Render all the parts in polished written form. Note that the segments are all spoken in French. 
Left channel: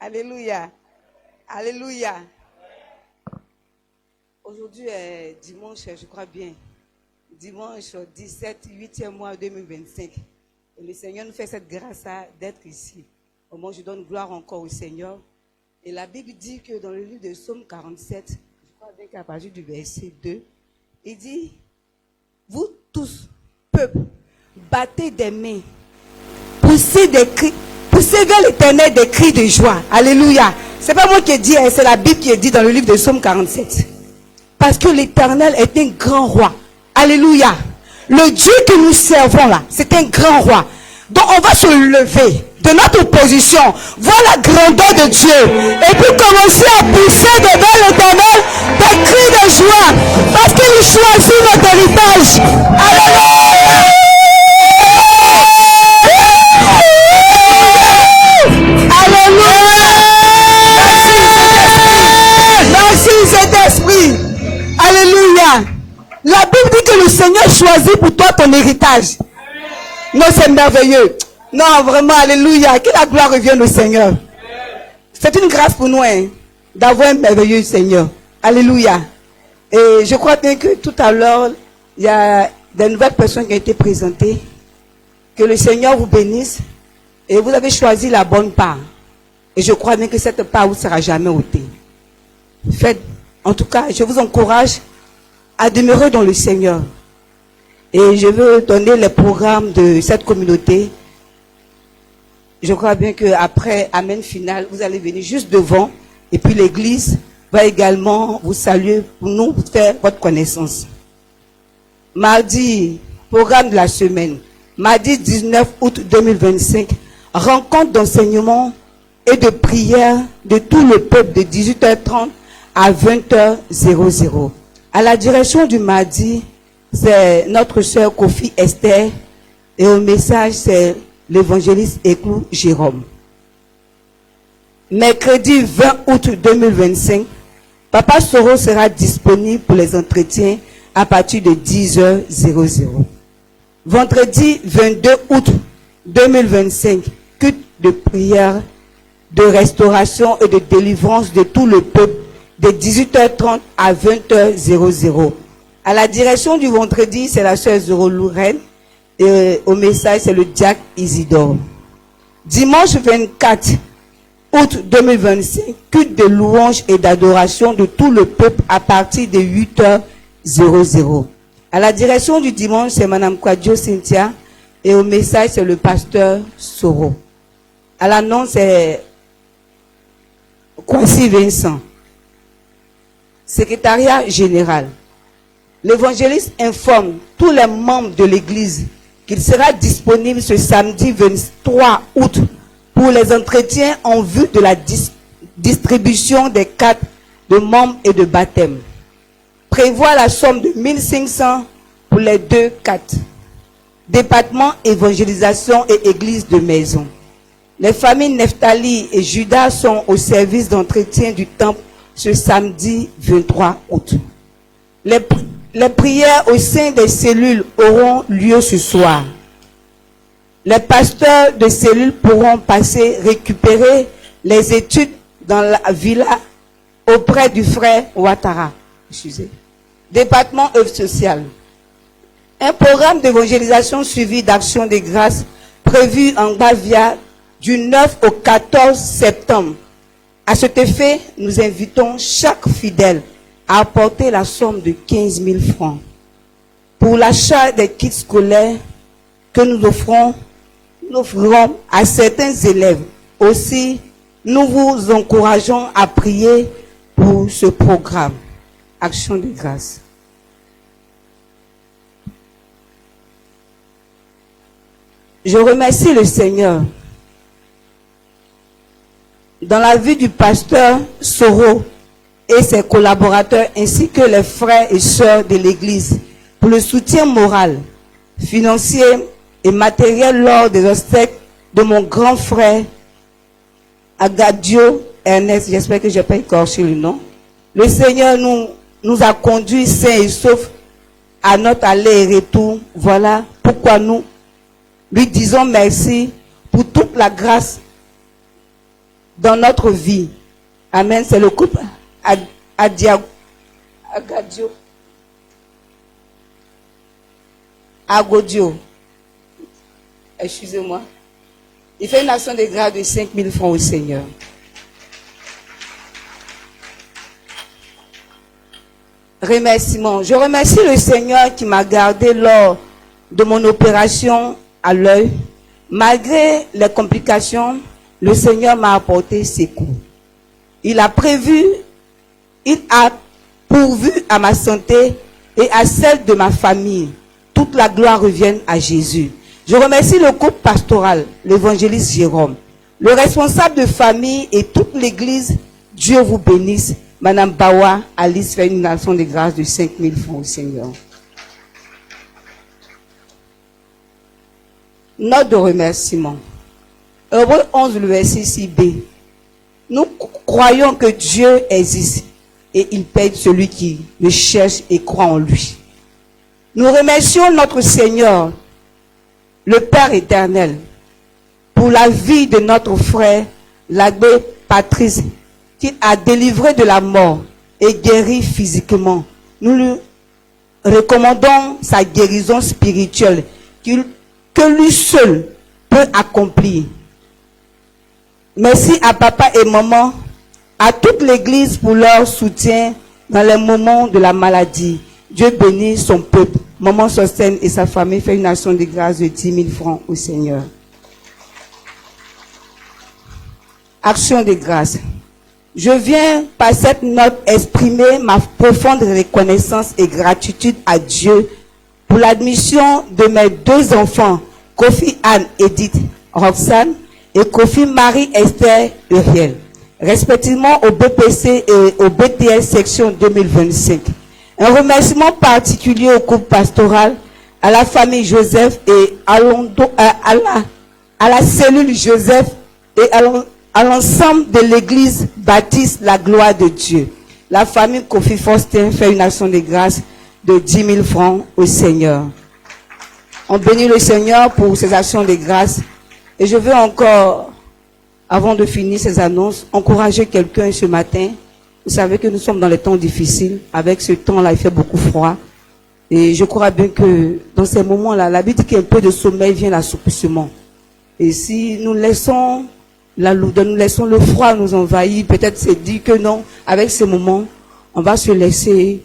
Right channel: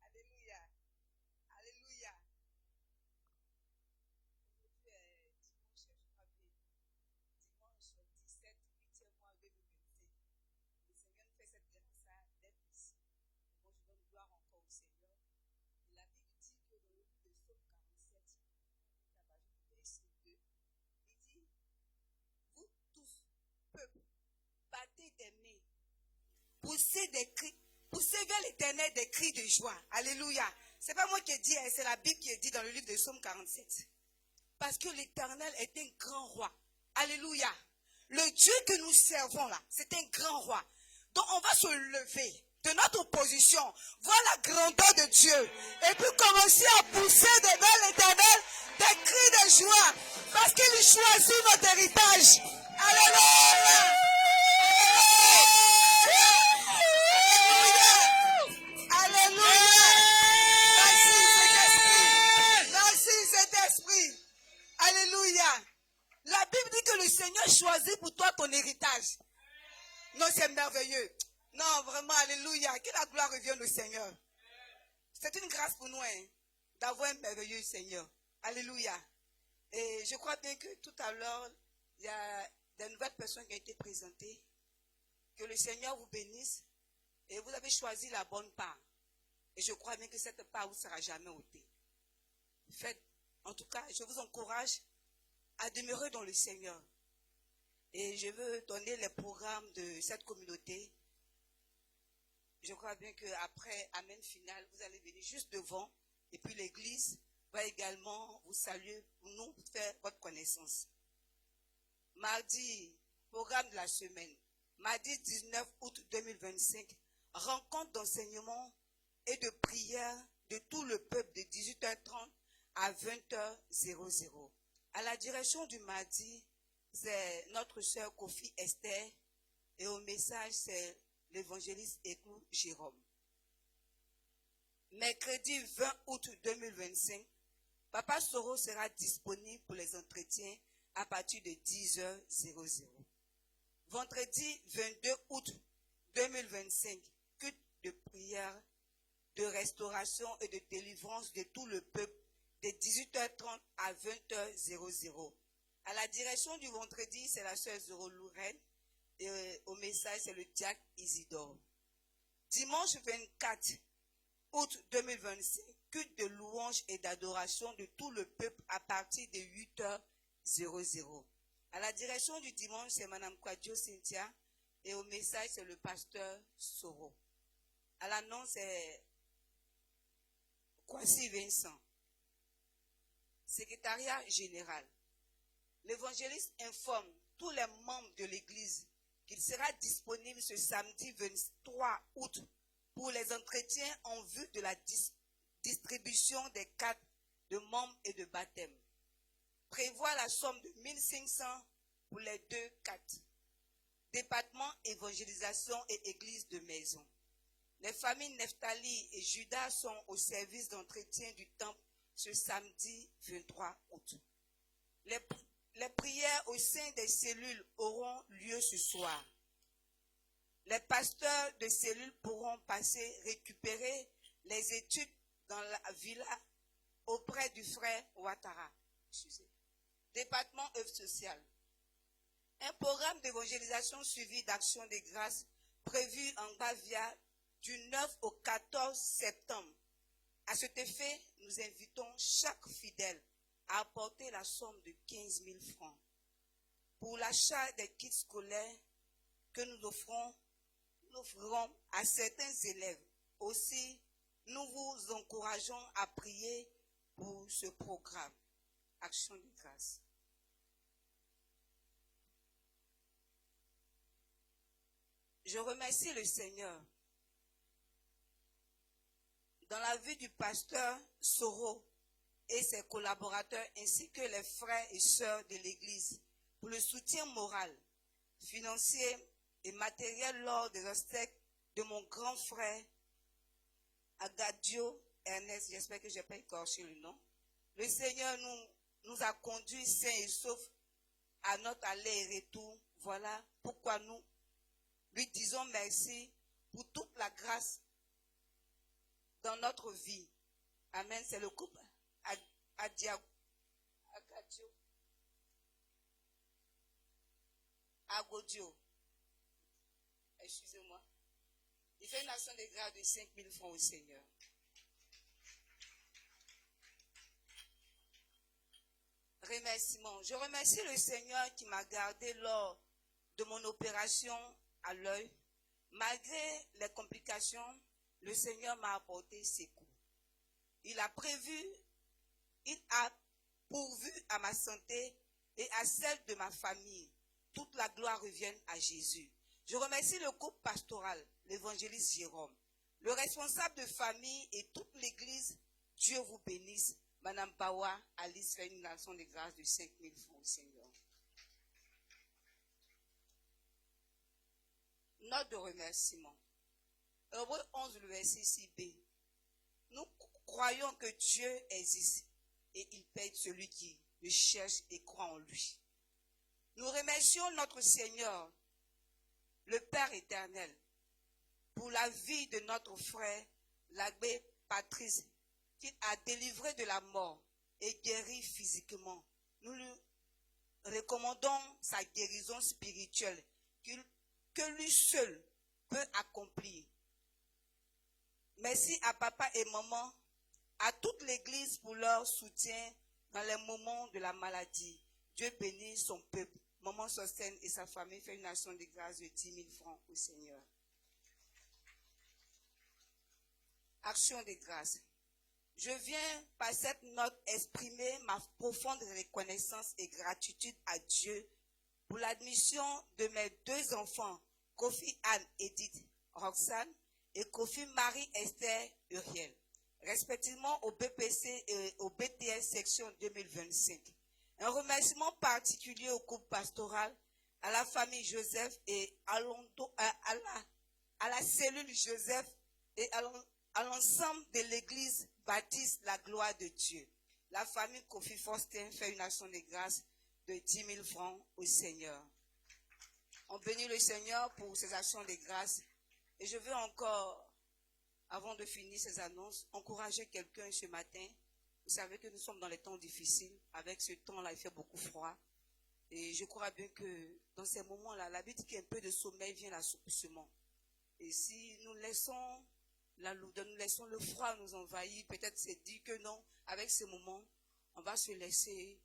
Alléluia. Alléluia. Aujourd'hui est dimanche, je crois bien. Dimanche 17, 8e mois 2025. Et le Seigneur nous fait cette grâce d'être ici. Au moment où je donne gloire encore au Seigneur. Et la Bible dit que dans le livre de Psaume 47, je crois bien qu'à partir du verset 2, il dit, vous tous, peuple, battez des mains, poussez des cris, poussez vers l'Éternel des cris de joie. Alléluia. C'est pas moi qui ai dit, c'est la Bible qui est dit dans le livre de Psaume 47. Parce que l'Éternel est un grand roi. Alléluia. Le Dieu que nous servons là, c'est un grand roi. Donc on va se lever de notre position, voir la grandeur de Dieu et puis commencer à pousser devant l'Éternel des cris de joie parce qu'il choisit notre héritage. Alléluia. Alléluia. Merci Saint-Esprit. Alléluia. La Bible dit que le Seigneur choisit pour toi ton héritage. Non, c'est merveilleux. Non, vraiment, alléluia. Que la gloire revienne au Seigneur. C'est une grâce pour nous d'avoir un merveilleux Seigneur. Alléluia. Et je crois bien que tout à l'heure, il y a des nouvelles personnes qui ont été présentées. Que le Seigneur vous bénisse. Et vous avez choisi la bonne part. Et je crois bien que cette part vous sera jamais ôtée. Faites, en tout cas, je vous encourage à demeurer dans le Seigneur. Et je veux donner les programmes de cette communauté. Je crois bien qu'après Amen final, vous allez venir juste devant. Et puis l'église va également vous saluer pour nous faire votre connaissance. Mardi, programme de la semaine. Mardi 19 août 2025. Rencontre d'enseignement et de prière de tout le peuple de 18h30 à 20h00. À la direction du mardi, c'est notre sœur Kofi Esther et au message, c'est l'évangéliste Éclou Jérôme. Mercredi 20 août 2025, Papa Soro sera disponible pour les entretiens à partir de 10h00. Vendredi 22 août 2025, culte de prière, de restauration et de délivrance de tout le peuple de 18h30 à 20h00. À la direction du vendredi, c'est la sœur Zoro Lorraine. Et au message, c'est le diacre Isidore. Dimanche 24 août 2025, culte de louange et d'adoration de tout le peuple à partir de 8h00. À la direction du dimanche, c'est Madame Kwadjo Cynthia. Et au message, c'est le pasteur Soro. À l'annonce, c'est Kwasi Vincent. Secrétariat général. L'évangéliste informe tous les membres de l'église qu'il sera disponible ce samedi 23 août pour les entretiens en vue de la distribution des cartes de membres et de baptême. Prévoit la somme de 1500 pour les deux cartes. Département évangélisation et église de maison. Les familles Nephtali et Judas sont au service d'entretien du temple ce samedi 23 août. Les prières au sein des cellules auront lieu ce soir. Les pasteurs de cellules pourront passer récupérer les études dans la villa auprès du frère Ouattara. Département œuvre sociale. Un programme d'évangélisation suivi d'action de grâce prévu en Bavia du 9 au 14 septembre. À cet effet, nous invitons chaque fidèle à apporter la somme de 15 000 francs. Pour l'achat des kits scolaires que nous offrons à certains élèves. Aussi, nous vous encourageons à prier pour ce programme. Action de grâce. Je remercie le Seigneur. Dans la vie du pasteur Soro et ses collaborateurs ainsi que les frères et sœurs de l'église pour le soutien moral, financier et matériel lors des obsèques de mon grand frère Agadio Ernest, j'espère que je n'ai pas écorché le nom. Le Seigneur nous a conduits sains et saufs à notre aller et retour. Voilà pourquoi nous lui disons merci pour toute la grâce dans notre vie. Amen. C'est le couple Agodio. Excusez-moi. Il fait une action de grâce de 5 000 francs au Seigneur. Remerciements. Je remercie le Seigneur qui m'a gardé lors de mon opération à l'œil. Malgré les complications, le Seigneur m'a apporté secours. Il a pourvu à ma santé et à celle de ma famille. Toute la gloire revient à Jésus. Je remercie le couple pastoral, l'évangéliste Jérôme, le responsable de famille et toute l'église. Dieu vous bénisse. Madame Bawa, Alice fait une action de grâce de 5 000 francs au Seigneur. Note de remerciement. Hébreux 11, le verset 6b. Nous croyons que Dieu existe et il paie celui qui le cherche et croit en lui. Nous remercions notre Seigneur, le Père éternel, pour la vie de notre frère, l'abbé Patrice, qu'il a délivré de la mort et guéri physiquement. Nous lui recommandons sa guérison spirituelle que lui seul peut accomplir. Merci à papa et maman, à toute l'église pour leur soutien dans les moments de la maladie. Dieu bénit son peuple. Maman Sostène et sa famille fait une action de grâce de 10 000 francs au Seigneur. Action de grâce. Je viens par cette note exprimer ma profonde reconnaissance et gratitude à Dieu pour l'admission de mes 2 enfants, Kofi Anne Edith Roxane et Kofi Marie-Esther Uriel, respectivement au BPC et au BTS section 2025. Un remerciement particulier au couple pastoral, à la famille Joseph et à la cellule Joseph et à l'ensemble de l'église baptiste la gloire de Dieu. La famille Kofi Faustin fait une action de grâce de 10 000 francs au Seigneur. On bénit le Seigneur pour ces actions de grâce. Et je veux encore, avant de finir ces annonces, encourager quelqu'un ce matin. Vous savez que nous sommes dans les temps difficiles. Avec ce temps-là, il fait beaucoup froid. Et je crois bien que dans ces moments-là, la Bible dit qu'un peu de sommeil vient l'assoupissement. Et si nous laissons la lourdeur, nous laissons le froid nous envahir, peut-être c'est dit que non, avec ces moments, on va se laisser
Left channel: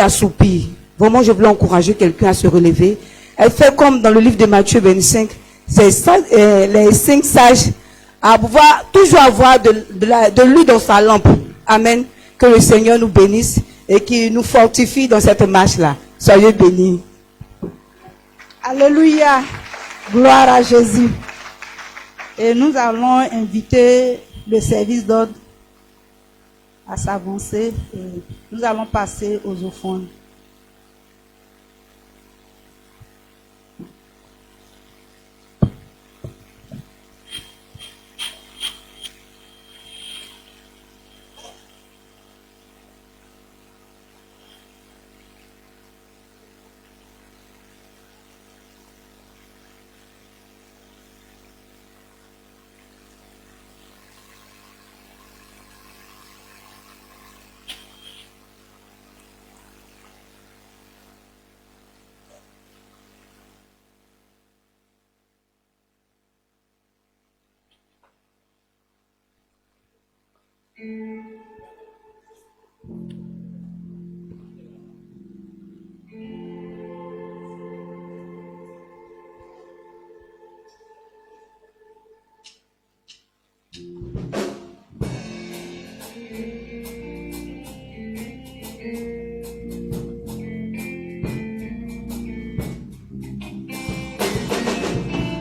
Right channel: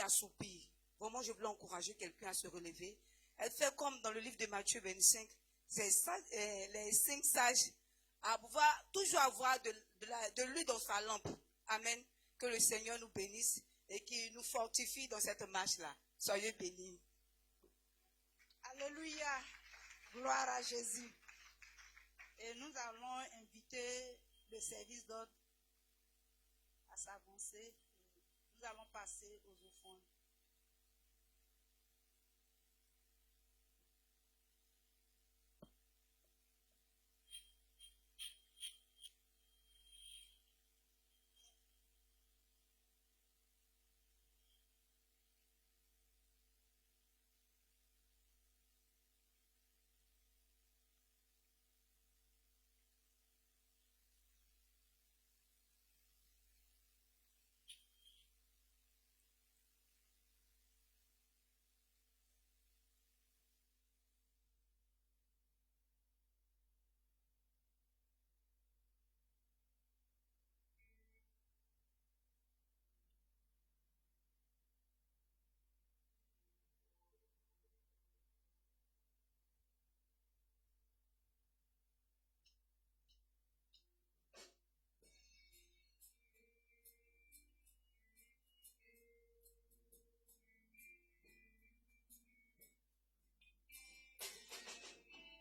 assoupir. Vraiment, je voulais encourager quelqu'un à se relever. Elle fait comme dans le livre de Matthieu 25, les 5 sages à pouvoir toujours avoir de l'huile dans sa lampe. Amen. Que le Seigneur nous bénisse et qu'il nous fortifie dans cette marche-là. Soyez bénis. Alléluia. Gloire à Jésus. Et nous allons inviter le service d'ordre à s'avancer. Nous allons passer aux offrandes.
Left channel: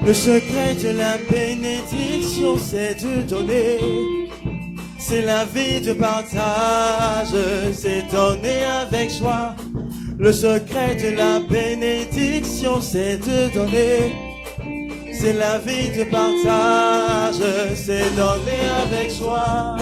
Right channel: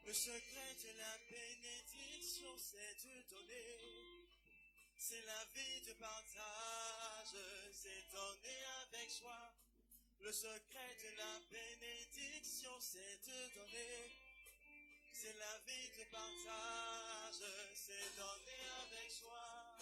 Le secret de la bénédiction, c'est de donner. C'est la vie de partage, c'est donner avec joie. Le secret de la bénédiction, c'est de donner. C'est la vie de partage, c'est donner avec joie.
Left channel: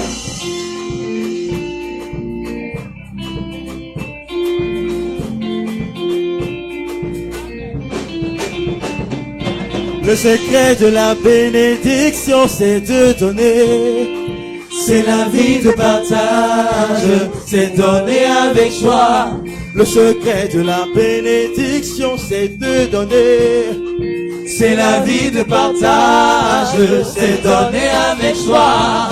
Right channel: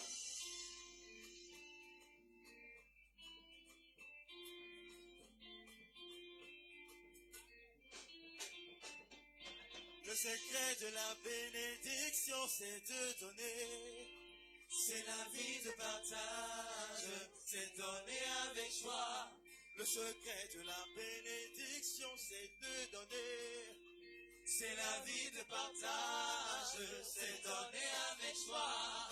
Le secret de la bénédiction, c'est de donner. C'est la vie de partage, c'est donner avec joie. Le secret de la bénédiction, c'est de donner. C'est la vie de partage, c'est donner avec joie.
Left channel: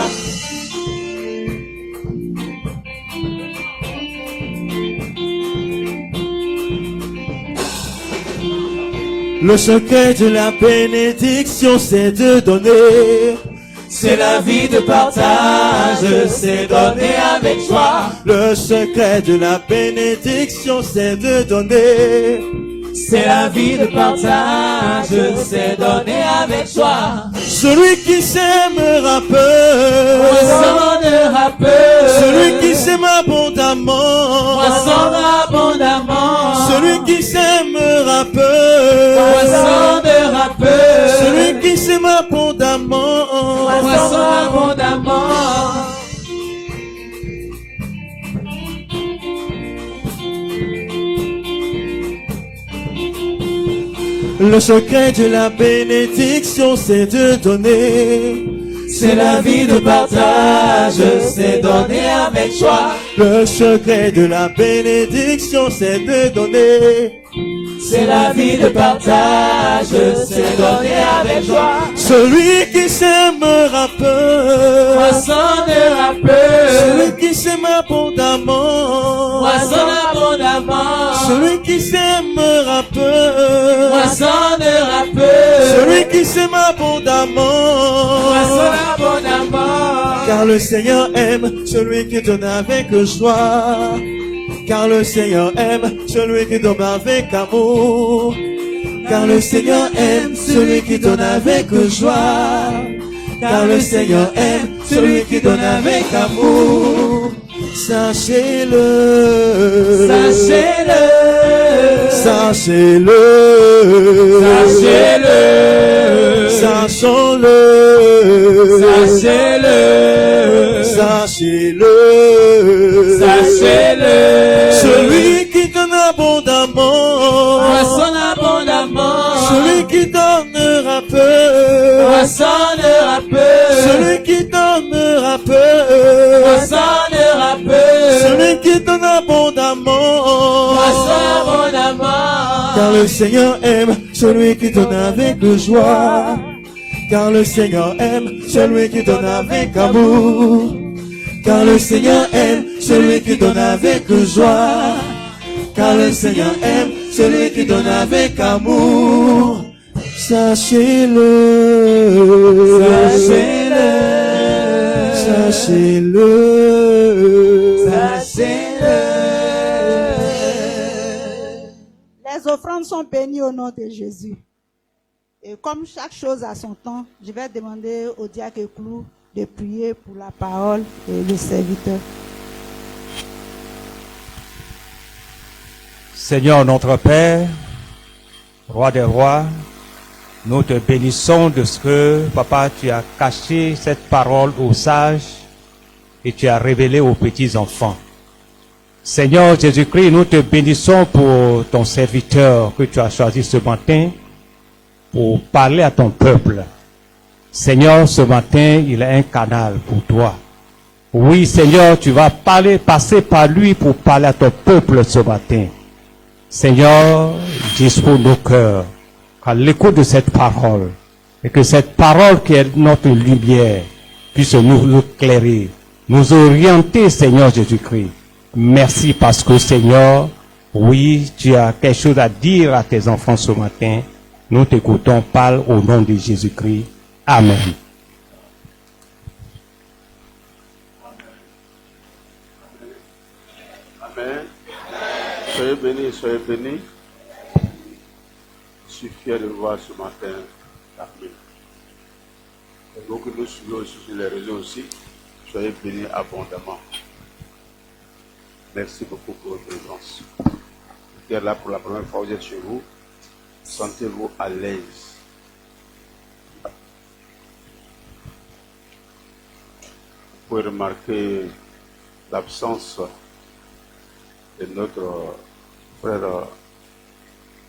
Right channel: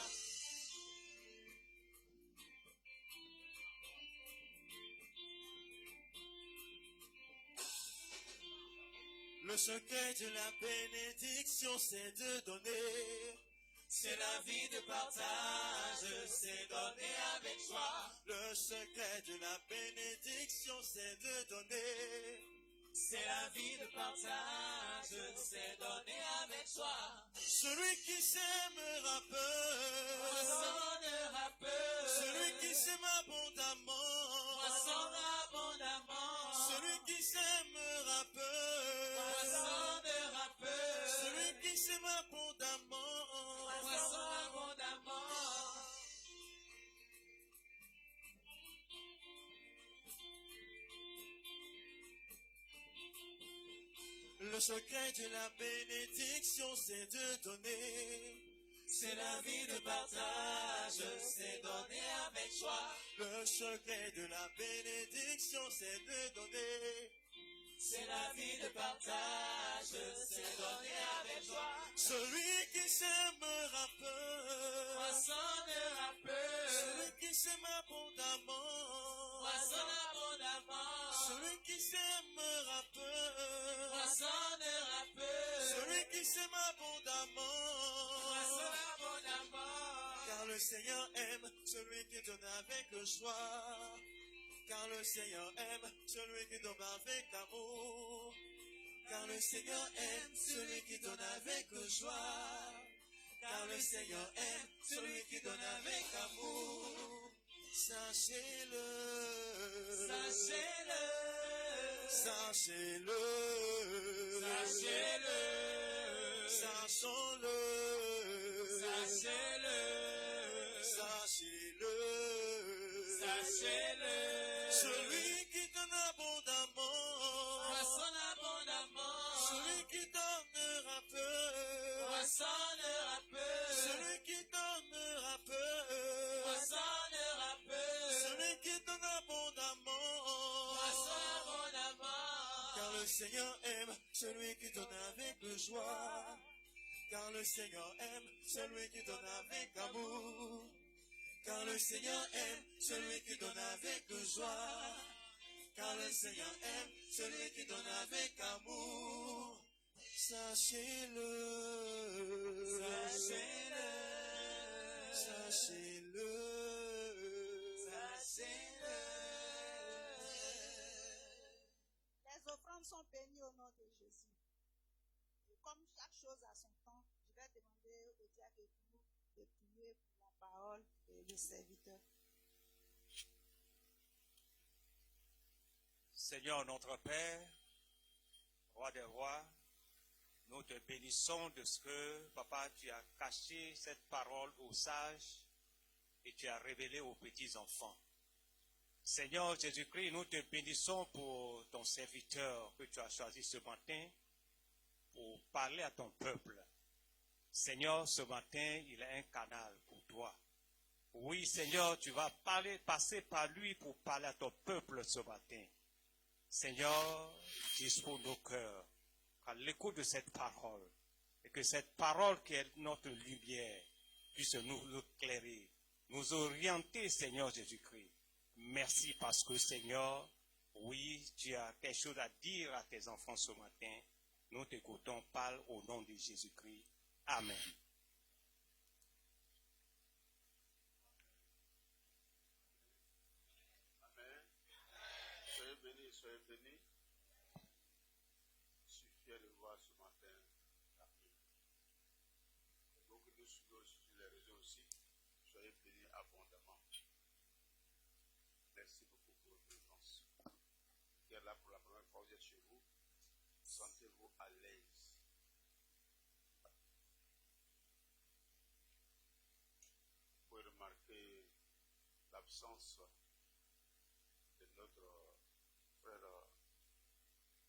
Le secret de la bénédiction, c'est de donner. C'est la vie de partage, c'est donner avec joie. Le secret de la bénédiction, c'est de donner. C'est la vie de partage, c'est donner avec joie. Celui qui s'aimera peu, moissonnera peu. Celui qui s'aime abondamment, moissonnera abondamment. Celui qui s'aimera peu, moissonnera peu. Celui qui s'aime abondamment, moissonnera abondamment. Le secret de la bénédiction, c'est de donner. C'est la vie de partage, c'est donner avec joie. Le secret de la bénédiction, c'est de donner. C'est la vie de partage, c'est donner avec joie. Celui qui s'aimera peu, moissonnera peu. Celui qui s'aime abondamment, moissonne abondamment. Celui qui s'aimera peu, moissonnera peu. Celui qui s'aime abondamment, moissonne abondamment. Car le Seigneur aime celui qui donne avec joie. Car le Seigneur aime celui qui donne avec amour. Car le Seigneur aime celui qui donne avec joie. Car le Seigneur aime celui qui donne avec amour. Sachez-le, sachez-le, sachez-le, sachez-le, sachons-le, sachez-le, sachez-le, sachez-le. Celui qui donne abondamment, moissonne abondamment. Celui qui donnera peu, moissonnera peu. Celui qui donnera peu, moissonnera peu. Celui qui donne abondamment, moissonne abondamment. Car le Seigneur aime celui qui donne avec joie. Car le Seigneur aime celui qui donne avec amour. Car le Seigneur aime celui qui donne avec joie. Car le Seigneur aime celui qui donne avec amour. Sachez-le, sachez-le, sachez-le, sachez-le. Les offrandes sont bénies au nom de Jésus. Et comme chaque chose a son temps, je vais demander au diacre Clou de prier pour la parole et le serviteur. Seigneur notre Père, Roi des rois, nous te bénissons de ce que, Papa, tu as caché cette parole aux sages et tu as révélé aux petits-enfants. Seigneur Jésus-Christ, nous te bénissons pour ton serviteur que tu as choisi ce matin pour parler à ton peuple. Seigneur, ce matin, il est un canal pour toi. Oui, Seigneur, tu vas passer par lui pour parler à ton peuple ce matin. Seigneur, dispose nos cœurs à l'écoute de cette parole et que cette parole qui est notre lumière puisse nous éclairer, nous orienter, Seigneur Jésus-Christ. Merci parce que, Seigneur, oui, tu as quelque chose à dire à tes enfants ce matin. Nous t'écoutons, parle au nom de Jésus-Christ. Amen. Amen. Soyez bénis, soyez bénis. Je suis fier de vous voir ce matin. Amen. Et vous que nous suivons aussi sur les réseaux aussi, soyez bénis abondamment. Merci beaucoup pour votre présence. Vous êtes là pour la première fois, vous êtes chez vous. Sentez-vous à l'aise. Vous pouvez remarquer l'absence de notre frère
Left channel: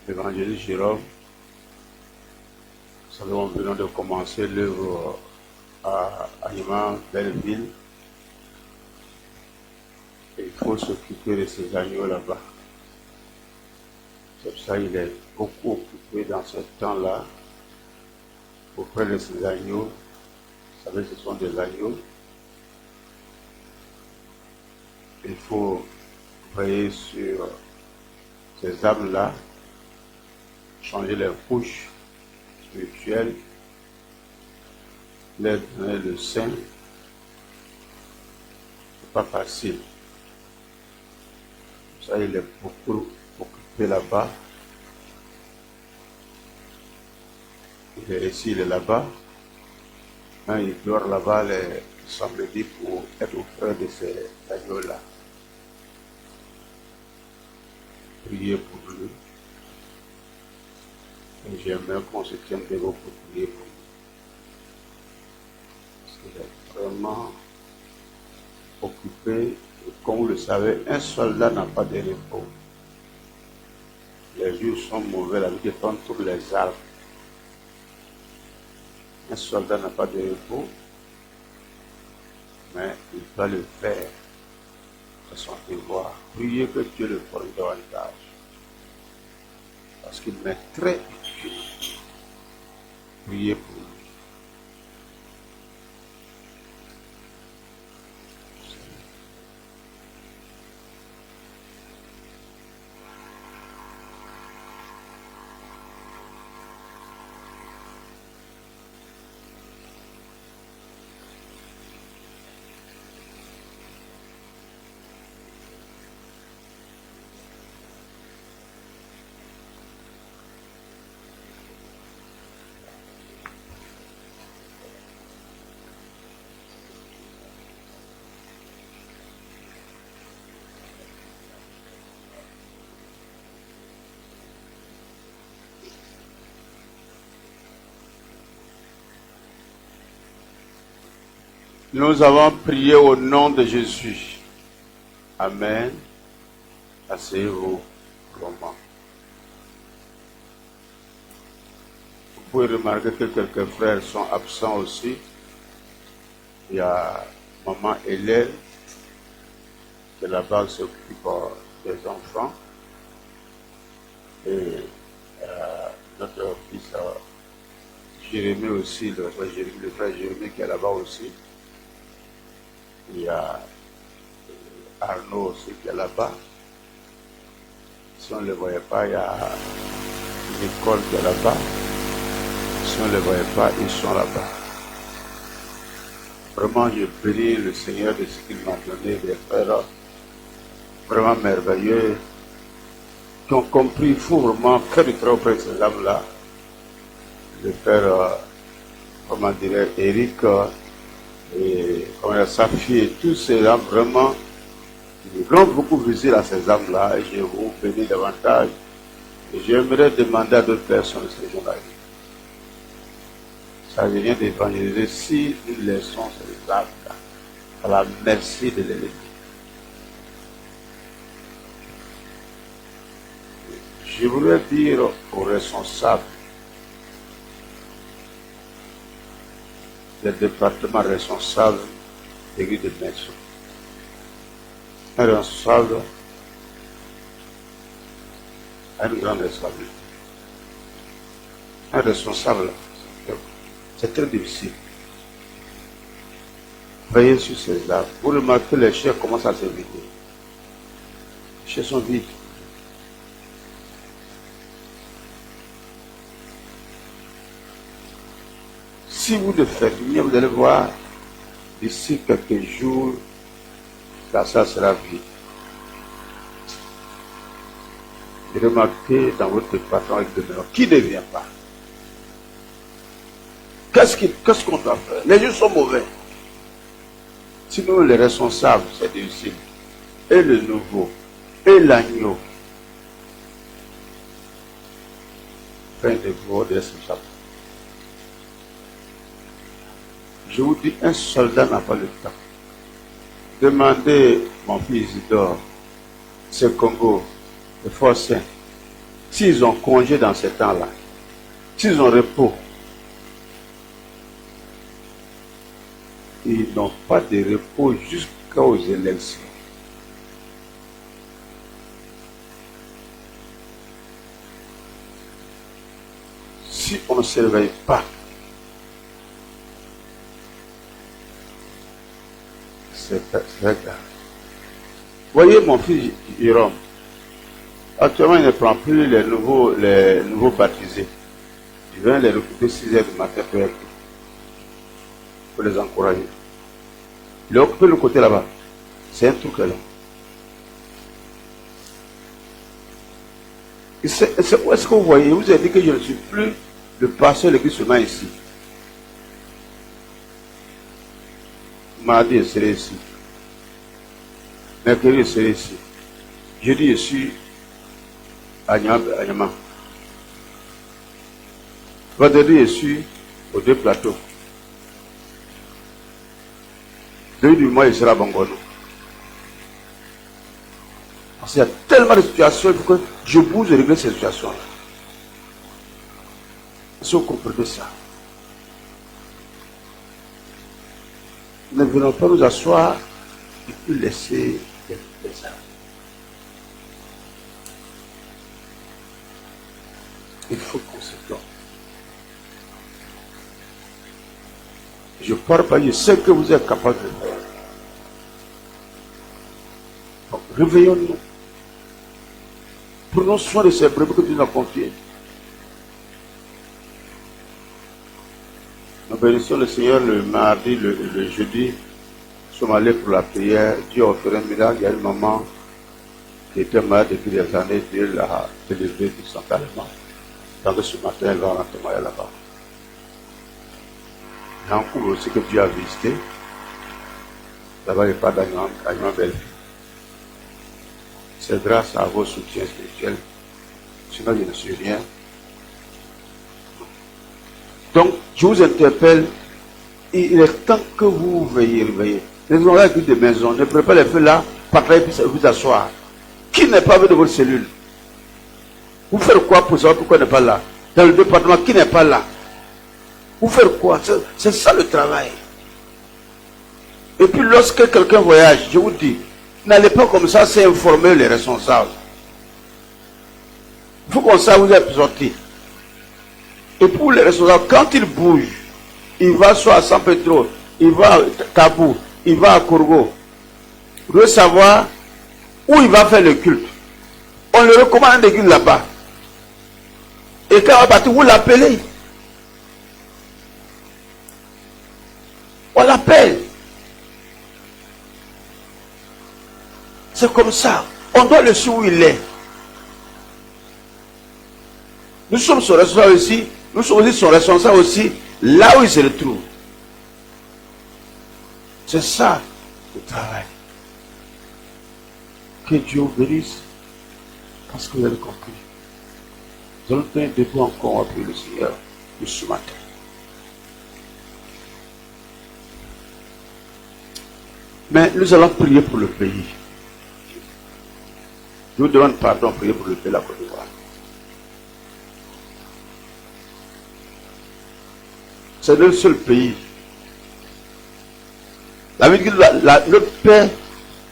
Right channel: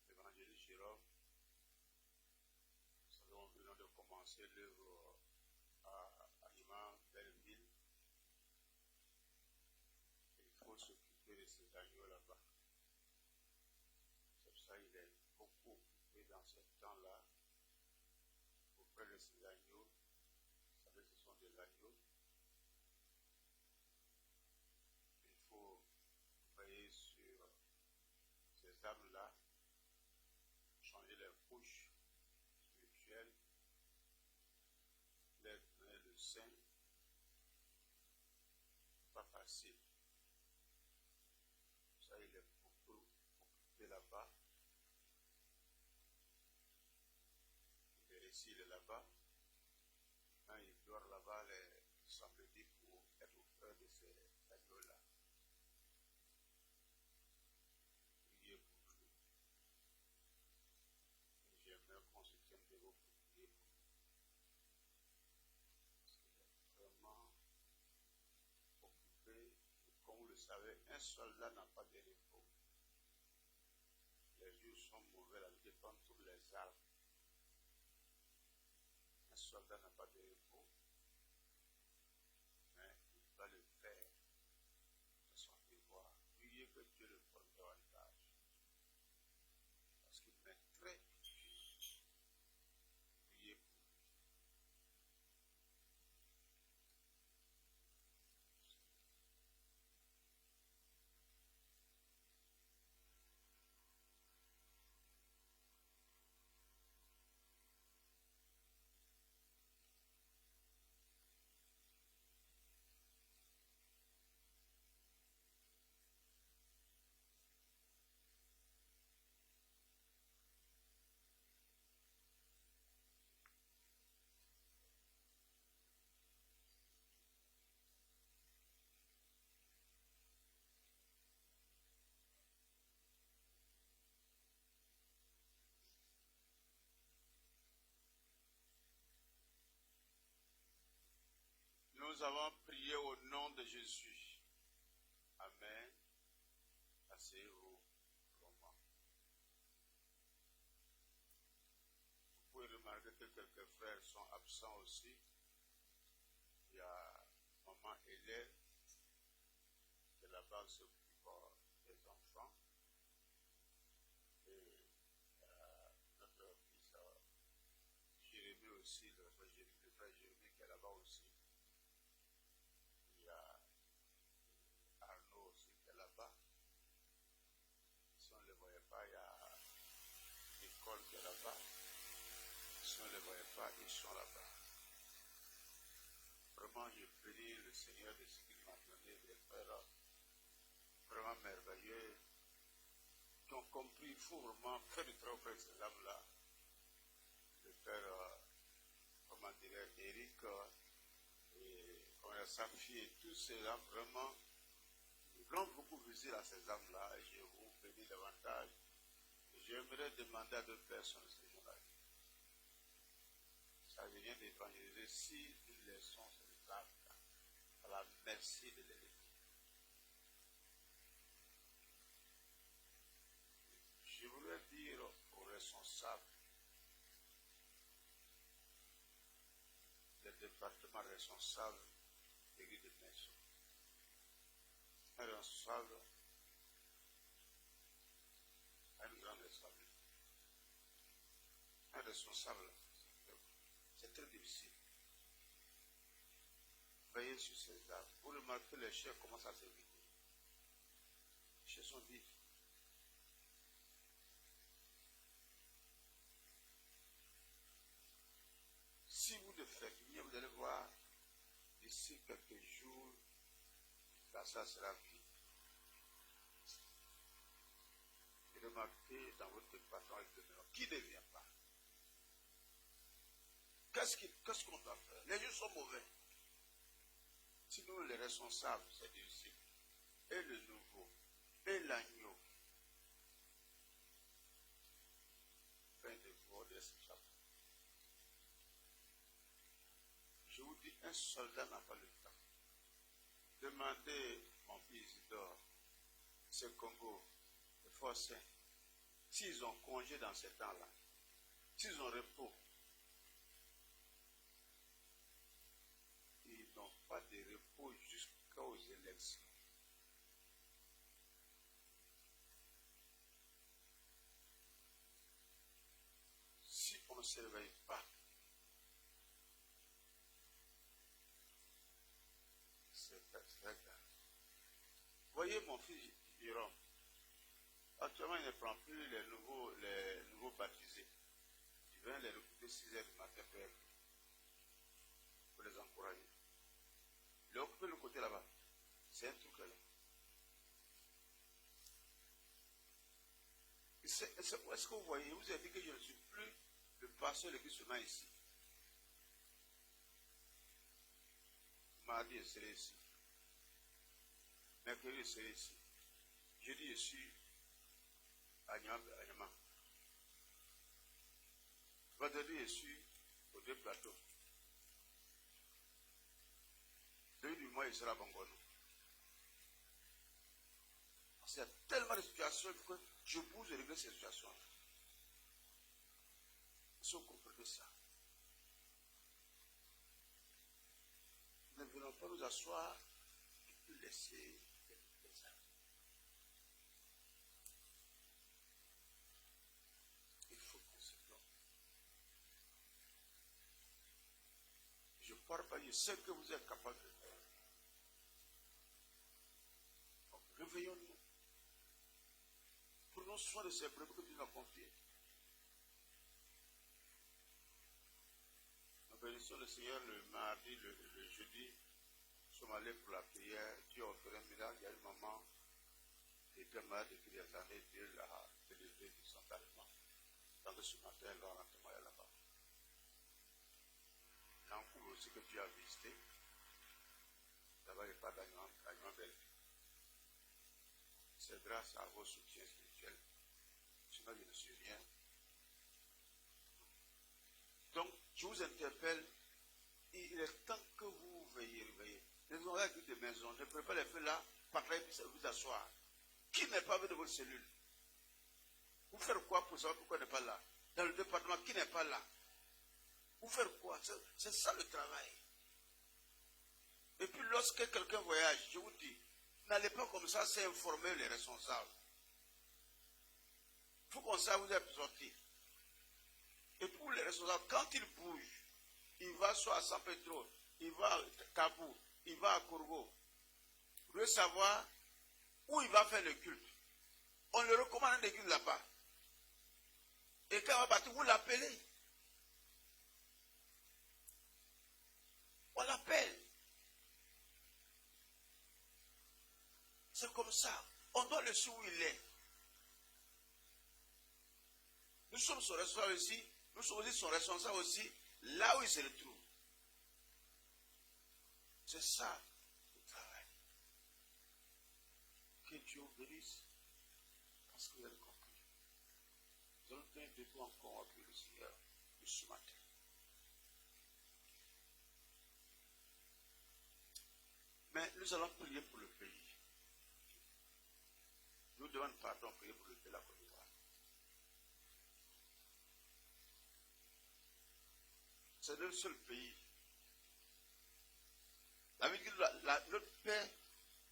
évangéliste Jérôme. savez, nous venons de commencer l'œuvre à Animan, Belleville. Et il faut s'occuper de ces agneaux là-bas. C'est pour ça qu'il est beaucoup occupé dans ce temps-là auprès de ces agneaux. Vous savez, ce sont des agneaux. Il faut veiller sur ces âmes-là, changer les couches spirituelles, leur donner le sein. C'est pas facile. Ça, il est beaucoup occupé là-bas. Il est ici, il est là-bas. Il dort là-bas les samedis pour être auprès de ces agneaux-là. Priez pour lui. Et j'aimerais qu'on se tienne debout pour prier pour lui. Parce qu'il est vraiment occupé. Et comme vous le savez, un soldat n'a pas de repos. Les jours sont mauvais, la vie dépend de tous les arbres. Un soldat n'a pas de repos, mais il doit le faire. C'est son devoir. Priez que Dieu le prenne davantage. Parce qu'il m'est très utile. Priez pour lui. Nous avons prié au nom de Jésus. Amen. Asseyez-vous longuement. Vous pouvez remarquer que quelques frères sont absents aussi. Il y a maman Hélène, qui là-bas s'occupe des enfants. Et notre fils Jérémie aussi, le frère Jérémie qui est là-bas aussi. Il y a Arnaud aussi qui est là-bas. Si on ne le voyait pas, il y a Nicole qui est là-bas. Si on ne le voyait pas, ils sont là-bas. Vraiment, je bénis le Seigneur de ce qu'il m'a donné, des frères vraiment merveilleux, qui ont compris, il faut vraiment faire du travail auprès de ces âmes-là. Le frère, comment dirais, Eric, et sa fille, et tous ces âmes, vraiment, ils rendent beaucoup visite à ces âmes-là, et je vous bénis davantage. Et j'aimerais demander à d'autres personnes ces jours-là. Ça vient d'évangéliser si nous laissons ces âmes-là à la merci de l'ennemi. Je voudrais dire aux responsables des départements responsables des l'église de Maison. Un responsable a une grande responsabilité. Un responsable, c'est très difficile. Veillez sur ces arbres. Vous remarquez les chairs commencent à se vider. Les chairs sont vides. Si vous le faites bien, vous allez voir, d'ici quelques jours, ça sera vide. Et remarquez dans votre département avec de mémoire, qui ne vient pas? Qu'est-ce qu'on doit faire? Les gens sont mauvais. Sinon, les responsables, c'est difficile. Et le nouveau, et l'agneau. Fin de vous des responsables. Je vous dis, un soldat n'a pas le temps. Demandez mon fils Isidore, ce Congo, le Forcin, s'ils ont congé dans ce temps-là, s'ils ont repos, ils n'ont pas de repos jusqu'aux élections. Si on ne se réveille pas, c'est très grave. Voyez mon fils Jérôme, actuellement il ne prend plus les nouveaux baptisés. Il vient les recruter 6 heures du matin pour les encourager. Il a occupé le côté là-bas. C'est un truc là. Est-ce que vous voyez, vous avez dit que je ne suis plus le pasteur de l'église seulement ici. Mardi, je serai ici. Mercredi, je serai ici. Jeudi, je suis à Nyama. Vendredi, je suis aux 2 plateaux. Début du mois, je serai à Bangono. Parce qu'il y a tellement de situations, il faut que je bouge et régler ces situations-là. Si vous comprenez ça, ne venons pas nous asseoir et puis laisser les armes. Il faut qu'on se donne. Je parle pas, je sais que vous êtes capable de faire. Donc, réveillons-nous. Prenons soin de ces brebis que tu nous as confiées. Nous bénissons le Seigneur le mardi, le jeudi. Nous sommes allés pour la prière. Dieu a offert un miracle. Il y a une maman qui était malade depuis des années. Dieu l'a délivrée instantanément. Tant que ce matin, elle va rentrer là-bas. Il y a un couple aussi que Dieu a visité. Là-bas, il n'y a pas d'agneau belle. C'est grâce à vos soutiens spirituels. Sinon, je ne suis rien. Donc, je vous interpelle. Il est temps que vous veillez. Les gens avec des maisons, ne prenez pas les feux là, partagez puis vous asseoir. Qui n'est pas avec de votre cellule? Vous faites quoi pour savoir pourquoi il n'est pas là? Dans le département, qui n'est pas là? Vous faites quoi? C'est ça le travail. Et puis lorsque quelqu'un voyage, je vous dis, n'allez pas comme ça sans informer les responsables. Il faut qu'on sache où vous êtes sortis. Et pour les responsables, quand ils bougent, il va soit à San Pedro, il va à Kabou, il va à Kourgo. Vous devez savoir où il va faire le culte. On le recommande d'église là-bas. Et quand on va partir, vous l'appelez. On l'appelle. C'est comme ça. On doit le suivre où il est. Nous sommes son responsable aussi. Nous sommes aussi son responsable aussi là où il se retrouve. C'est ça le travail. Que Dieu vous bénisse. Parce que vous avez compris. Nous allons tenir debout encore après le Seigneur de ce matin. Mais nous allons prier pour le pays. Je vous demande pardon, prier pour le pays de la Côte d'Ivoire. C'est le seul pays. La vie dit que le paix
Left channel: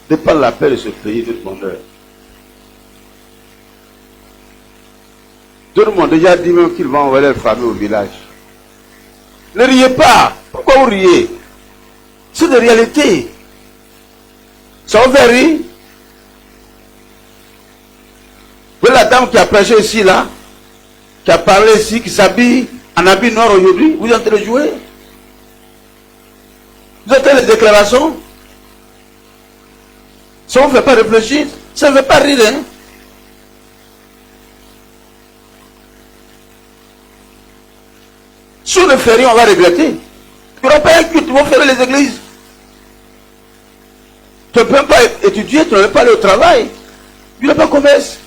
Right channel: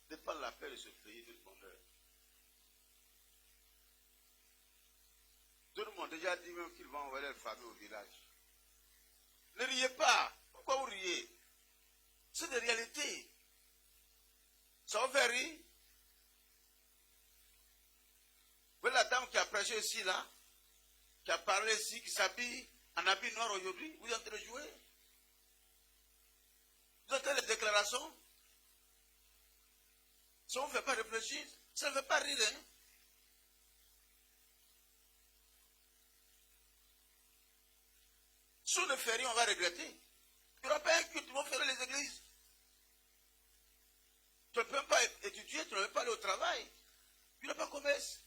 dépend de la paix de ce pays, de bonheur. Tout le monde a déjà dit même qu'ils vont envoyer leur famille au village. Ne riez pas. Pourquoi vous riez? C'est de réalité. Ça vous fait rire? Vous voyez la dame qui a prêché ici, là, qui a parlé ici, qui s'habille en habit noir aujourd'hui, vous êtes en train de jouer? Vous êtes en train de déclarations? Ça ne vous fait pas réfléchir? Ça ne fait pas rire, hein? Si on ne fait rien, on va regretter. Il n'y aura pas un culte, ils vont faire les églises. Tu ne peux même pas étudier, tu ne peux pas aller au travail. Tu n'as pas commerce.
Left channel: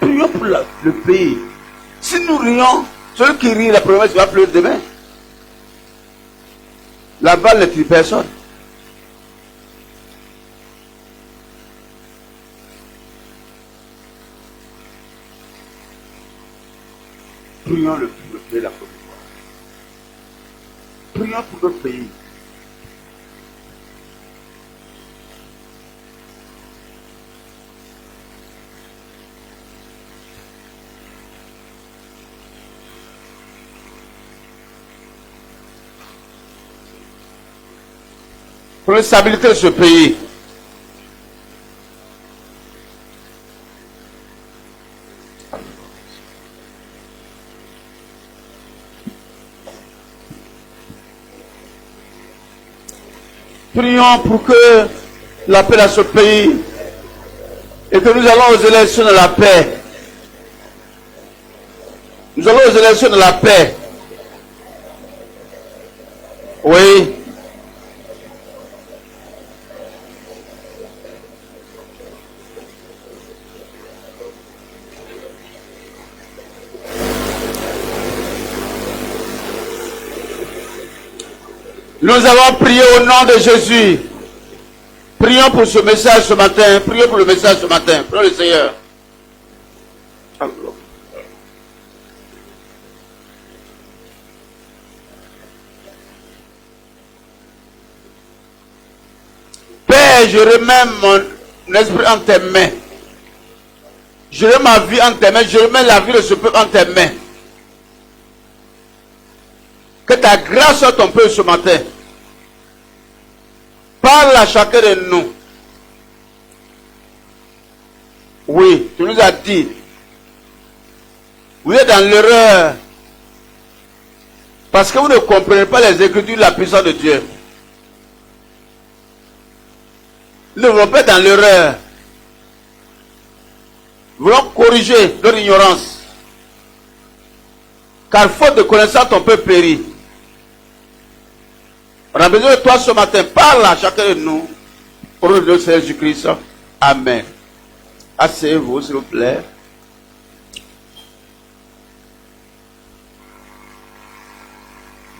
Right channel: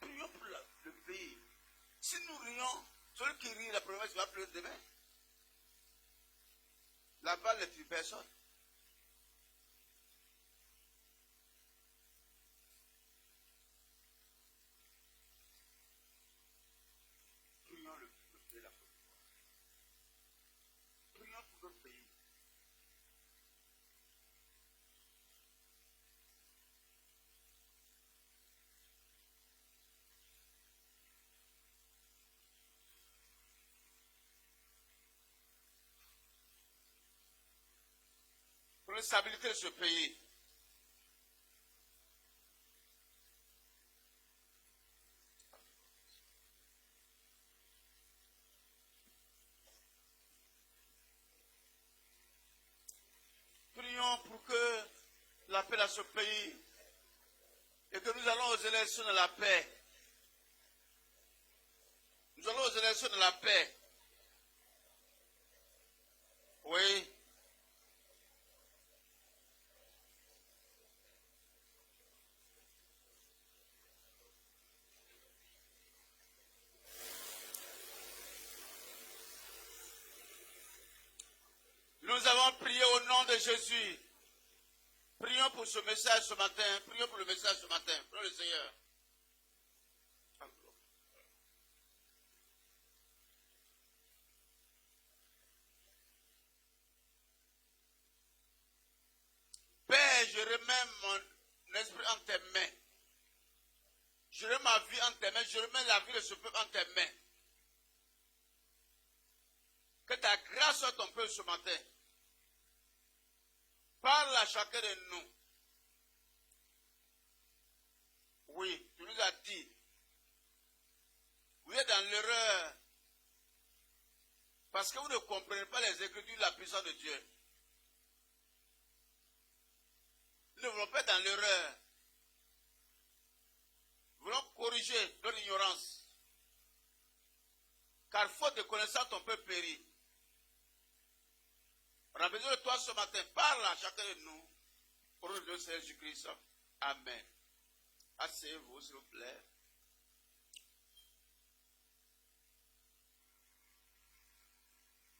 Prions pour le pays. Si nous rions, celui qui rit la promesse va pleurer demain. La balle ne tue personne. Prions le pays de la Côte d'Ivoire. prions pour notre pays. Pour la stabilité de ce pays. Prions pour que la paix dans ce pays et que nous allons aux élections de la paix. Nous allons aux élections de la paix. Oui. Nous avons prié au nom de Jésus. Prions pour ce message ce matin. Prions pour le message ce matin. Prions le Seigneur. Père, je remets mon esprit en tes mains. Je remets ma vie en tes mains. Je remets la vie de ce peuple en tes mains. Que ta grâce soit ton peuple ce matin. Parle à chacun de nous. Oui, tu nous as dit. Vous êtes dans l'erreur. Parce que vous ne comprenez pas les Écritures de la puissance de Dieu. Nous ne voulons pas être dans l'erreur. Nous voulons corriger notre ignorance. Car faute de connaissance, ton peuple périt. On a besoin de toi ce matin. Parle à chacun de nous. Au nom de notre Seigneur Jésus-Christ. Amen. Asseyez-vous, s'il vous plaît.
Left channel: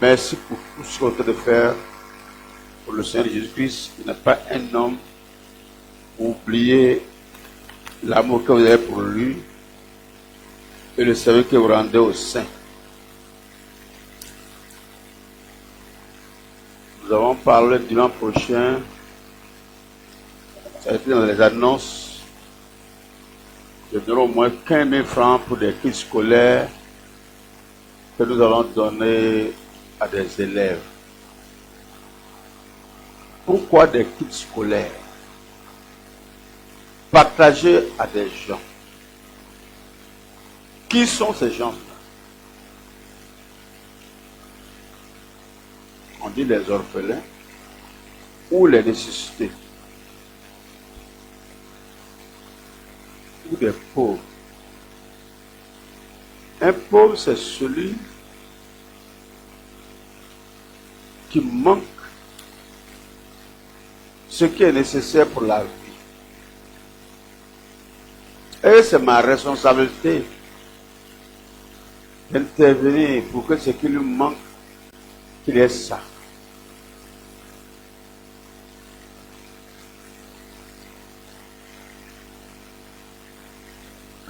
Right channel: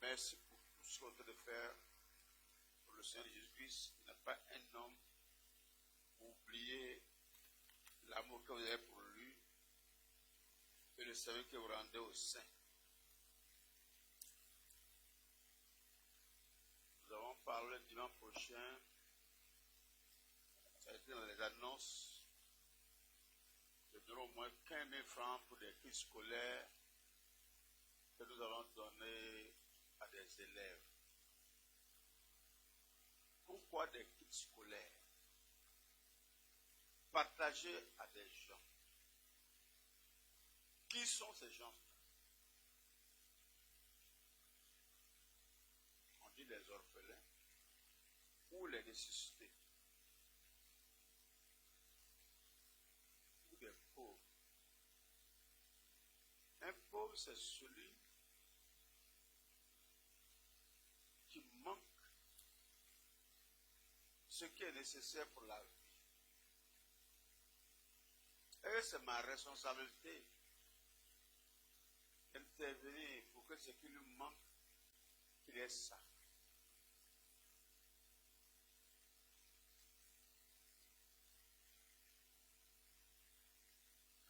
Merci pour tout ce qu'on est en train de faire pour le Seigneur Jésus-Christ. Il n'est pas un homme. Oubliez l'amour que vous avez pour lui et le service que vous rendez au Saint. Nous avons parlé dimanche prochain, ça a été dans les annonces, de donner au moins 15 000 francs pour des kits scolaires que nous allons donner à des élèves. Pourquoi des kits scolaires? Partager à des gens. Qui sont ces gens-là? On dit les orphelins ou les nécessités ou des pauvres. Un pauvre, c'est celui qui manque ce qui est nécessaire pour la vie. Et c'est ma responsabilité d'intervenir pour que ce qui lui manque, qu'il ait ça.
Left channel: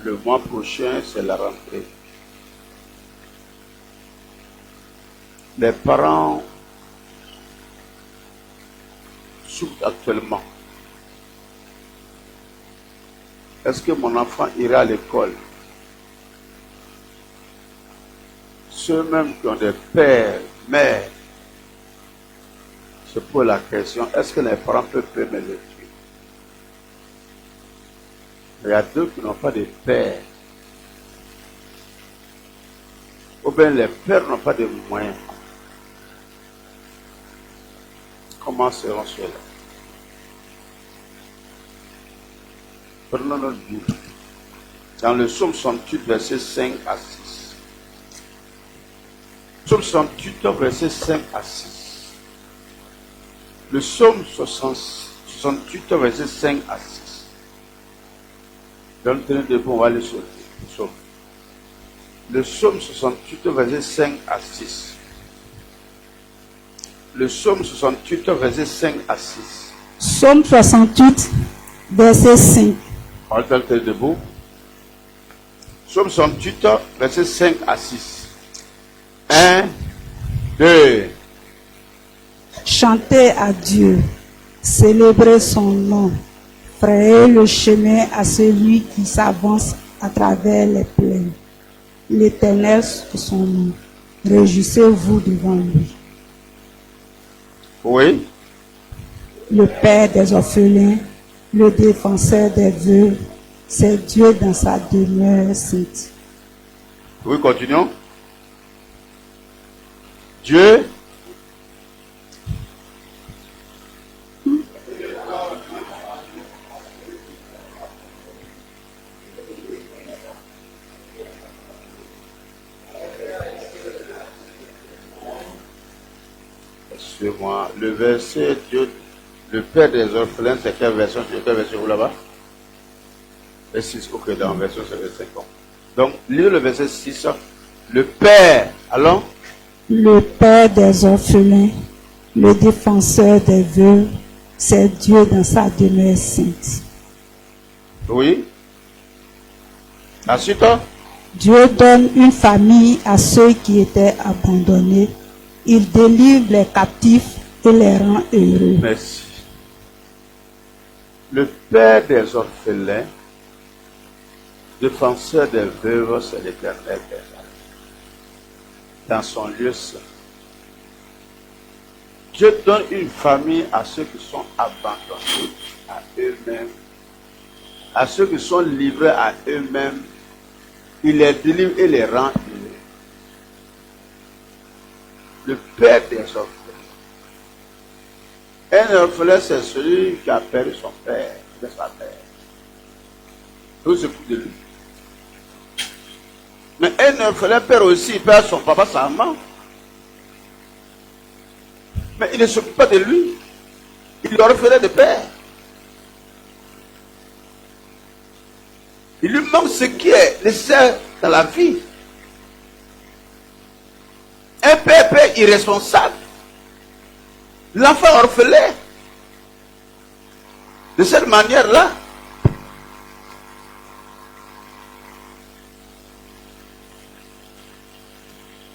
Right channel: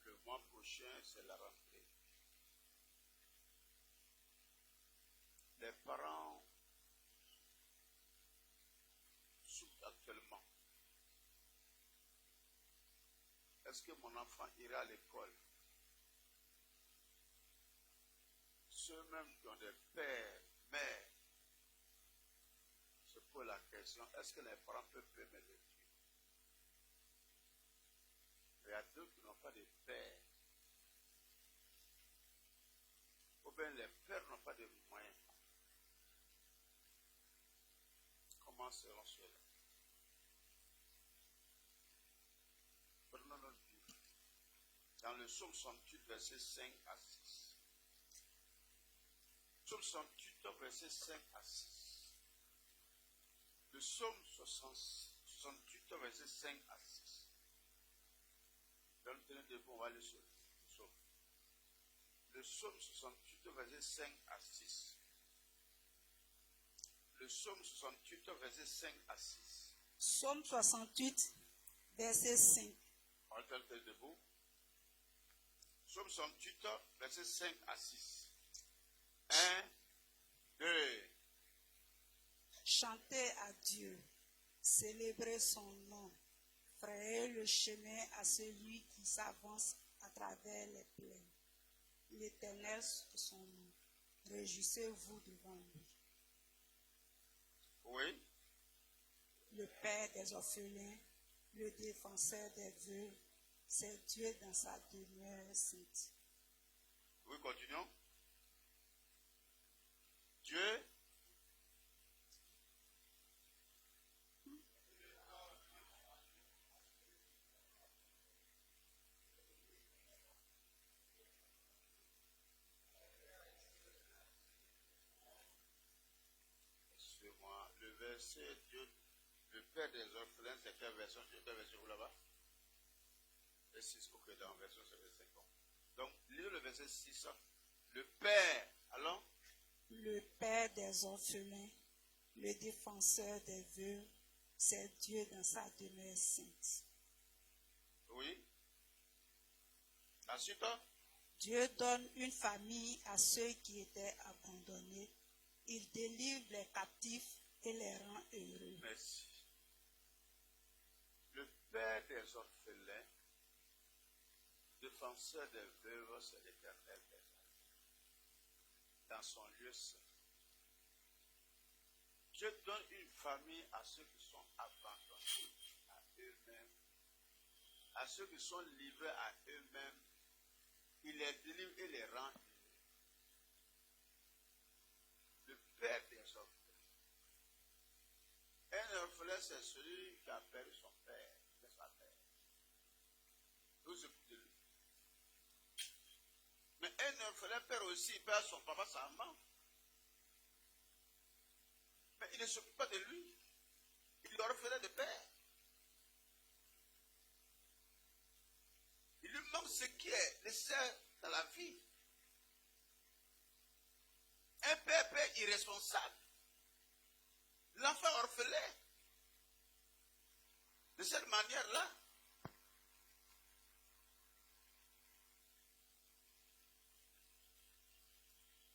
Le mois prochain, c'est la rentrée. Les parents souffrent actuellement. Est-ce que mon enfant ira à l'école? Ceux même qui ont des pères, mères, se posent la question, est-ce que les parents peuvent me le tuer? Il y a d'autres qui n'ont pas de père. Ou bien les pères n'ont pas de moyens. Comment seront ceux-là? Prenons notre Bible. Dans le psaume 68, versets 5 à 6. Psaume 68, versets 5 à 6. Le psaume 68, versets 5 à 6. Donc, tenez debout, on va aller sur le psaume. Le psaume 68, versets 5 à 6. Le psaume 68, versets 5 à 6. Psaume 68, verset 5. On va tenir debout. Psaume 68, versets 5 à 6. 1, 2, Chantez à Dieu, célébrez son nom, frayez le chemin à celui qui s'avance à travers les plaines. L'Éternel c'est son nom, réjouissez-vous devant lui. Oui. Le Père des orphelins, le défenseur des veuves, c'est Dieu dans sa demeure sainte. Oui, continuons. Dieu. Excusez-moi, le verset Dieu, le Père des orphelins, c'est quelle version? C'est quelle version vous là-bas? Le 6, ok, dans la version c'est le 50. Donc, lisez le verset 6. Le Père, allons. Le Père des orphelins, le défenseur des veuves, c'est Dieu dans sa demeure sainte. Oui. Ensuite, Dieu donne une famille à ceux qui étaient abandonnés. Il délivre les captifs et les rend heureux. merci. Le Père des orphelins, défenseur des veuves, c'est l'Éternel Père. Dans son lieu saint. Dieu donne une famille à ceux qui sont abandonnés à eux-mêmes, à ceux qui sont livrés à eux-mêmes. Il les délivre et les rend heureux. Le Père des orphelins. Un orphelin, c'est celui qui a perdu son père, de sa mère. Tout se fout de lui. Mais un orphelin perd aussi, il perd son papa, sa maman. Mais il ne s'occupe pas de lui. Il est orphelin de père. Il lui manque ce qui est nécessaire dans la vie. Un père irresponsable. L'enfant orphelin. De cette manière-là.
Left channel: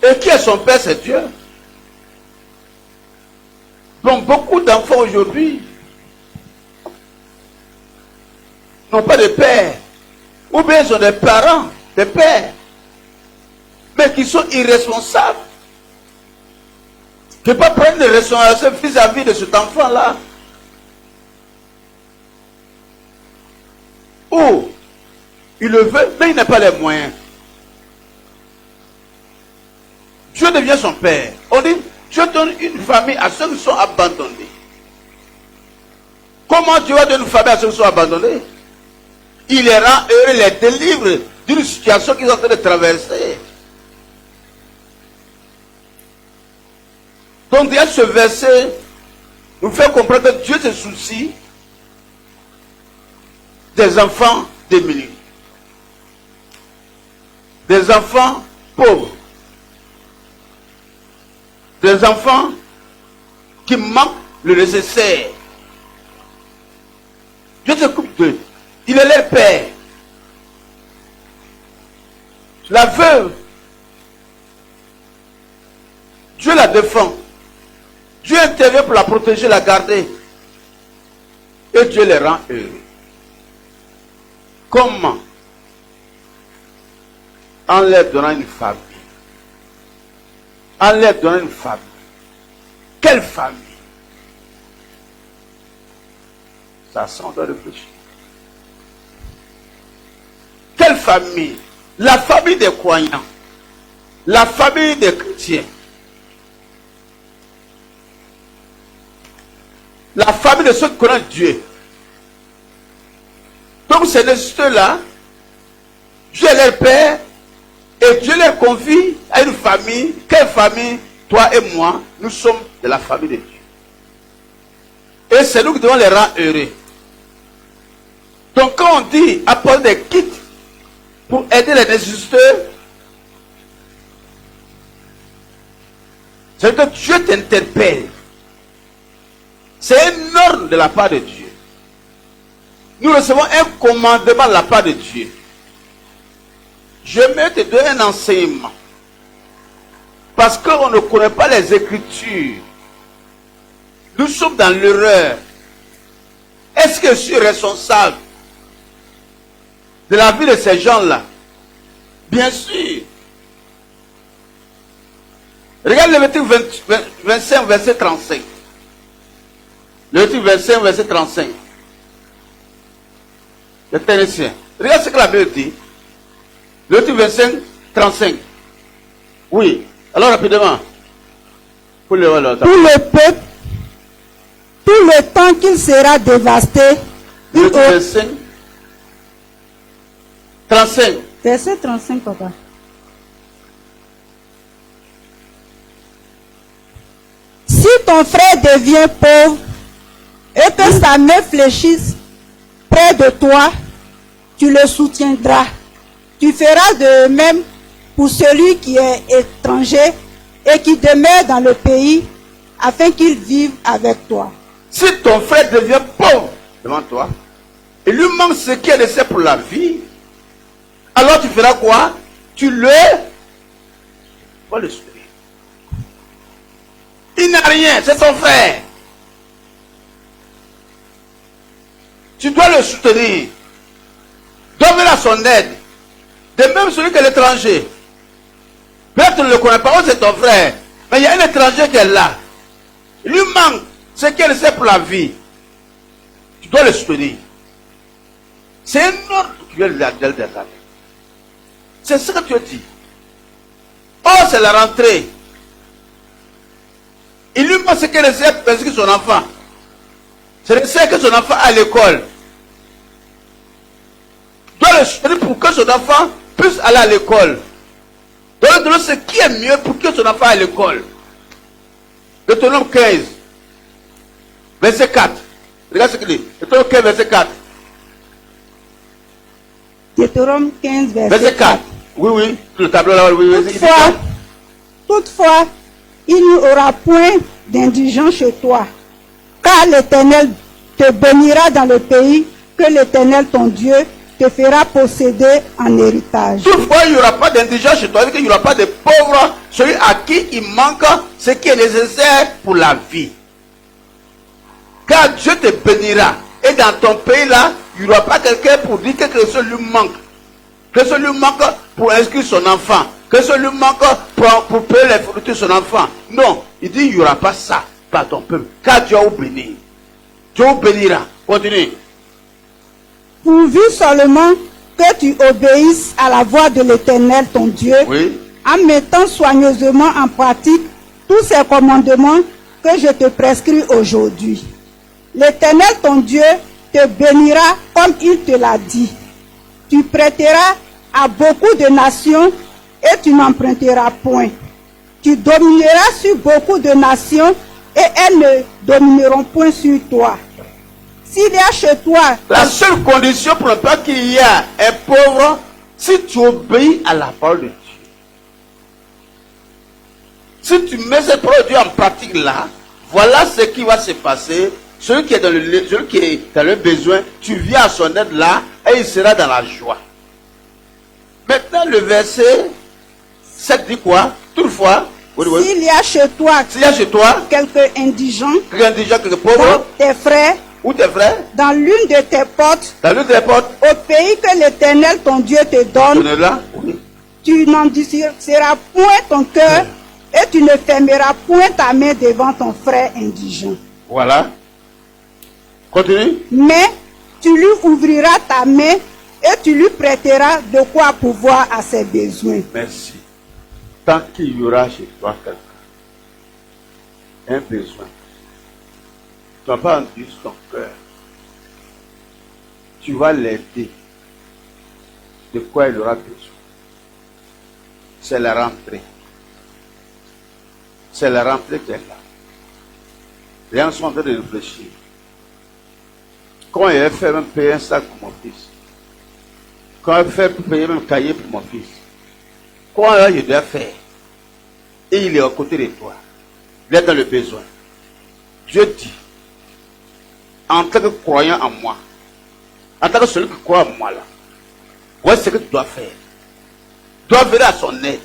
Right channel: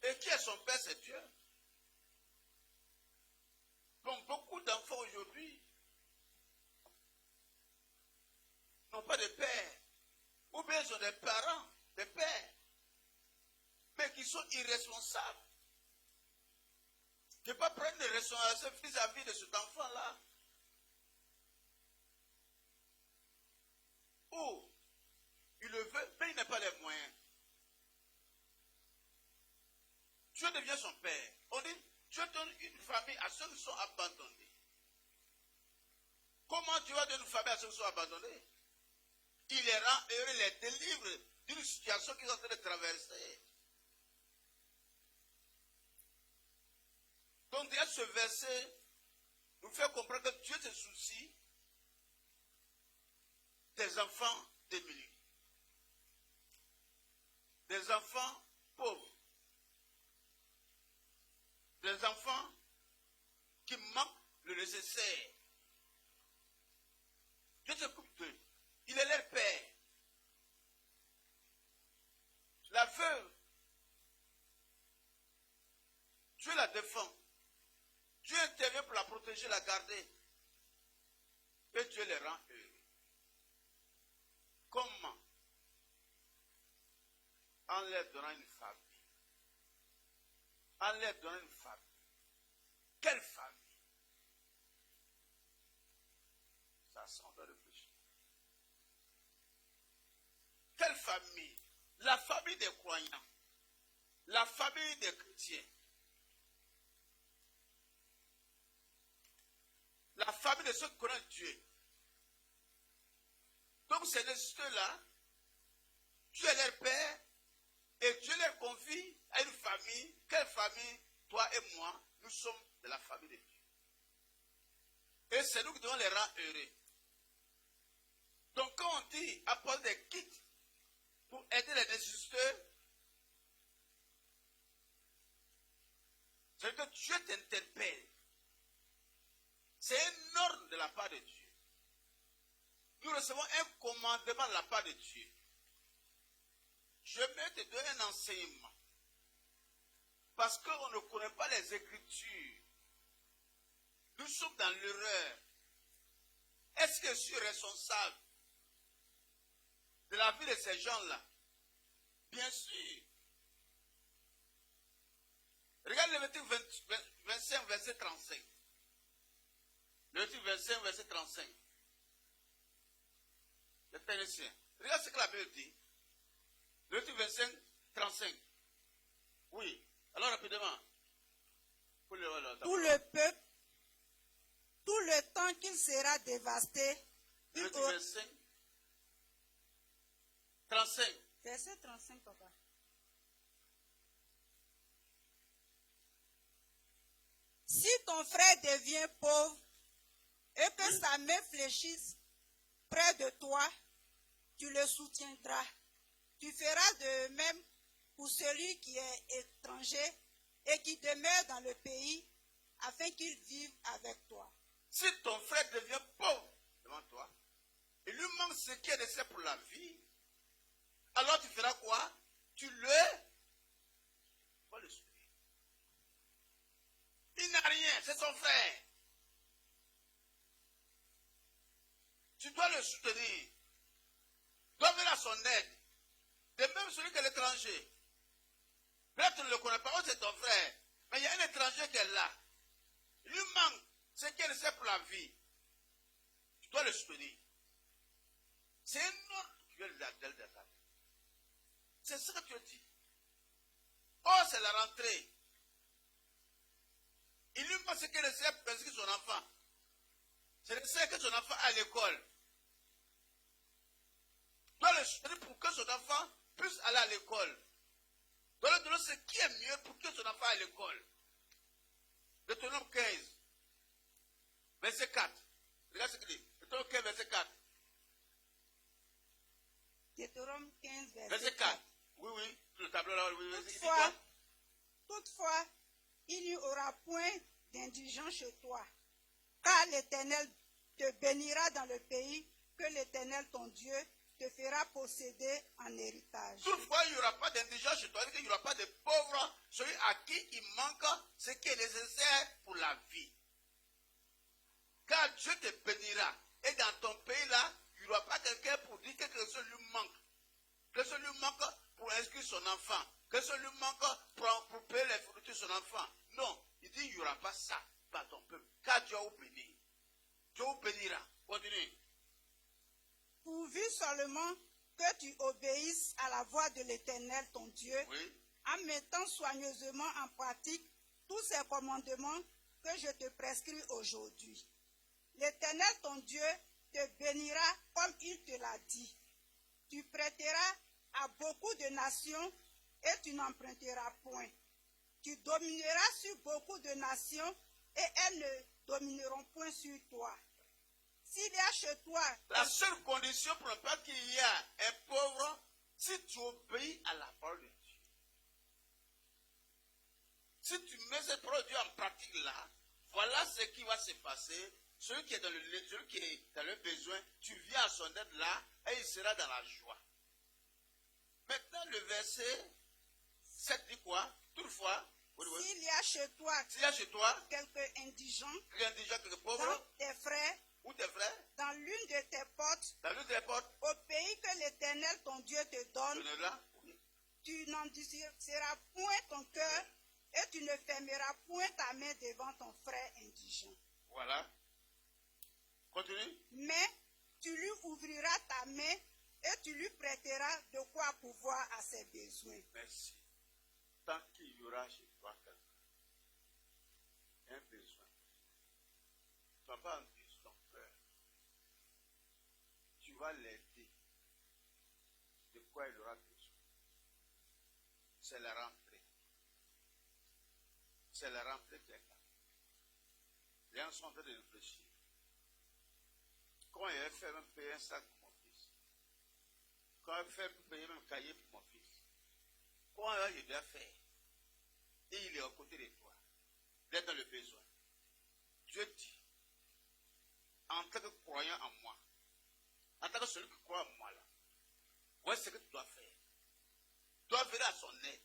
Et qui est son père? C'est Dieu. Donc beaucoup d'enfants aujourd'hui n'ont pas de père. Ou bien ils ont des parents, des pères, mais qui sont irresponsables. Qui ne peuvent pas prendre des responsabilités vis-à-vis de cet enfant-là. Ou il le veut, mais il n'a pas les moyens. Dieu devient son père. On dit, Dieu donne une famille à ceux qui sont abandonnés. Comment Dieu va donner une famille à ceux qui sont abandonnés? Il les rend heureux, les délivre d'une situation qu'ils sont en train de traverser. Donc, déjà, ce verset nous fait comprendre que Dieu se soucie des enfants démunis, des enfants pauvres, des enfants qui manquent le nécessaire. Dieu s'occupe d'eux. Il est leur père. La veuve, Dieu la défend. Dieu intervient pour la protéger, la garder. Et Dieu les rend heureux. Comment? En leur donnant une famille. En leur donnant une famille. Quelle famille? Ça sent de réfléchir. Quelle famille? La famille des croyants. La famille des chrétiens. La famille de ceux qui connaissent Dieu. Donc ces nécessiteux-là, Dieu est leur père et Dieu les confie à une famille. Quelle famille? Toi et moi, nous sommes de la famille de Dieu. Et c'est nous qui devons les rendre heureux. Donc quand on dit apporter des kits pour aider les nécessiteux, c'est que Dieu t'interpelle. C'est un ordre de la part de Dieu. Nous recevons un commandement de la part de Dieu. Je vais te donner un enseignement. Parce qu'on ne connaît pas les Écritures. Nous sommes dans l'erreur. Est-ce que je suis responsable de la vie de ces gens-là? Bien sûr. Regarde Lévitique 25, verset 35. Lévitique 25, verset 35. Le Thénicien. Regarde ce que la Bible dit. Lévitique 25, 35. Oui. Alors rapidement. Pour le peuple, tout le temps qu'il sera dévasté, Lévitique 25, 35. Verset 35, papa. Si ton frère devient pauvre et que sa main fléchisse près de toi, tu le soutiendras. Tu feras de même pour celui qui est étranger et qui demeure dans le pays, afin qu'il vive avec toi. Si ton frère devient pauvre devant toi, il lui manque ce qui est nécessaire pour la vie, alors tu feras quoi? Tu le soutenir. Il n'a rien, c'est ton frère. Tu dois le soutenir. Tu dois venir à son aide. De même celui qui est l'étranger. Peut-être tu ne le connais pas, c'est ton frère. Mais il y a un étranger qui est là. Il lui manque ce qui est nécessaire pour la vie. Tu dois le soutenir. C'est un ordre qui vient de la des années. C'est ce que tu dis. Oh, c'est la rentrée. Il lui manque ce qui est nécessaire pour inscrire son enfant. C'est nécessaire que son enfant aille à l'école. Tu dois le soutenir pour que son enfant puisse aller à l'école. Tu dois lui donner ce qui est mieux pour que son enfant aille à l'école. Deutéronome 15, verset 4. Regarde ce qu'il dit. Deutéronome 15, verset 4. Deutéronome 15, Verset 4. Oui, le tableau là, oui. Toutefois, il n'y aura point d'indigent chez toi, car l'Éternel te bénira dans le pays que l'Éternel ton Dieu te fera posséder en héritage. Toutefois, il n'y aura pas d'indigent chez toi, il n'y aura pas de pauvre, celui à qui il manque ce qui est nécessaire pour la vie. Car Dieu te bénira. Et dans ton pays là, il n'y aura pas quelqu'un pour dire que quelque chose lui manque. Que ce lui manque pour inscrire son enfant. Que ce lui manque pour payer les fournitures de son enfant. Non, il dit il n'y aura pas ça par ton peuple. Car Dieu vous bénit. Dieu vous bénira. Continue. Pourvu seulement que tu obéisses à la voix de l'Éternel ton Dieu, Oui. en mettant soigneusement en pratique tous ces commandements que je te prescris aujourd'hui. L'Éternel ton Dieu te bénira comme il te l'a dit. Tu prêteras à beaucoup de nations et tu n'emprunteras point. Tu domineras sur beaucoup de nations et elles ne domineront point sur toi. S'il y a chez toi... La seule condition pour ne pas qu'il y ait un pauvre, si tu obéis à la parole de Dieu. Si tu mets cette parole de Dieu en pratique là, voilà ce qui va se passer. Celui qui est dans le besoin, tu viens à son aide là et il sera dans la joie. Maintenant, le verset 7 dit quoi? Toutefois, s'il y a chez toi, quelques indigents, quelques pauvres, tes frères, ou tes frères, dans l'une de tes portes, au pays que l'Éternel ton Dieu te donne, là, oui. Tu n'endurciras point ton cœur et tu ne fermeras point ta main devant ton frère indigent. Voilà. Continue. Mais tu lui ouvriras ta main et tu lui prêteras de quoi pourvoir à ses besoins. Merci. Tant qu'il y aura chez toi quelqu'un, un besoin, tu ne vas pas endurcir ton cœur. Tu vas l'aider. De quoi il aura besoin. C'est la rentrée. C'est la rentrée qui est là. Les gens sont en train de réfléchir. Quand il a fait même payer un sac pour mon fils. Quand il a fait payer même un cahier pour mon fils. Quoi là, je dois faire? Et il est à côté de toi. Il est dans le besoin. Dieu dit, en tant que croyant en moi, en tant que celui qui croit en moi là, voici ce que tu dois faire. Tu dois venir à son aide.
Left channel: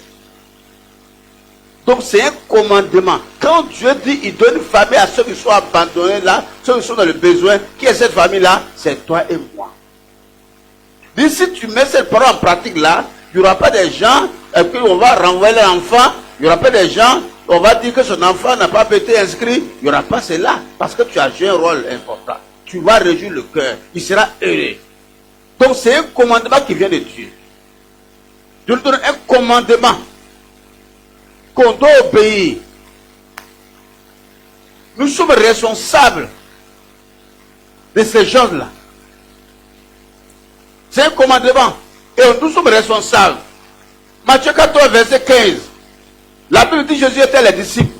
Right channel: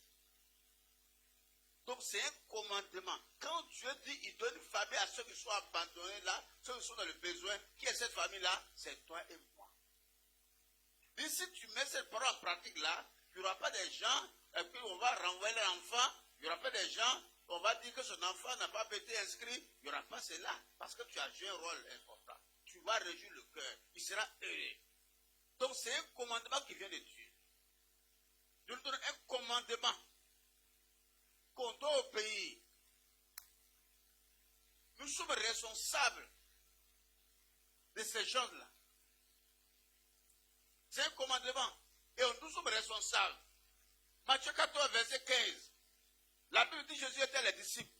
Donc c'est un commandement. Quand Dieu dit il donne une famille à ceux qui sont abandonnés là, ceux qui sont dans le besoin, qui est cette famille-là? C'est toi et moi. Dit, si tu mets cette parole en pratique là, il n'y aura pas des gens, et puis on va renvoyer l'enfant, il n'y aura pas des gens, on va dire que son enfant n'a pas été inscrit, il n'y aura pas cela, parce que tu as joué un rôle important. Tu vas réjouir le cœur, il sera heureux. Donc c'est un commandement qui vient de Dieu. Dieu nous donne un commandement qu'on doit obéir. Nous sommes responsables de ces choses-là. C'est un commandement. Et nous sommes responsables. Matthieu 14, verset 15. La Bible dit que Jésus était les disciples.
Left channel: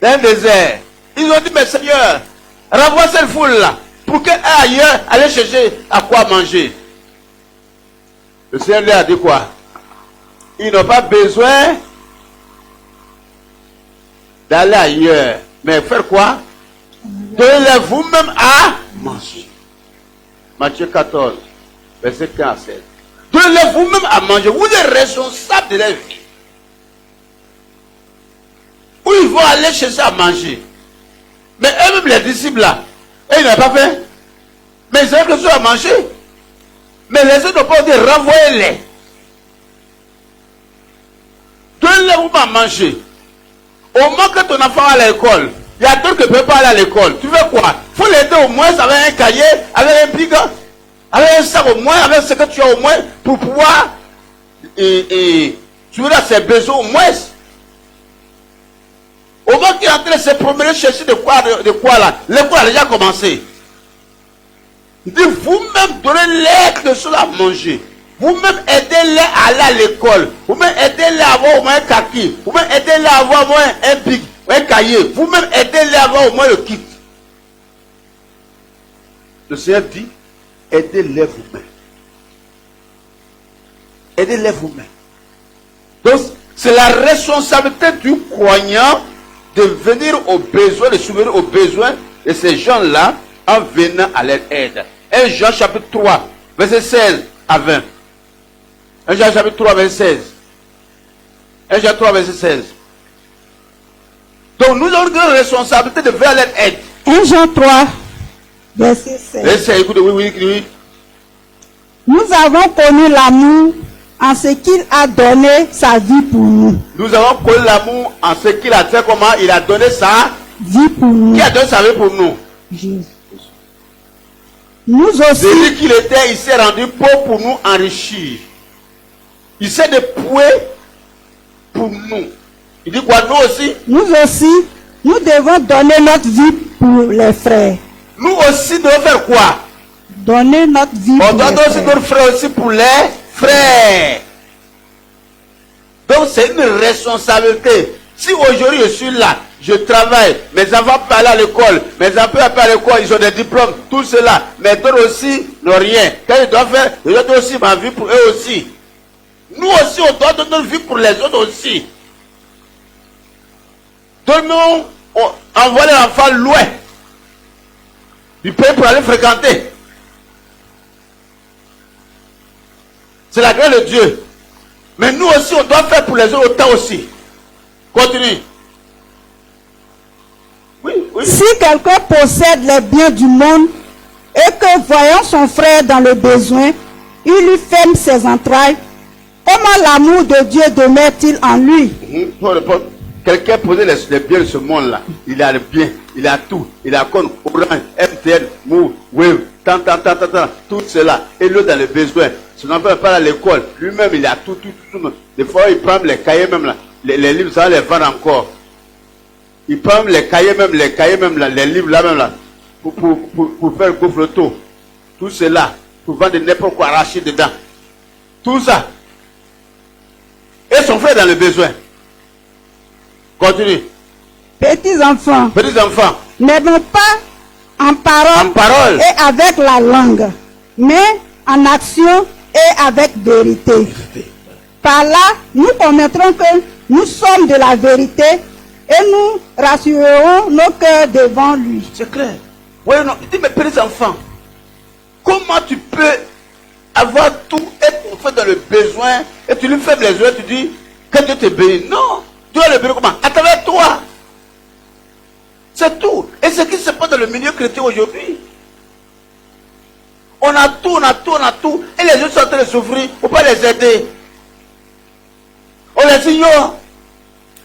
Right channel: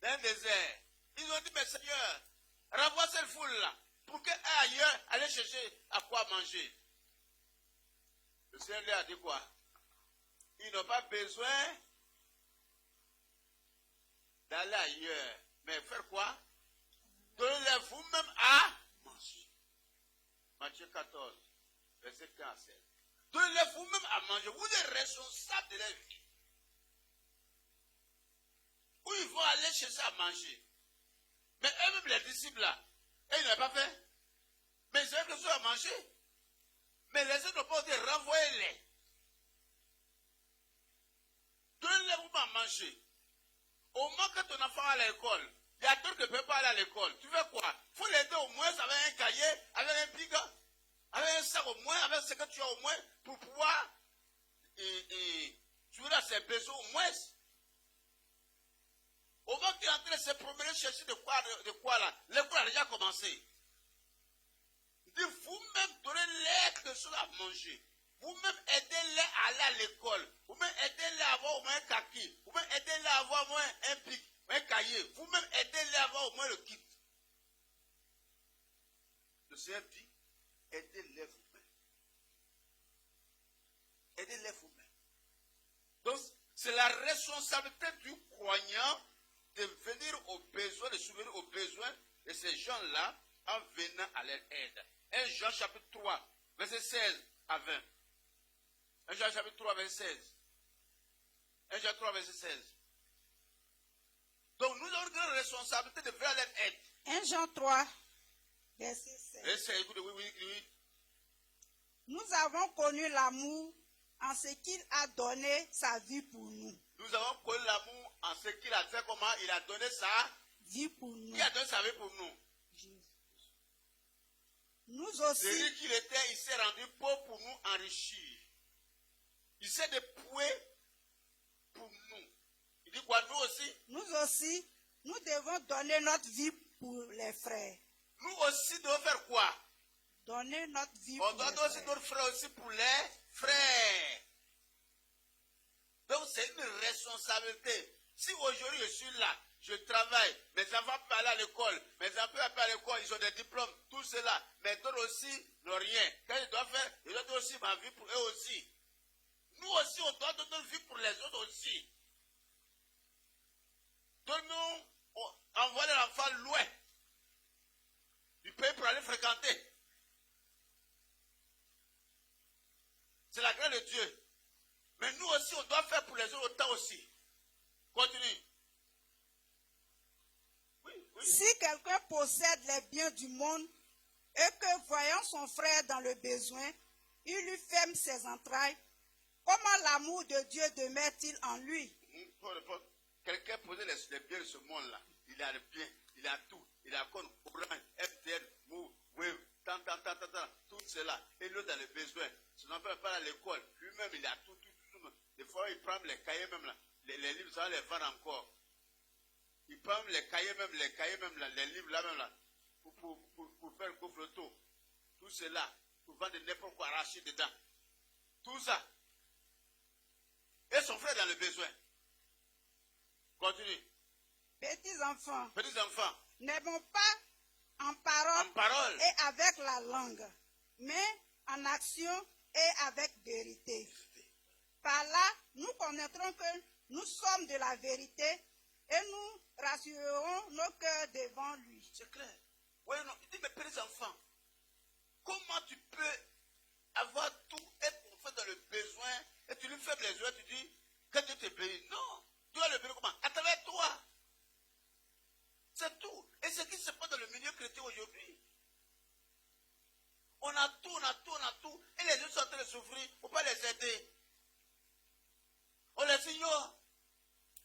Dans un désert. Ils ont dit, mais Seigneur, renvoie cette foule-là. Pour qu'elle aille ailleurs, aller chercher à quoi manger. Le Seigneur lui a dit quoi? Ils n'ont pas besoin d'aller ailleurs. Mais faire quoi? Donnez-les vous-même à manger. Matthieu 14, verset 15 à 16. Donnez-les vous-même à manger. Vous êtes responsables de leur vie. Où ils vont aller chercher à manger. Mais eux-mêmes, les disciples là, ils n'ont pas fait. Mais ils ont quelque chose à manger. Mais les autres n'ont pas dit renvoyez-les. Donnez-les vous-même à manger. Au moment que ton enfant va à l'école, il y a d'autres qui ne peuvent pas aller à l'école. Tu veux quoi? Il faut l'aider au moins avec un cahier, avec un bic, avec un sac au moins, avec ce que tu as au moins, pour pouvoir tu as ses besoins au moins. Au moment qu'il est en train de se promener, chercher de quoi là, l'école a déjà commencé. Il dit, vous-même donnez-les quelque chose à manger. Vous-même aidez-les à aller à l'école. Vous-même aidez-les à avoir au moins un kaki. Vous-même aidez-les à avoir au moins un bic, un cahier. Vous-même aidez-les à avoir au moins le kit. Le Seigneur dit, aidez-les vous-même. Aidez-les vous-même. Donc, c'est la responsabilité du croyant de venir aux besoins, de subvenir aux besoins de ces gens-là en venant à leur aide. 1 Jean chapitre 3, verset 16 à 20. 1 Jean chapitre 3, verset 16. 1 Jean 3, verset 16. Donc nous avons une responsabilité de faire leur aide. 1 Jean 3, verset 16. Verset, écoutez, oui. Nous avons connu l'amour en ce qu'il a donné sa vie pour nous. Nous avons connu l'amour en ce qu'il a fait, comment il a donné sa vie pour nous. Qui a donné sa vie pour nous? Jésus. Nous aussi. Celui qu'il était, il s'est rendu pauvre pour nous enrichir. Il s'est dépouillé pour nous. Il dit quoi? Nous aussi. Nous aussi, nous devons donner notre vie pour les frères. Nous aussi devons faire quoi? Donner notre vie pour les frères. On doit doit aussi notre frère aussi pour les frères. Donc c'est une responsabilité. Si aujourd'hui je suis là, je travaille, mes enfants peuvent aller à l'école, mes enfants peuvent aller à l'école, ils ont des diplômes, tout cela, mais d'autres aussi n'ont rien. Quand ils doivent faire, je dois aussi ma vie pour eux aussi. Nous aussi, on doit donner notre vie pour les autres aussi. Donnons, envoyer l'enfant loin du pays pour aller fréquenter. C'est la grâce de Dieu. Mais nous aussi, on doit faire pour les autres autant aussi. Continue. Oui. Si quelqu'un possède les biens du monde et que voyant son frère dans le besoin, il lui ferme ses entrailles, comment l'amour de Dieu demeure-t-il en lui? Quelqu'un possède les biens de ce monde-là. Il a le bien, il a tout. Il a comme Orange, MTN, Move, Wave, tout cela. Et l'autre dans le besoin. Son enfant n'est pas à l'école. Lui-même, il a tout. Des fois, il prend les cahiers même là. Les livres, ça va les vendre encore. Il prend les cahiers même là, les livres là même là. Pour faire le photo. Tout cela. Pour vendre n'importe quoi arraché dedans. Tout ça. Et son frère dans le besoin. Continue. Petits enfants. N'aidons pas en parole et avec la langue, mais en action et avec vérité. Par là, nous connaîtrons que nous sommes de la vérité et nous rassurerons nos cœurs devant lui. C'est clair. Oui, non. Il dit, mes petits enfants, comment tu peux avoir tout et ton frère dans le besoin et tu lui fais les yeux, tu dis, que Dieu te bénisse. Non. Dieu va le bénir comment? À travers toi. C'est tout. Et ce qui se passe dans le milieu chrétien aujourd'hui. On a tout, on a tout, on a tout. Et les gens sont en train de souffrir. Il ne faut pas les aider. On les ignore.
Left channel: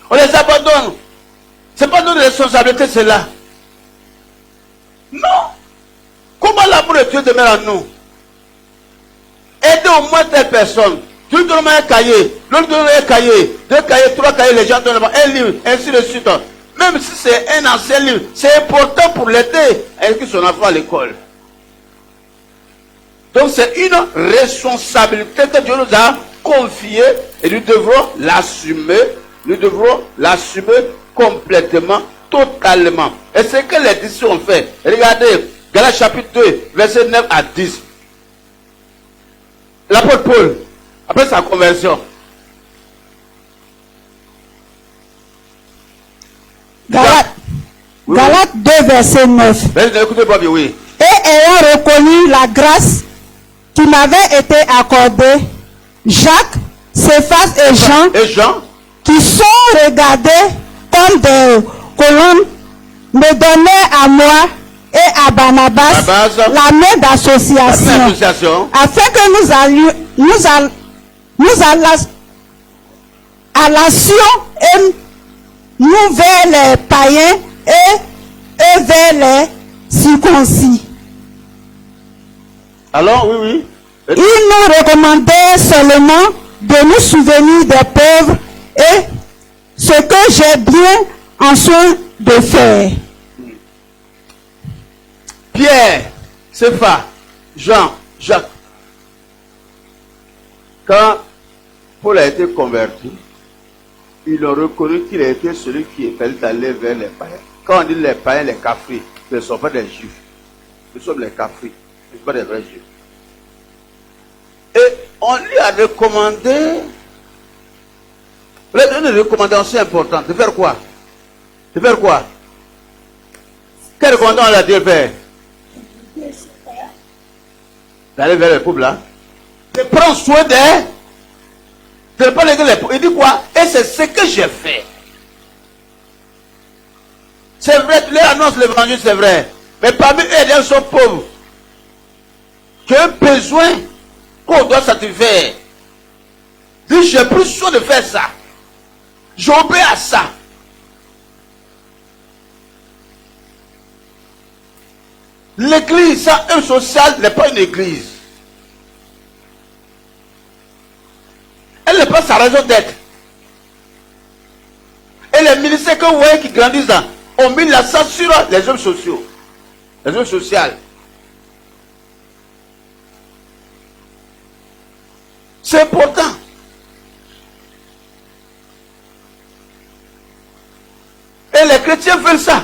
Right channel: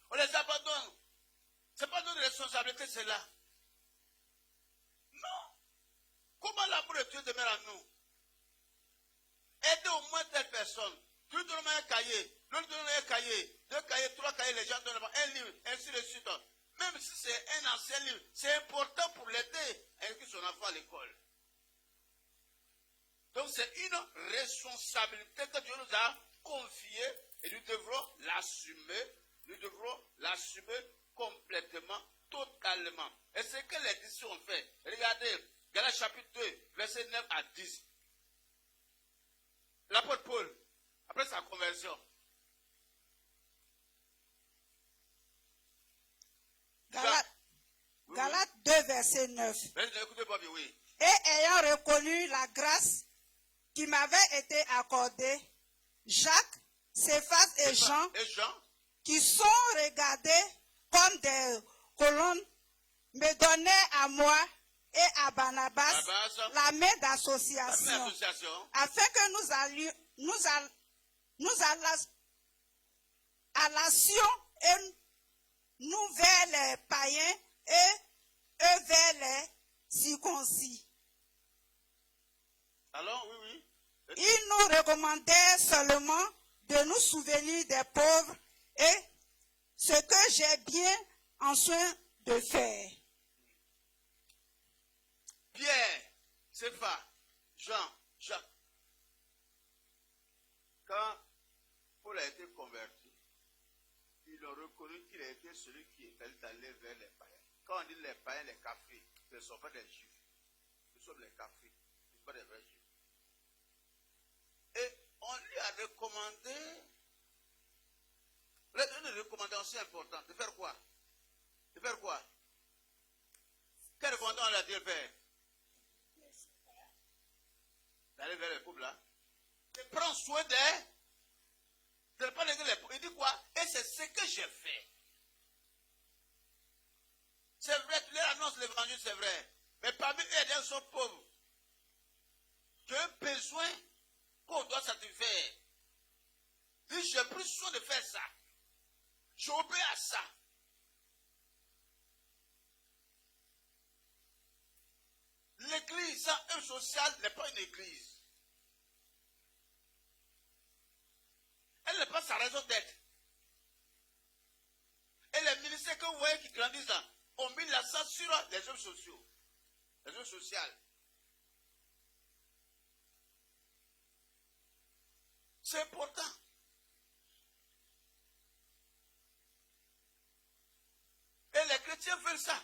On les abandonne. Ce n'est pas notre responsabilité, cela. Non. Comment l'amour de Dieu demeure en nous? Aidez au moins telle personne. Tu lui donnes un cahier, l'autre donne un cahier, 2 cahiers, 3 cahiers, les gens donnent un livre, ainsi de suite. Même si c'est un ancien livre, c'est important pour l'aider à inscrire son enfant à l'école. Donc c'est une responsabilité que Dieu nous a confiée et nous devrons l'assumer. Nous devrons l'assumer complètement, totalement. Et c'est ce que les disciples ont fait. Regardez, Galates chapitre 2, verset 9 à 10. L'apôtre Paul, après sa conversion. Galates 2, verset 9. Écoutez-moi bien, oui. Et ayant reconnu la grâce qui m'avait été accordée, Jacques, Céphas et Jean, qui sont regardés comme des colonnes, me donnaient à moi et à Barnabas la main d'association, afin que nous allassions et nous vers les païens et eux vers les circoncis. Alors, oui. Il nous recommandait seulement de nous souvenir des pauvres et ce que j'ai bien en soin de faire. Pierre, Céphas, Jean, Jacques. Quand Paul a été converti, ils ont reconnu qu'il a été celui qui fallait aller vers les païens. Quand on dit les païens, les cafris, ce ne sont pas des juifs. Nous sommes les cafris, ce ne sont pas des vrais juifs. Et on lui a recommandé, une recommandation importante. De faire quoi? De faire quoi? Quelle recommandation on a dit de faire? D'aller vers les pauvres là. De prendre soin d'eux. De ne pas les pauvres. Il dit quoi? Et c'est ce que j'ai fait. C'est vrai, tu leur annonces l'évangile, c'est vrai. Mais parmi eux, il y a des gens pauvres. Qui ont besoin qu'on doit satisfaire. Dis, j'ai plus soin de faire ça. J'obéis à ça. L'église, sans œuvre sociale, n'est pas une église. Elle n'est pas sa raison d'être. Et les ministères que vous voyez qui grandissent là, ont mis l'accent sur les œuvres sociaux. Les œuvres sociales. C'est important. Et les chrétiens veulent ça.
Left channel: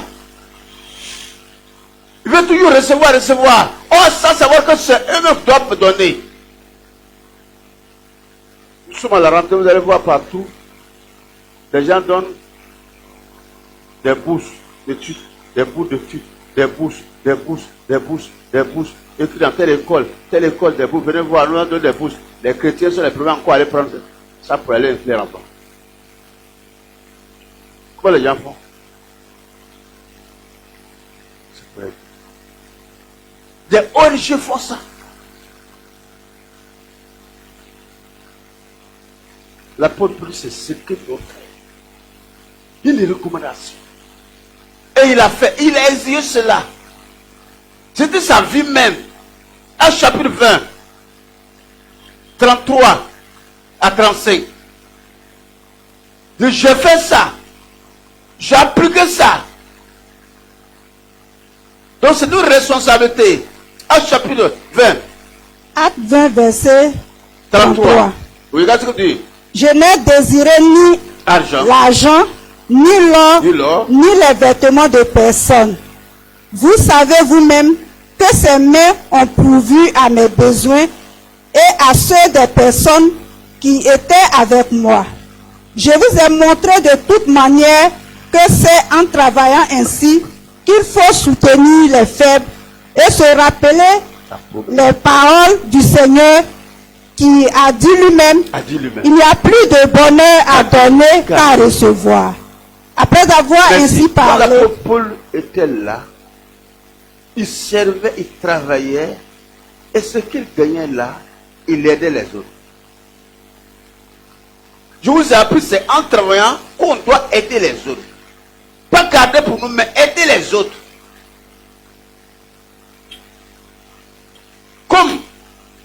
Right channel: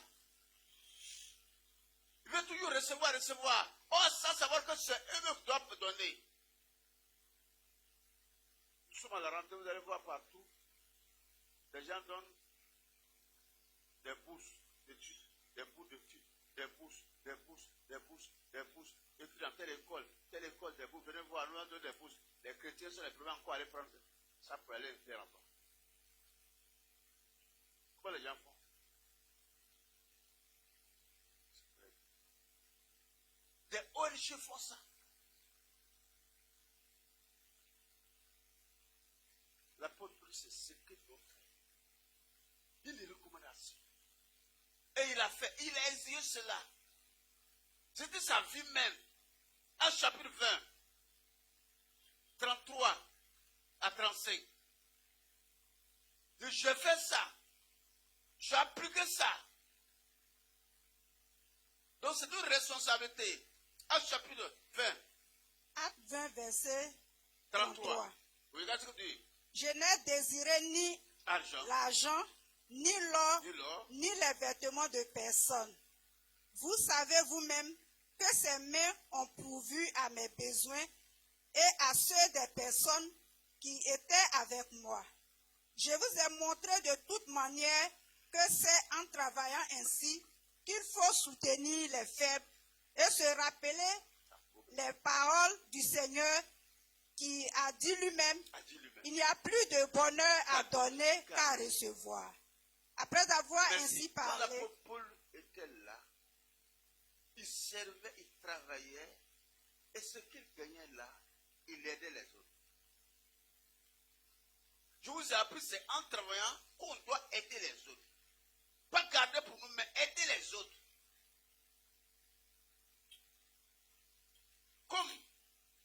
Ils veulent toujours recevoir. Oh, sans savoir que c'est eux-mêmes qui doivent me donner. Nous sommes à la rentrée, vous allez voir partout. Les gens donnent des bourses d'études, des bourses d'études, des bourses. Et puis dans telle école, des bourses. Venez voir, nous avons des bourses. Les chrétiens sont les premiers encore à aller prendre ça pour aller infler en bas. Comment les gens font? Des ONG font ça. L'apôtre Paul, c'est ce qu'il doit faire. Il y a des recommandations. Et il a fait, il a exigé cela. C'était sa vie même. À chapitre 20, 33 à 35. J'ai fait ça. J'ai appliqué ça. Donc c'est une responsabilité. Acte chapitre 20. Acte 20, verset 33. Oui, regarde ce que tu dis. Je n'ai désiré ni l'argent, ni l'or, ni les vêtements de personne. Vous savez vous-même que ces mains ont pourvu à mes besoins et à ceux des personnes qui étaient avec moi. Je vous ai montré de toute manière que c'est en travaillant ainsi qu'il faut soutenir les faibles et se rappeler les paroles du Seigneur qui a dit lui-même, il n'y a plus de bonheur à donner qu'à recevoir. Après avoir ainsi parlé, l'apôtre Paul était là, il servait, il travaillait, et ce qu'il gagnait là, il aidait les autres. Je vous ai appris, c'est en travaillant qu'on doit aider les autres. Pas garder pour nous, mais aider les autres. Comme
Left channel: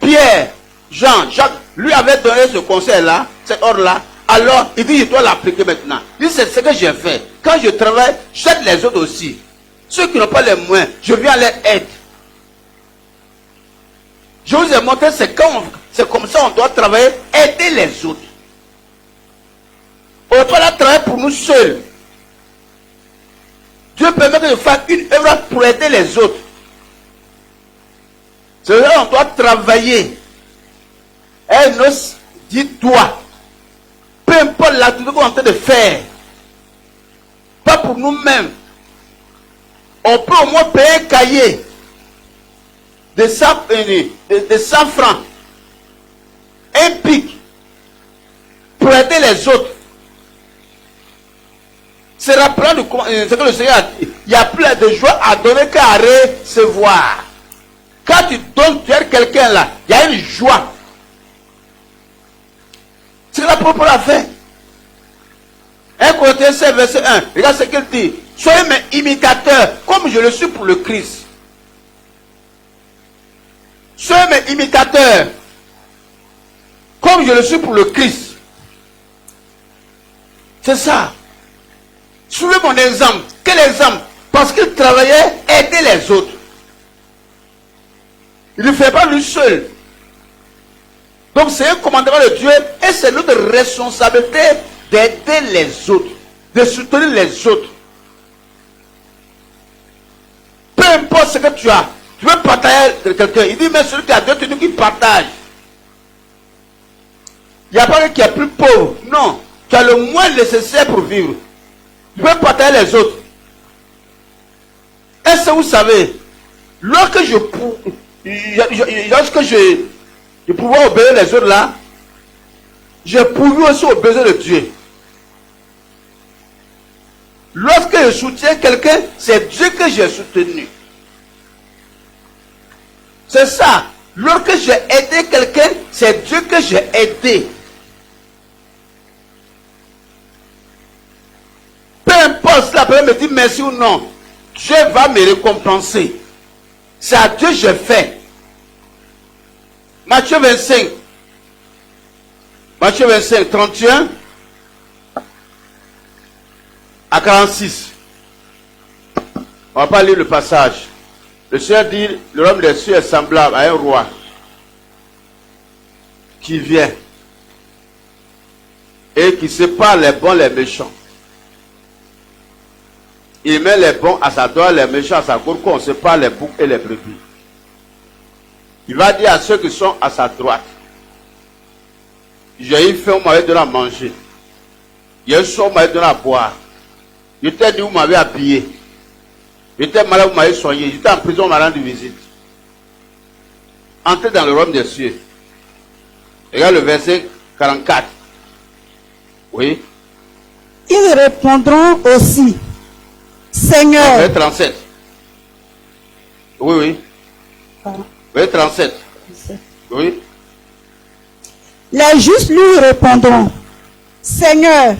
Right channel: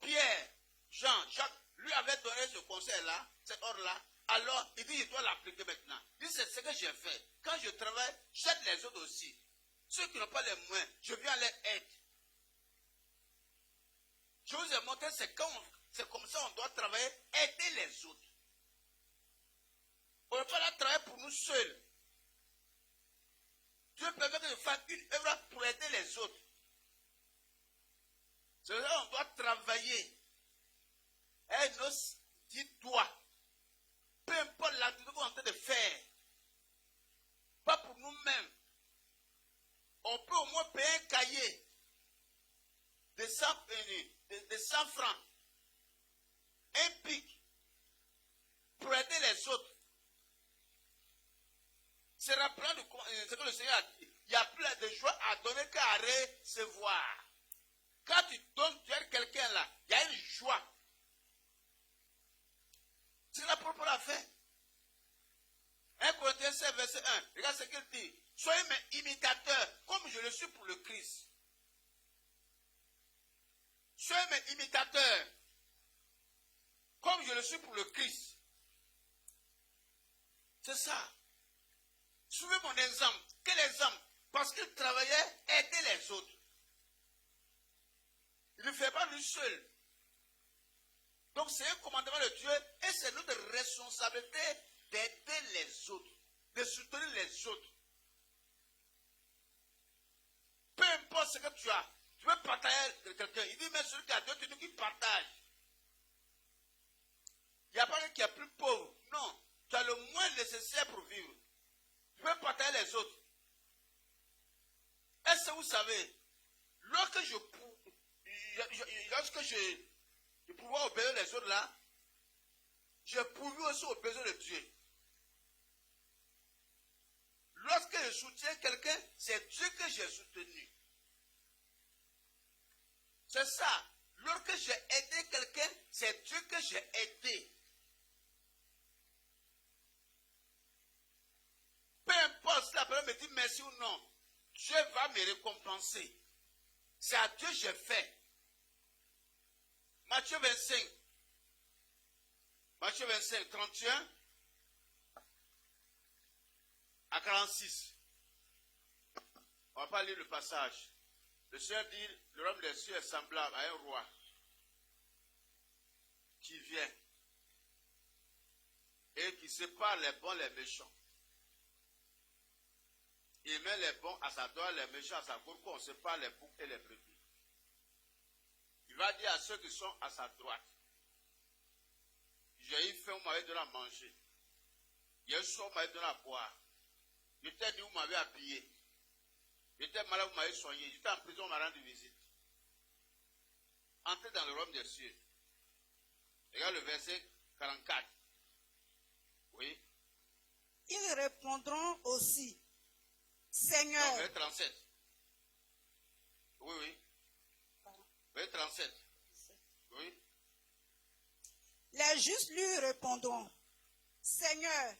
Pierre, Jean, Jacques, lui avait donné ce conseil-là, cet ordre-là, alors il dit, je dois l'appliquer maintenant. Il dit, c'est ce que j'ai fait. Quand je travaille, j'aide les autres aussi. Ceux qui n'ont pas les moyens, je viens les aider. Je vous ai montré, c'est comme ça on doit travailler, aider les autres. On ne peut pas travailler pour nous seuls. Dieu permet que je fasse une œuvre pour aider les autres. C'est là qu'on doit travailler. Elle nous dit toi. Peu importe l'activité qu'on est en train de faire. Pas pour nous-mêmes. On peut au moins payer un cahier de 100 francs. Un pic. Pour aider les autres. C'est rappelant de ce que le Seigneur a dit. Il y a plus de joie à donner qu'à recevoir. Quand tu donnes, tu aides quelqu'un là, il y a une joie. C'est la propre a fait. 1 Corinthiens 7, verset 1. Regarde ce qu'il dit. Soyez mes imitateurs, comme je le suis pour le Christ. Soyez mes imitateurs, comme je le suis pour le Christ. C'est ça. Suivez mon exemple. Quel exemple? Parce qu'il travaillait, aider les autres. Il ne fait pas lui seul. Donc c'est un commandement de Dieu et c'est notre responsabilité d'aider les autres, de soutenir les autres. Peu importe ce que tu as, tu veux partager avec quelqu'un. Il dit, mais celui qui a Dieu, tu dis qu'il partage. Il n'y a pas quelqu'un qui est plus pauvre. Non, tu as le moins nécessaire pour vivre. Tu veux partager les autres. Est-ce que vous savez, lorsque je pouvais obéir les autres là, je pouvais aussi obéir de Dieu. Lorsque je soutiens quelqu'un, c'est Dieu que j'ai soutenu. C'est ça. Lorsque j'ai aidé quelqu'un, c'est Dieu que j'ai aidé. Peu importe si la personne me dit merci ou non, Dieu va me récompenser. C'est à Dieu que j'ai fait. Matthieu 25. Matthieu 25, 31 à 46. On ne va pas lire le passage. Le Seigneur dit, le royaume des cieux est semblable à un roi qui vient et qui sépare les bons et les méchants. Il met les bons à sa droite, les méchants à sa gauche, qu'on sépare les boucs et les brebis. Il va dire à ceux qui sont à sa droite, j'ai eu faim, vous m'avez donné à manger. J'ai eu soif, vous m'avez donné à boire. J'étais nu, vous m'avez habillé. J'étais malade, vous m'avez soigné. J'étais en prison, vous m'avez rendu visite. Entrez dans le royaume des cieux. Regarde le verset 44. Oui. Ils répondront aussi, Seigneur. Verset 37. Oui, oui. Pardon. Verset 37. Oui. Les justes lui répondront, Seigneur,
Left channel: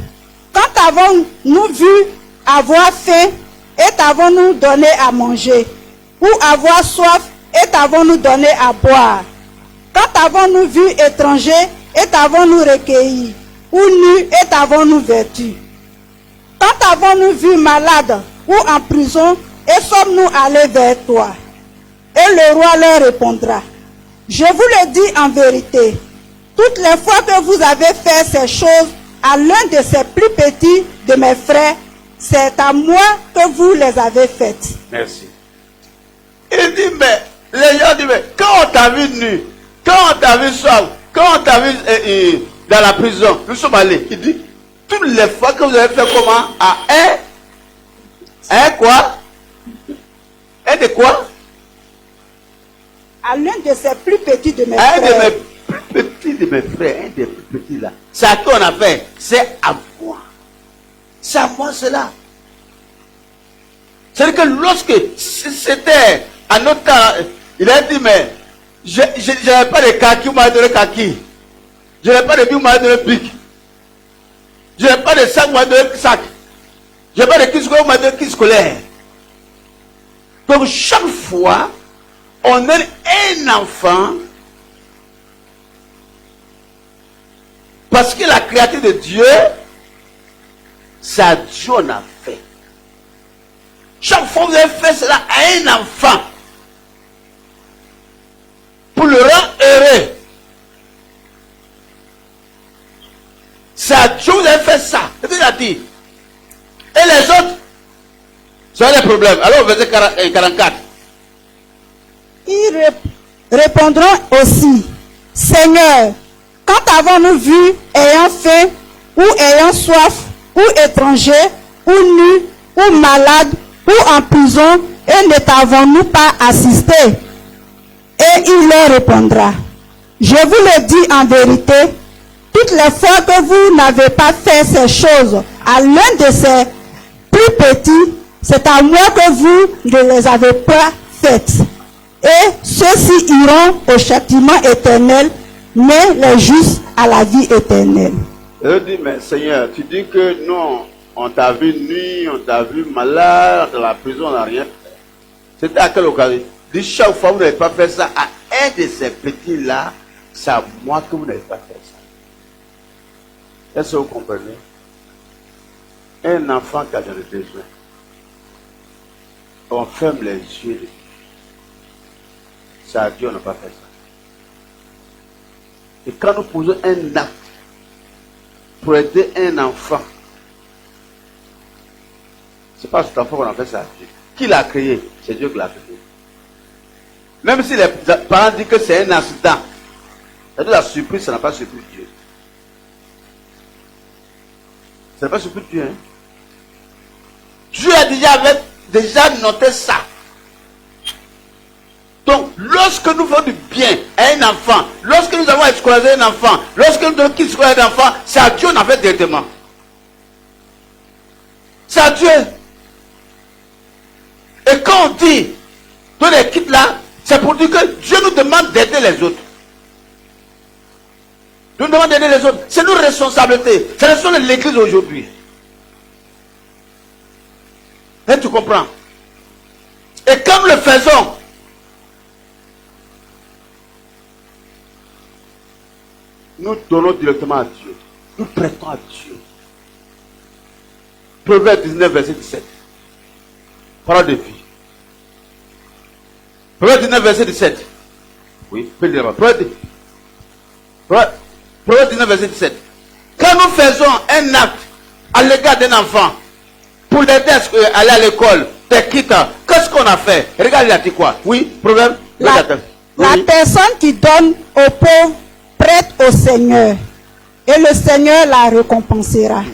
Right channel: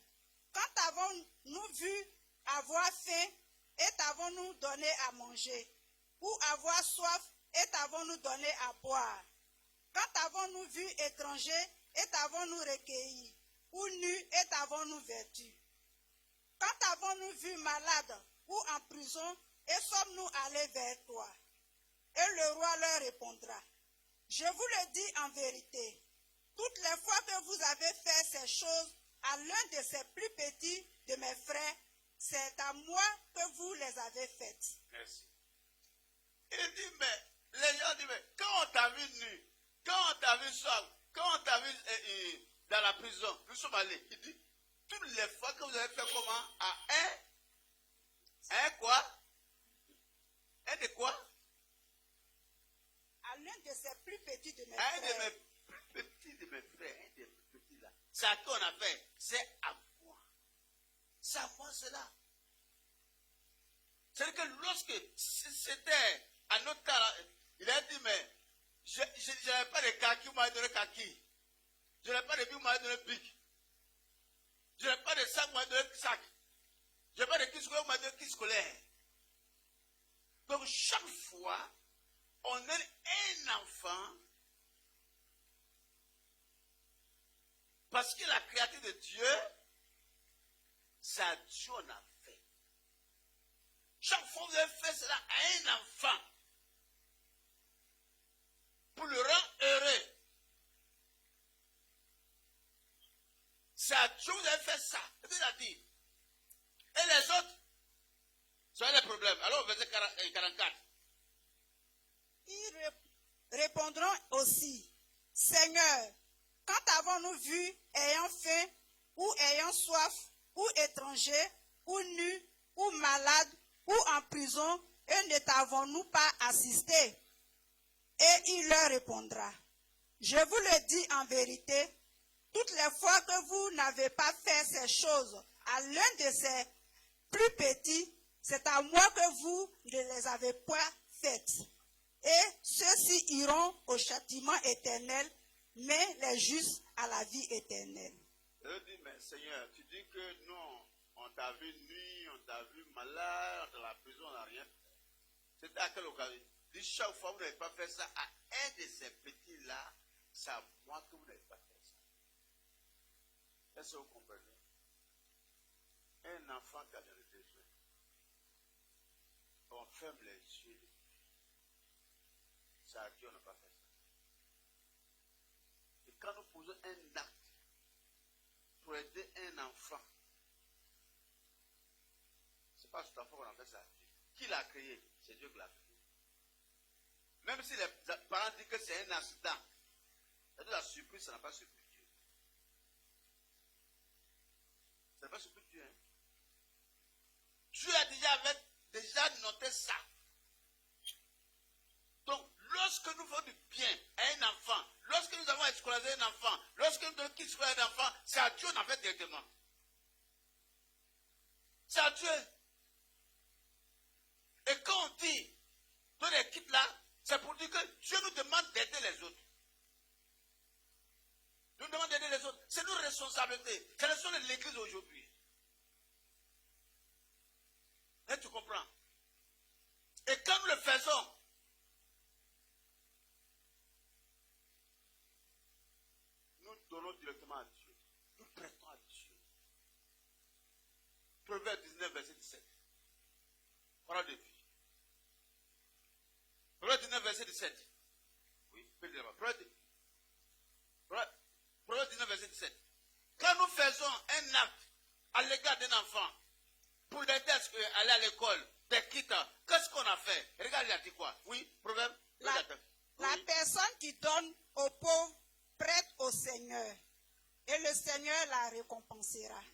quand avons-nous vu avoir faim et t'avons-nous donné à manger, ou avoir soif et t'avons-nous donné à boire? Quand avons-nous vu étranger et t'avons-nous recueilli, ou nu et t'avons-nous vêtu? Quand avons-nous vu malade ou en prison et sommes-nous allés vers toi? Et le roi leur répondra, je vous le dis en vérité, toutes les fois que vous avez fait ces choses à l'un de ces plus petits de mes frères, c'est à moi que vous les avez faites. Merci. Il dit, mais les gens disent, mais quand on t'a vu nu, quand on t'a vu soif, quand on t'a vu dans la prison, nous sommes allés. Il dit, toutes les fois que vous avez fait comment? À un quoi? Un de quoi? À l'un de ces plus petits de mes Un frères. de mes plus petits. de mes frères, un des plus petits là, c'est à qui on a fait? C'est à moi. C'est à moi cela. C'est-à-dire que lorsque c'était à notre temps, il a dit, mais je n'avais pas de kaki, vous m'avez donné kaki. Je n'avais pas de bic, vous m'avez donné bic. Je n'avais pas de sac, vous m'avez donné sac. Je n'ai pas de kit scolaire, vous m'avez donné kit scolaire. Donc chaque fois, on a un enfant, parce que la créature de Dieu, c'est à Dieu on a fait. Chaque fois que vous avez fait cela à un enfant, pour le rendre heureux, c'est à Dieu que vous avez fait ça. C'est ce qu'il a dit. Et les autres, c'est des problèmes. Alors, verset 44. Ils répondront aussi, Seigneur, quand avons-nous vu ayant faim, ou ayant soif, ou étranger, ou nu, ou malade, ou en prison, et ne t'avons-nous pas assisté? Et il leur répondra, je vous le dis en vérité, toutes les fois que vous n'avez pas fait ces choses à l'un de ces plus petits, c'est à moi que vous ne les avez pas faites. Et ceux-ci iront au châtiment éternel, mais les justes à la vie éternelle. Je dis, mais Seigneur, tu dis que non, on t'a vu nu, on t'a vu malade, dans la prison, on n'a rien fait. C'était à quelle occasion? Dis, chaque fois que vous n'avez pas fait ça à un de ces petits-là, c'est à moi que vous n'avez pas fait ça. Est-ce que vous comprenez? Un enfant qui a dans le besoin, on ferme les yeux. C'est à Dieu, on n'a pas fait ça. Et quand nous posons un acte pour aider un enfant, c'est pas cet enfant qu'on a fait ça à Dieu. Qui l'a créé? C'est Dieu qui l'a créé. Même si les parents disent que c'est un accident, c'est de la surprise, ça n'a pas surpris Dieu. Ça n'a pas surpris Dieu. Hein? Dieu a déjà noté ça. Donc, lorsque nous faisons du bien à un enfant, lorsque nous avons scolarisé un enfant, lorsque nous donnons qu'il scolarise un enfant, c'est à Dieu qu'on a fait directement. C'est à Dieu. Et quand on dit, donne les kits là, c'est pour dire que Dieu nous demande d'aider les autres. Dieu nous demande d'aider les autres. C'est notre responsabilité. C'est la responsabilité de l'église aujourd'hui. Et tu comprends? Et quand nous le faisons, nous donnons directement à Dieu. Nous prêtons à Dieu. Proverbe 19, verset 17. Parole de vie. Proverbe 19, verset 17. Oui, Proverbe 19, verset 17. Quand nous faisons un acte à l'égard d'un enfant, pour l'aider à aller à l'école, des kits, qu'est-ce qu'on a fait? Regarde, il a dit quoi? Oui, Proverbe. La personne qui donne aux pauvres prête au Seigneur, et le Seigneur la récompensera.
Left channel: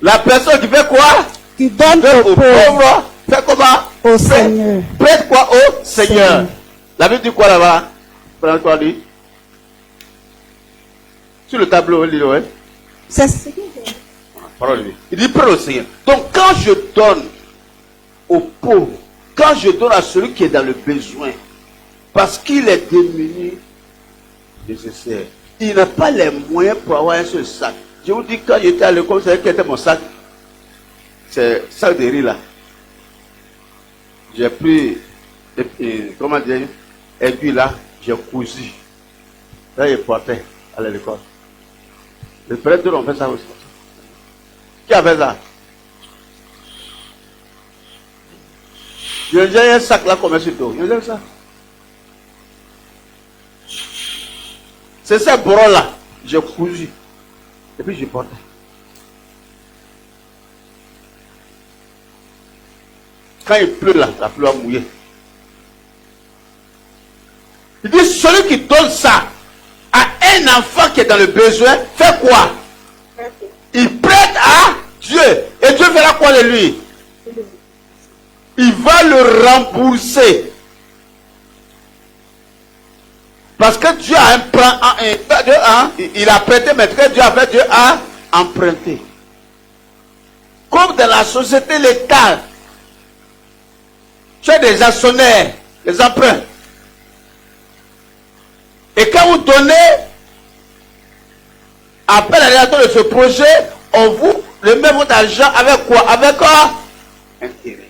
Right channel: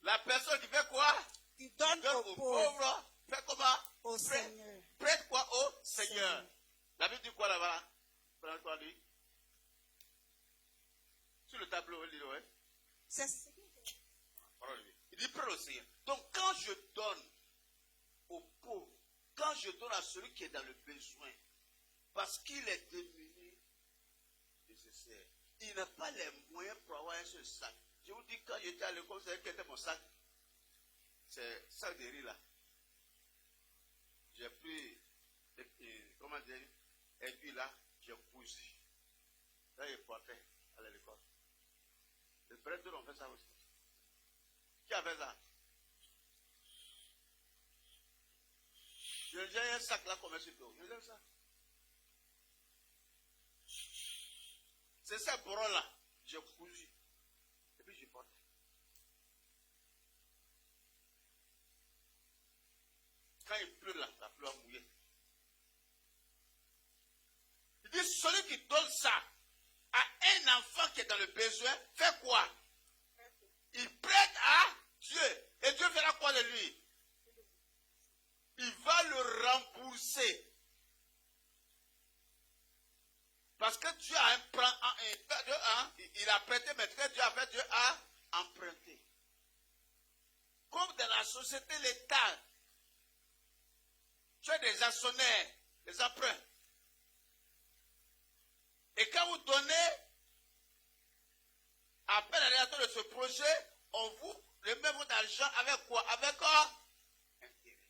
La personne qui fait quoi? Qui donne aux pauvres, fait comment? Au Seigneur. Prête quoi au Seigneur? La Bible dit quoi là-bas? Prends quoi dit? Sur le tableau, il dit ouais. C'est ce Parole de vie. Il dit prête au Seigneur. Donc quand je donne aux pauvres, quand je donne à celui qui est dans le besoin, parce qu'il est démuni, nécessaire. Il n'a pas les moyens pour avoir un seul sac. Je vous dis, quand j'étais à l'école, vous savez quel était mon sac? C'est sac de riz là. J'ai pris, comment dire, aiguille là, j'ai cousu. Là, il portait à l'école. Les prêtres ont fait ça aussi. Qui a fait ça? J'ai un sac là comme un surtout. J'ai ça. C'est ce bras là, j'ai cousu. Et puis j'ai porté. Quand il pleut là, la pluie va mouiller. Il dit, celui qui donne ça à un enfant qui est dans le besoin, fait quoi? Il prête à Dieu. Et Dieu fera quoi de lui? Il va le rembourser. Parce que Dieu a il a prêté, mais que Dieu a fait, Dieu a emprunté. Comme dans la société, l'État, tu as des actionnaires, des emprunts. Et quand vous donnez, après la réalisation de ce projet, on vous remet votre argent avec quoi? Avec quoi? Intérêt.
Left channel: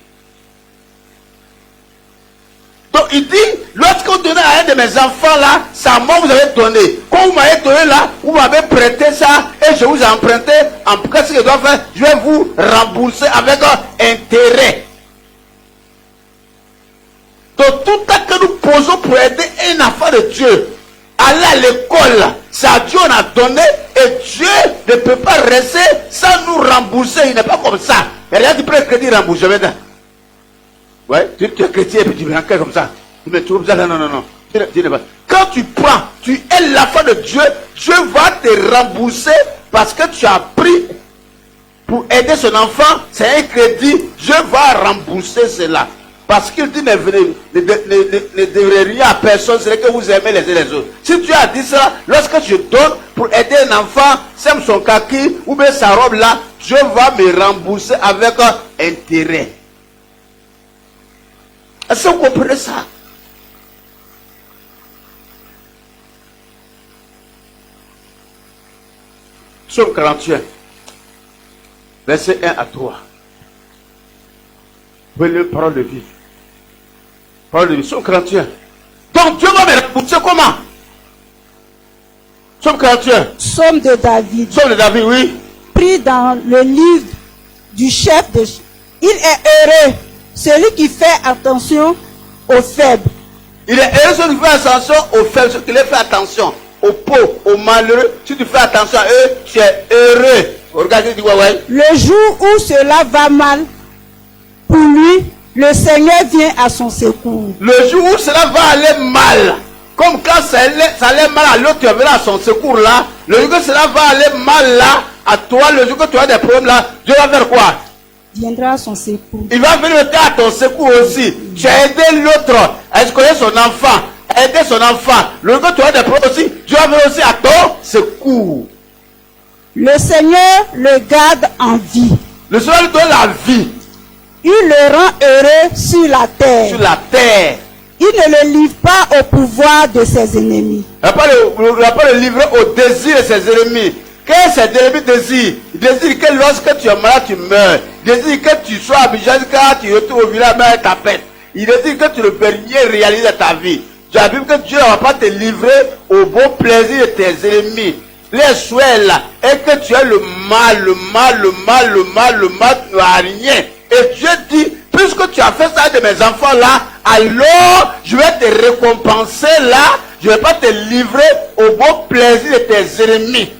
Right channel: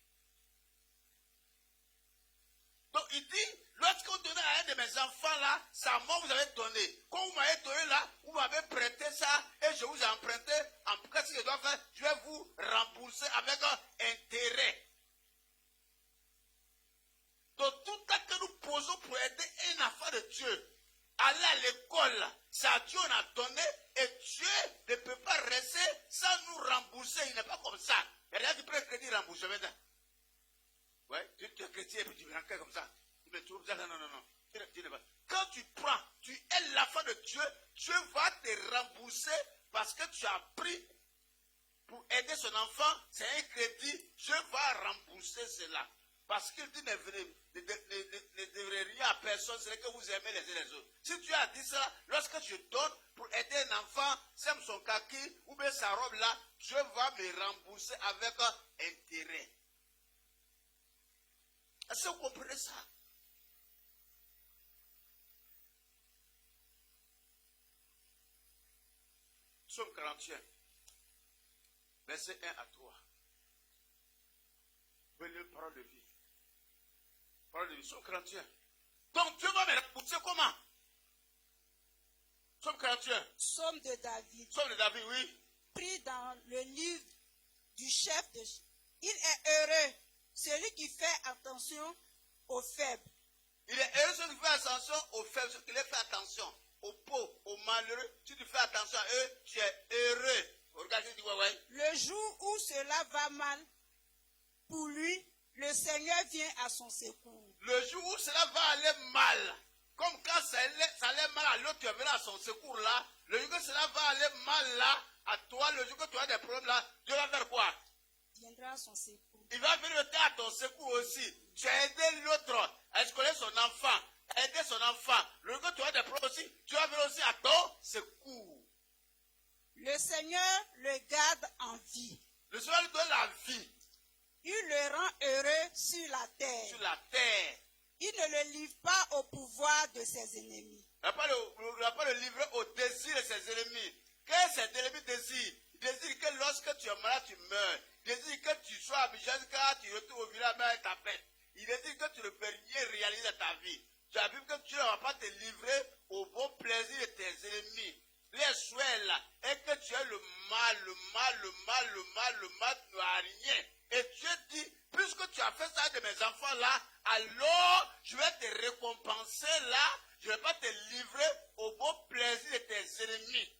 Donc il dit, lorsque vous donnez à un de mes enfants là, ça moi vous avez donné. Quand vous m'avez donné là, vous m'avez prêté ça et je vous ai emprunté. En tout cas, ce que je dois faire, je vais vous rembourser avec intérêt. Donc tout ce que nous posons pour aider un enfant de Dieu, aller à l'école, c'est à Dieu on a donné et Dieu ne peut pas rester sans nous rembourser. Il n'est pas comme ça. Il n'y a rien qui peut être crédit remboursé maintenant. Ouais, tu es chrétien et puis tu viens comme ça. Mais tu vas non. Quand tu prends, tu es l'enfant de Dieu, Dieu va te rembourser parce que tu as pris pour aider son enfant, c'est un crédit, Dieu va rembourser cela. Parce qu'il dit, ne devrez rien à personne, c'est que vous aimez les uns les autres. Si Dieu a dit ça, lorsque je donne pour aider un enfant, sème son kaki ou bien sa robe là, Dieu va me rembourser avec intérêt. Est-ce que vous comprenez ça? Psaume 41, verset 1 à 3. Venez, parole de vie. Parole de vie, Psaume 41. Donc Dieu va me rembourser comment? Psaume 41. Psaume de David. Psaume de David, oui. Pris dans le livre du chef de... Il est heureux, celui qui fait attention aux faibles. Il est heureux celui qui fait attention aux faibles, celui qui les fait attention aux pauvres, aux malheureux. Si tu fais attention à eux, tu es heureux. Regardez, dis ouais. Le jour où cela va mal, pour lui, le Seigneur vient à son secours. Le jour où cela va aller mal, comme quand ça allait mal à l'autre, tu verras à son secours là. Le jour que cela va aller mal là, à toi, le jour que tu as des problèmes là, Dieu va faire quoi? Viendra à son secours. Il va venir à ton secours aussi. Tu as aidé l'autre à escoler son enfant, à aider son enfant. Le jour que tu as des problèmes aussi, Dieu va venir aussi à ton secours. Le Seigneur le garde en vie. Le Seigneur lui donne la vie. Il le rend heureux sur la terre. Sur la terre. Il ne le livre pas au pouvoir de ses ennemis. Il ne va pas le livrer au désir de ses ennemis. Qu'est-ce que ses ennemis désirent? Il désire que lorsque tu es malade, tu meurs. Il désire que tu sois habitué quand tu retournes au village, mais ta pète. Il désire que tu ne peux rien réaliser de ta vie. Tu as vu que Dieu ne va pas te livrer au bon plaisir de tes ennemis. Les souhaits là, et que tu as le mal, tu n'as rien. Et Dieu dit, puisque tu as fait ça de mes enfants là, alors je vais te récompenser là, je ne vais pas te livrer au bon plaisir de tes ennemis.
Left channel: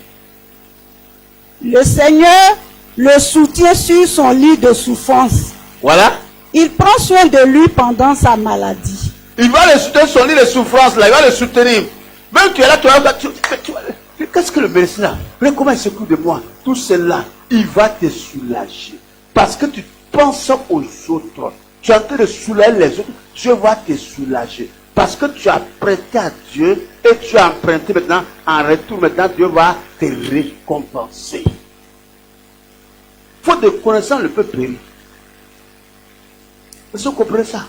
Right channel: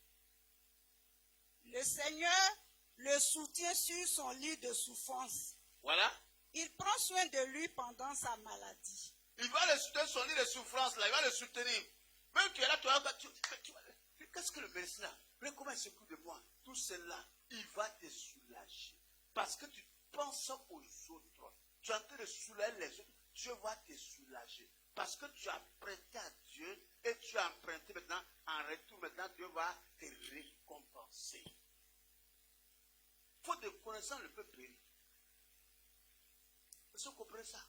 Le Seigneur le soutient sur son lit de souffrance. Voilà. Il prend soin de lui pendant sa maladie. Il va le soutenir sur son lit de souffrance là, il va le soutenir. Même tu es là, qu'est-ce que le médecin là? Regarde comment il s'occupe de moi. Tout cela, il va te soulager. Parce que tu penses aux autres. Tu es en train de soulager les autres. Dieu va te soulager. Parce que tu as prêté à Dieu et tu as emprunté maintenant. En retour, maintenant, Dieu va te récompenser. Faute de connaissance, le peuple périt. Est-ce que vous comprenez ça?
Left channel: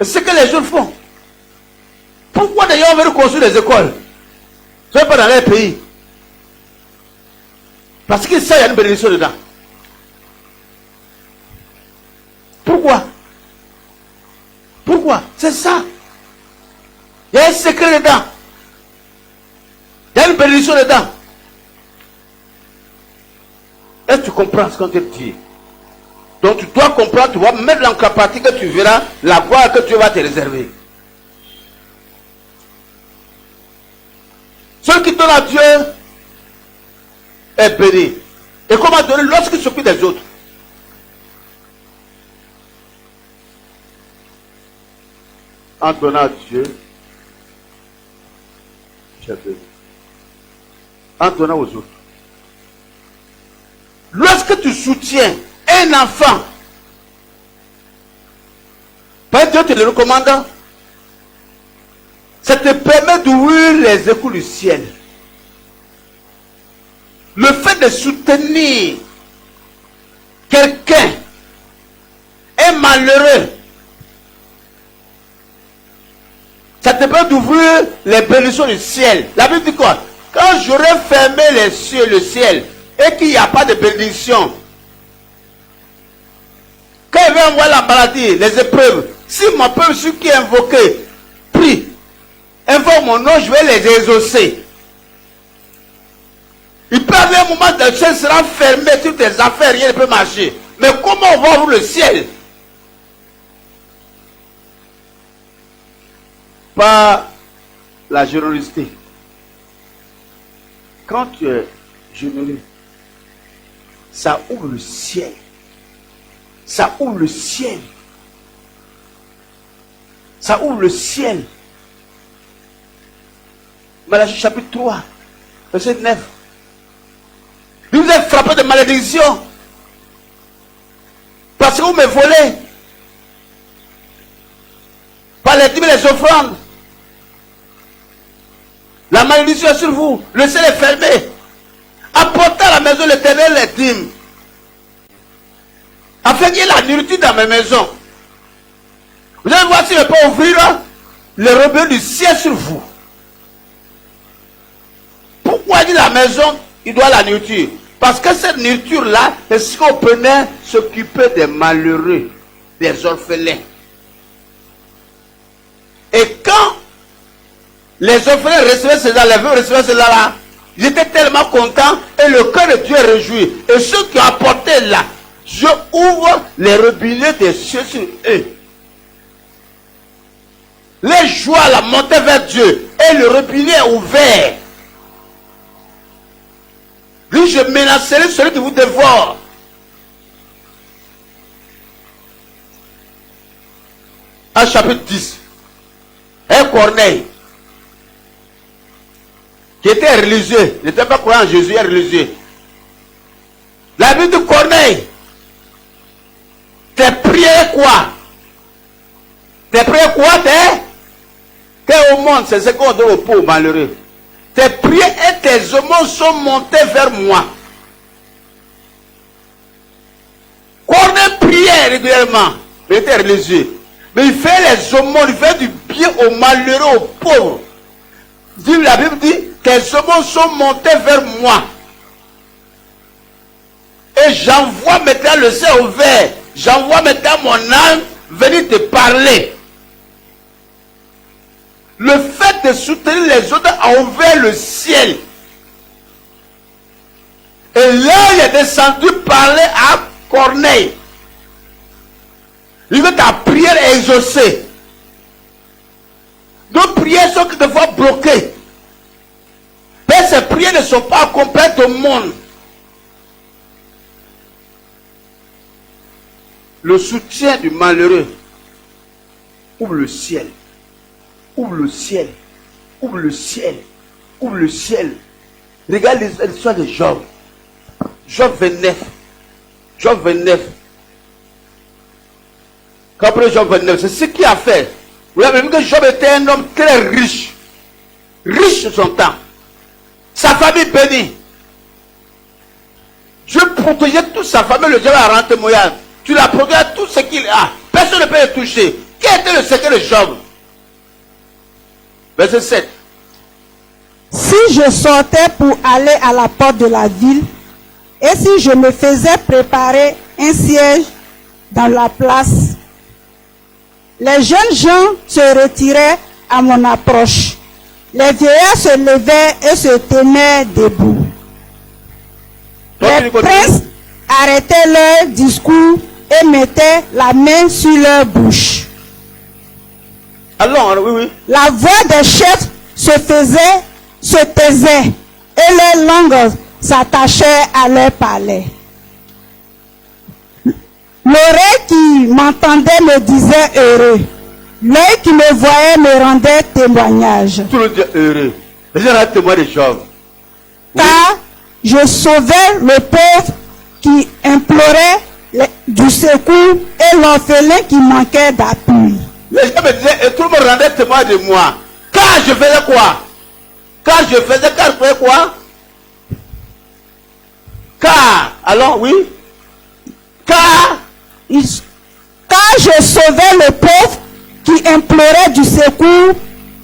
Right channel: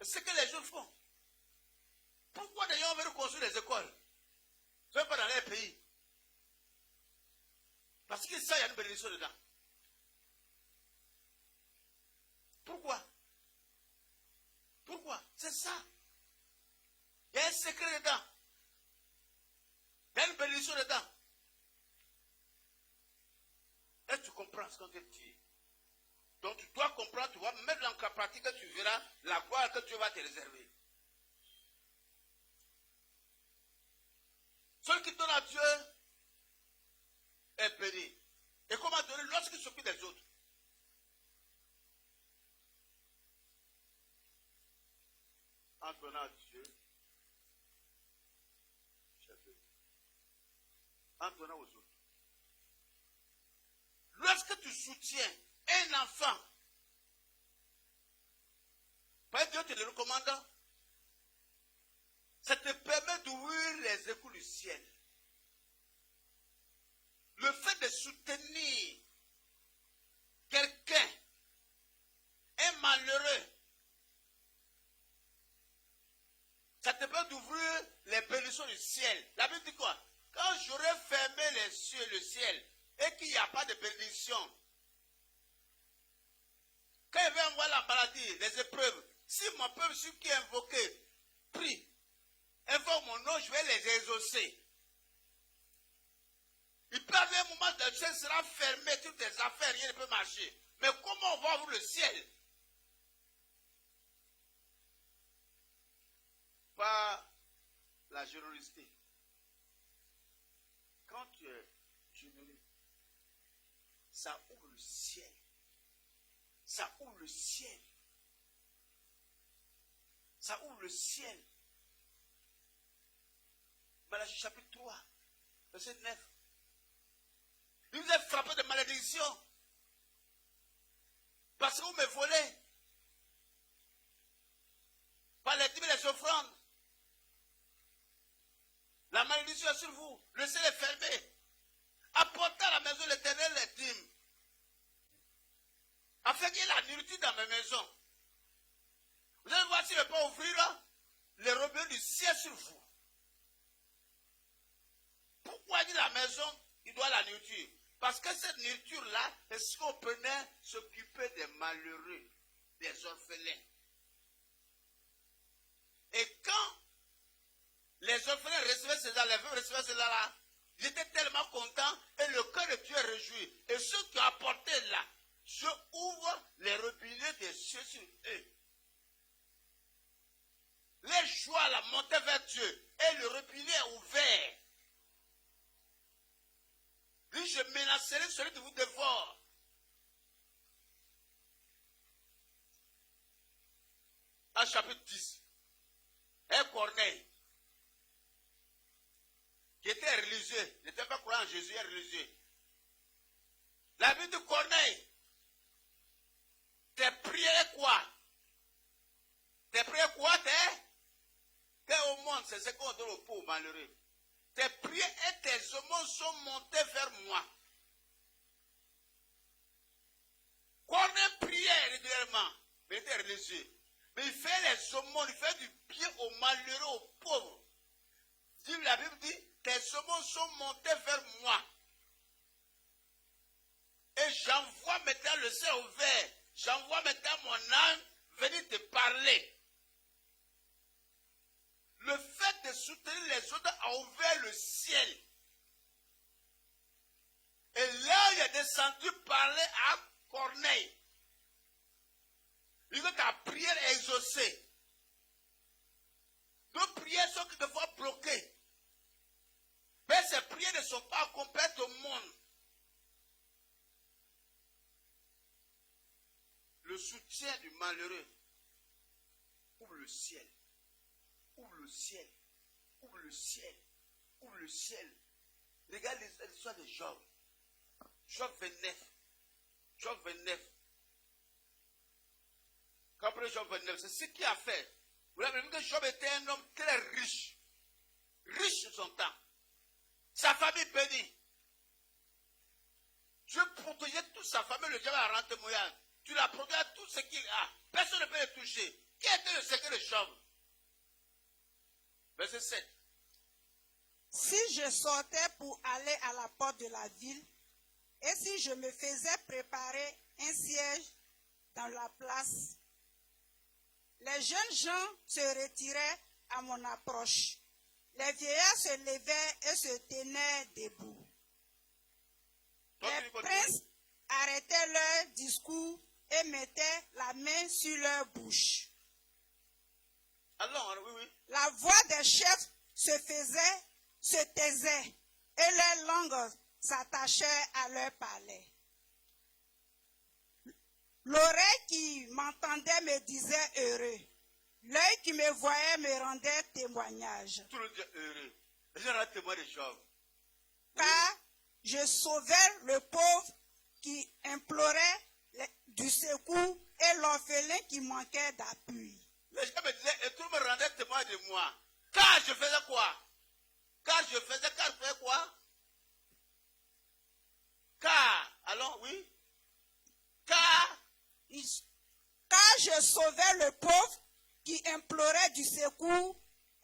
Et c'est ce que les jeunes font. Pourquoi d'ailleurs on veut construire des écoles? Ce n'est pas dans leur pays. Parce qu'ils savent qu'il y a une bénédiction dedans. Pourquoi? Pourquoi? C'est ça. Il y a un secret dedans. Il y a une bénédiction dedans. Est-ce que tu comprends ce qu'on te dit? Donc tu dois comprendre, tu vas mettre dans la pratique que tu verras la gloire que Dieu va te réserver. Celui qui donne à Dieu est béni. Et comment donner lorsqu'il s'occupe des autres? En donnant à Dieu, tu es béni. En donnant aux autres. Lorsque tu soutiens un enfant, Dieu te le recommande, Ça te permet d'ouvrir les écoutes du ciel. Le fait de soutenir quelqu'un est malheureux. Ça te permet d'ouvrir les bénédictions du ciel. La Bible dit quoi? Quand j'aurai fermé les cieux, le ciel, et qu'il n'y a pas de bénédiction, quand il va envoyer la maladie, les épreuves, si mon peuple, celui qui est invoqué, prie, invoque mon nom, je vais les exaucer. Il peut avoir un moment de le ciel sera fermé, toutes tes affaires, rien ne peut marcher. Mais comment on va ouvrir le ciel? Par la générosité. Quand tu es généreux, ça ouvre le ciel. Ça ouvre le ciel. Ça ouvre le ciel. Malachie chapitre 3, verset 9. Vous êtes frappé de malédiction. Parce que vous me volez. Par les dîmes et les offrandes. La malédiction est sur vous. Le ciel est fermé. Apportez à la maison de l'Éternel les dîmes. Afin qu'il y ait la nourriture dans mes maisons. Vous allez voir si je peux ouvrir les robinets du ciel sur vous. Pourquoi il dit la maison, il doit la nourriture? Parce que cette nourriture-là, c'est ce qu'on prenait s'occuper des malheureux, des orphelins. Et quand les orphelins recevaient cela, les veuves recevaient cela là, ils étaient tellement contents et le cœur de Dieu est réjoui. Et ceux qui ont apporté là, je ouvre les robinets des cieux sur eux. Les joies la montée vers Dieu et le robinet est ouvert. Lui, je menacerai celui qui vous dévore. Un chapitre 10. Un Corneille, qui était religieux, il n'était pas croyant en Jésus, il est religieux. La Bible de Corneille, tes prières quoi? Tes prières quoi? T'es au monde, c'est ce qu'on donne aux pauvres malheureux. Tes prières et tes aumônes sont montés vers moi. Corneille priait régulièrement, il était religieux. Mais il fait les aumônes, il fait du bien aux malheureux, aux pauvres. La Bible dit, tes aumônes sont montés vers moi. Et j'envoie maintenant le ciel ouvert. J'envoie maintenant mon âme venir te parler. Le fait de soutenir les autres a ouvert le ciel. Et là, il est descendu parler à Corneille. Il veut ta prière est exaucée. Nos prières sont quelquefois bloquées. Mais ces prières ne sont pas accomplies au monde. Le soutien du malheureux ouvre le ciel. Ouvre le ciel. Ouvre le ciel. Ouvre le ciel. Regarde l'histoire de Job. Job 29. Job 29. Comprenez Job 29, c'est ce qu'il a fait. Vous avez vu que Job était un homme très riche. Riche de son temps. Sa famille bénie. Dieu protégeait toute sa famille, le diable a rendu témoignage. Tu l'as protégé tout ce qu'il a. Personne ne peut le toucher. Quel était le secret de Job? Verset 7. Si je sortais pour aller à la porte de la ville, et si je me faisais préparer un siège dans la place, les jeunes gens se retiraient à mon approche. Les vieillards se levaient et se tenaient debout. Les princes arrêtaient leur discours et mettaient la main sur leur bouche. Alors, oui. La voix des chefs se taisait et leurs langues s'attachaient à leur palais. L'oreille qui m'entendait me disait heureux. L'œil qui me voyait me rendait témoignage. Tout le monde dit heureux. Les gens rendent témoin de Job. Car je sauvais le pauvre qui implorait du secours et l'orphelin qui manquait d'appui. Les gens me disaient, et tout le monde rendait témoin de moi. Car je faisais quoi? Car je faisais quoi? Car, alors oui? Car je sauvais le pauvre qui implorait du secours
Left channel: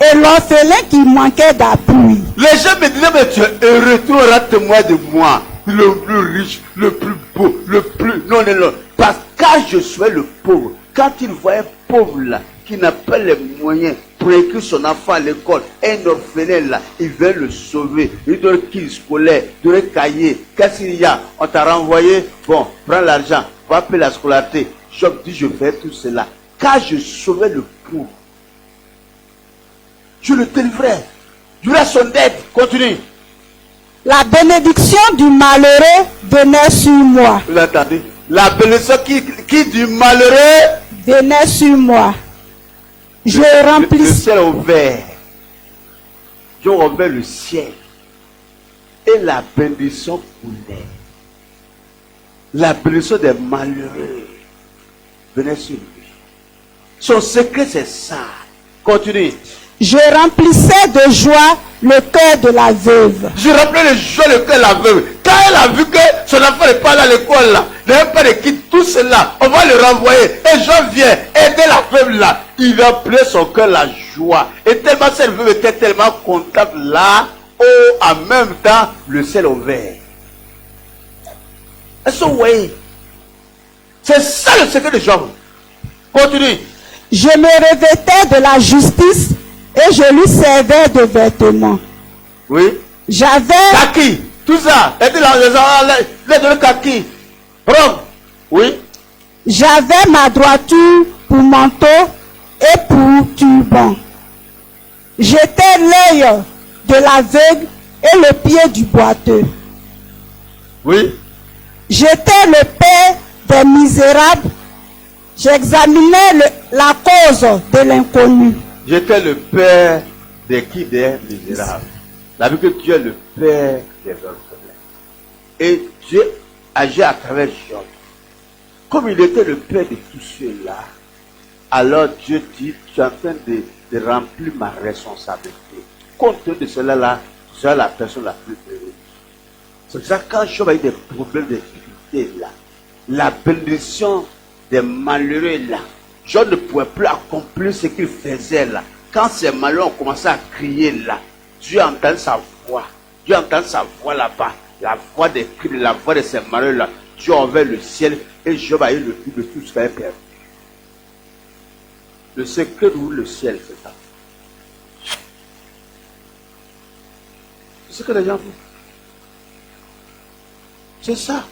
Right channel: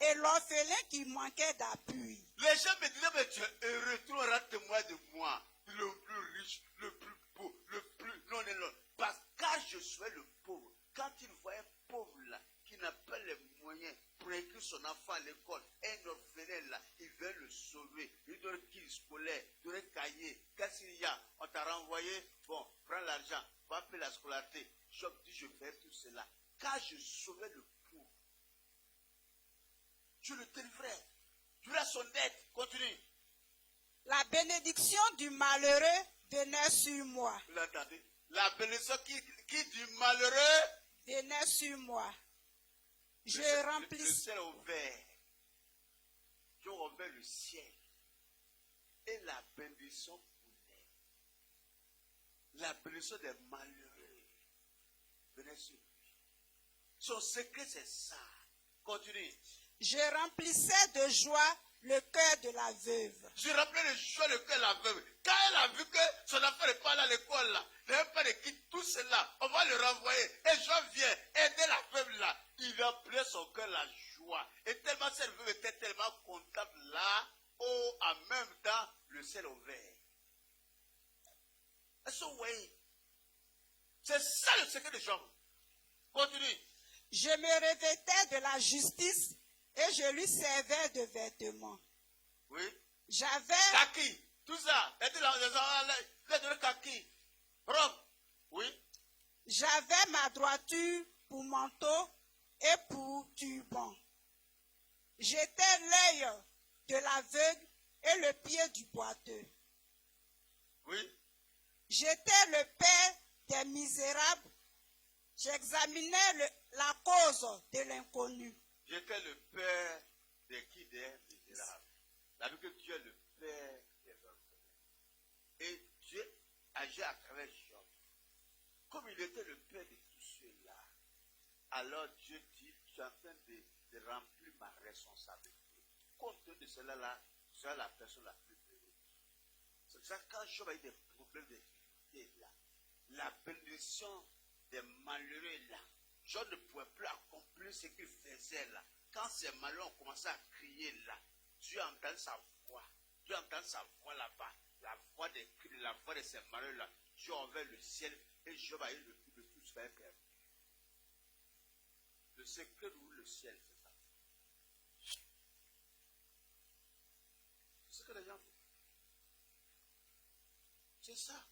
et l'orphelin qui manquait d'appui. les gens me disaient, mais tu es heureux, tu auras témoin de moi. Le plus riche, le plus beau, le plus... Non. Parce que quand je suis le pauvre, quand il voit un pauvre là, qui n'a pas les moyens pour écrire son enfant à l'école, un orphelin là, il veut le sauver. Il doit le kit scolaire, il doit le cahier. Qu'est-ce qu'il y a? On t'a renvoyé, bon, prends l'argent, va payer la scolarité. Job dit, je fais tout cela. Quand je sauvais le pauvre, je le délivrais. Je lui son aide. Continue. La bénédiction du malheureux venait sur moi. Vous l'entendez? La bénédiction qui du malheureux venait sur moi. Je le remplissais. ciel ouvert. J'ai ouvert le ciel. Et la bénédiction coulait. La bénédiction des malheureux venait sur lui. Son secret, c'est ça. Continue. Je remplissais de joie le cœur de la veuve. Je remplissais de joie le cœur de la veuve. Quand elle a vu que son enfant n'est pas là à l'école, là, n'a pas de quitte, tout cela, on va le renvoyer. Et je viens aider la veuve là. Il remplissait son cœur la joie. Et tellement cette veuve était tellement contente là, en même temps, le ciel ouvert. Est-ce que vous voyez? C'est ça le secret de Job. Continue. Je me revêtais de la justice et je lui servais de vêtements. Oui. J'avais Kaki. Tout ça. Et puis les kaki. Rome. Oui. j'avais ma droiture pour manteau et pour turban. J'étais l'œil de l'aveugle et le pied du boiteux. Oui. J'étais le père des misérables. J'examinais la cause de l'inconnu. J'étais le père des misérables. La vie que Dieu est le père des orphelins. Et Dieu agit à travers Job. Comme il était le père de tous ceux-là, alors Dieu dit, tu es en train de remplir ma responsabilité. Compte tenu de cela là, tu seras la personne la plus heureuse. C'est ça quand Job a eu des problèmes, des difficultés là, la bénédiction des malheureux là, Job ne pouvait plus accomplir ce qu'il faisait là. Quand ces malheureux ont commencé à crier là, Dieu entend sa voix. Dieu entend sa voix là-bas. La voix des cris, la voix de ces malheureux là. Dieu a ouvert le ciel et Job a eu le plus de tout ce qu'il avait perdu. Le secret d'ouvrir le ciel, c'est ça. C'est ce que les gens font. C'est ça.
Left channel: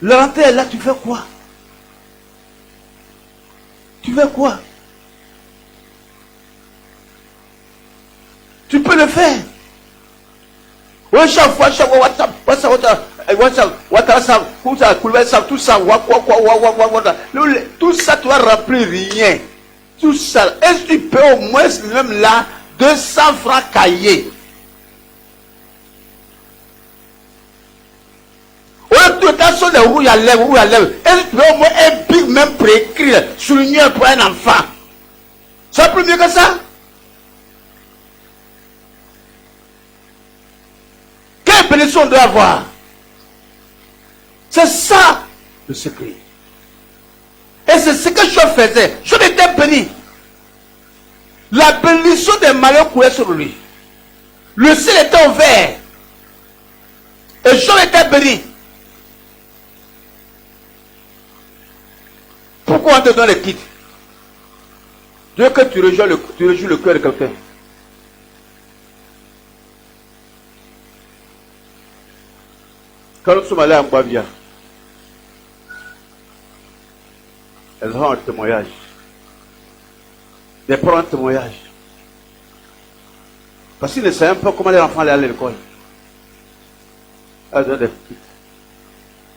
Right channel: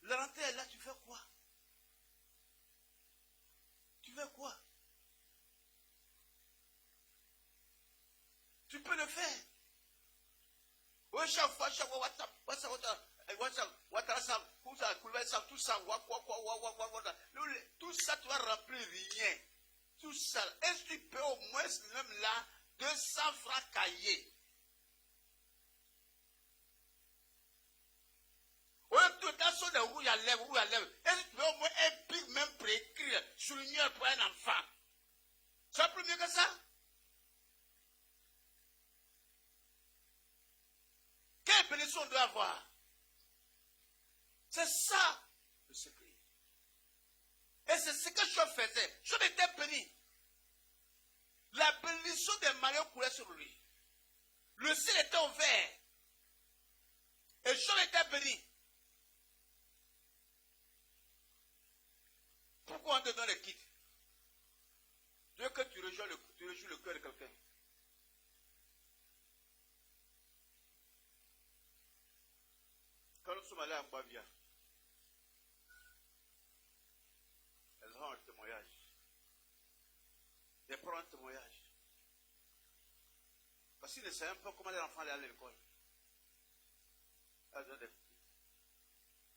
L'entrée est là, tu fais quoi? Tu fais quoi? Tu peux le faire. Oui, chaque fois, tout ça, tu vas remplir rien. Tout ça. Est-ce que tu peux au moins, même là, 200 francs cahiers? Est-ce que tu peux au moins un big même pour écrire, souligner pour un enfant? C'est plus mieux que ça? Quelle bénédiction on doit avoir? C'est ça le secret. Et c'est ce que je faisais. Je n'étais béni. La bénédiction des malheurs coulait sur lui. Le ciel était ouvert. Et je n'étais béni. Pourquoi on te donne le kit? Dieu que tu rejoues le cœur de quelqu'un. Quand nous sommes allés à Mbavia, elles ont un témoignage. Des parents témoignages. Parce qu'ils ne savaient pas comment les enfants allaient à l'école. Elles ont des kits,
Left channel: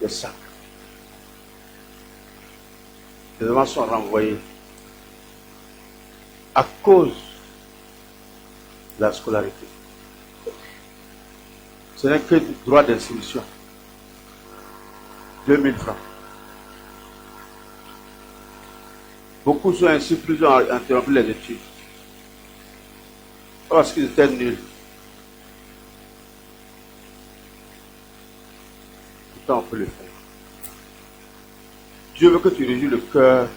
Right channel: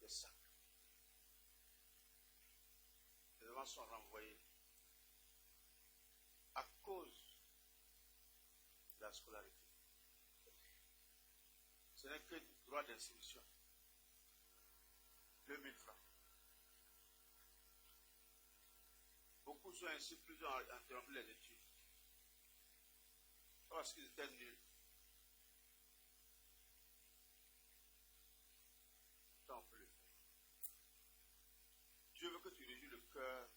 des sacs. Les enfants sont renvoyés à cause de la scolarité. Ce n'est que du droit d'inscription. 2000 francs. Beaucoup sont ainsi, plusieurs ont interrompu les études. Parce qu'ils étaient nuls. Pourtant, on peut le faire. Dieu veut que tu réjouis le cœur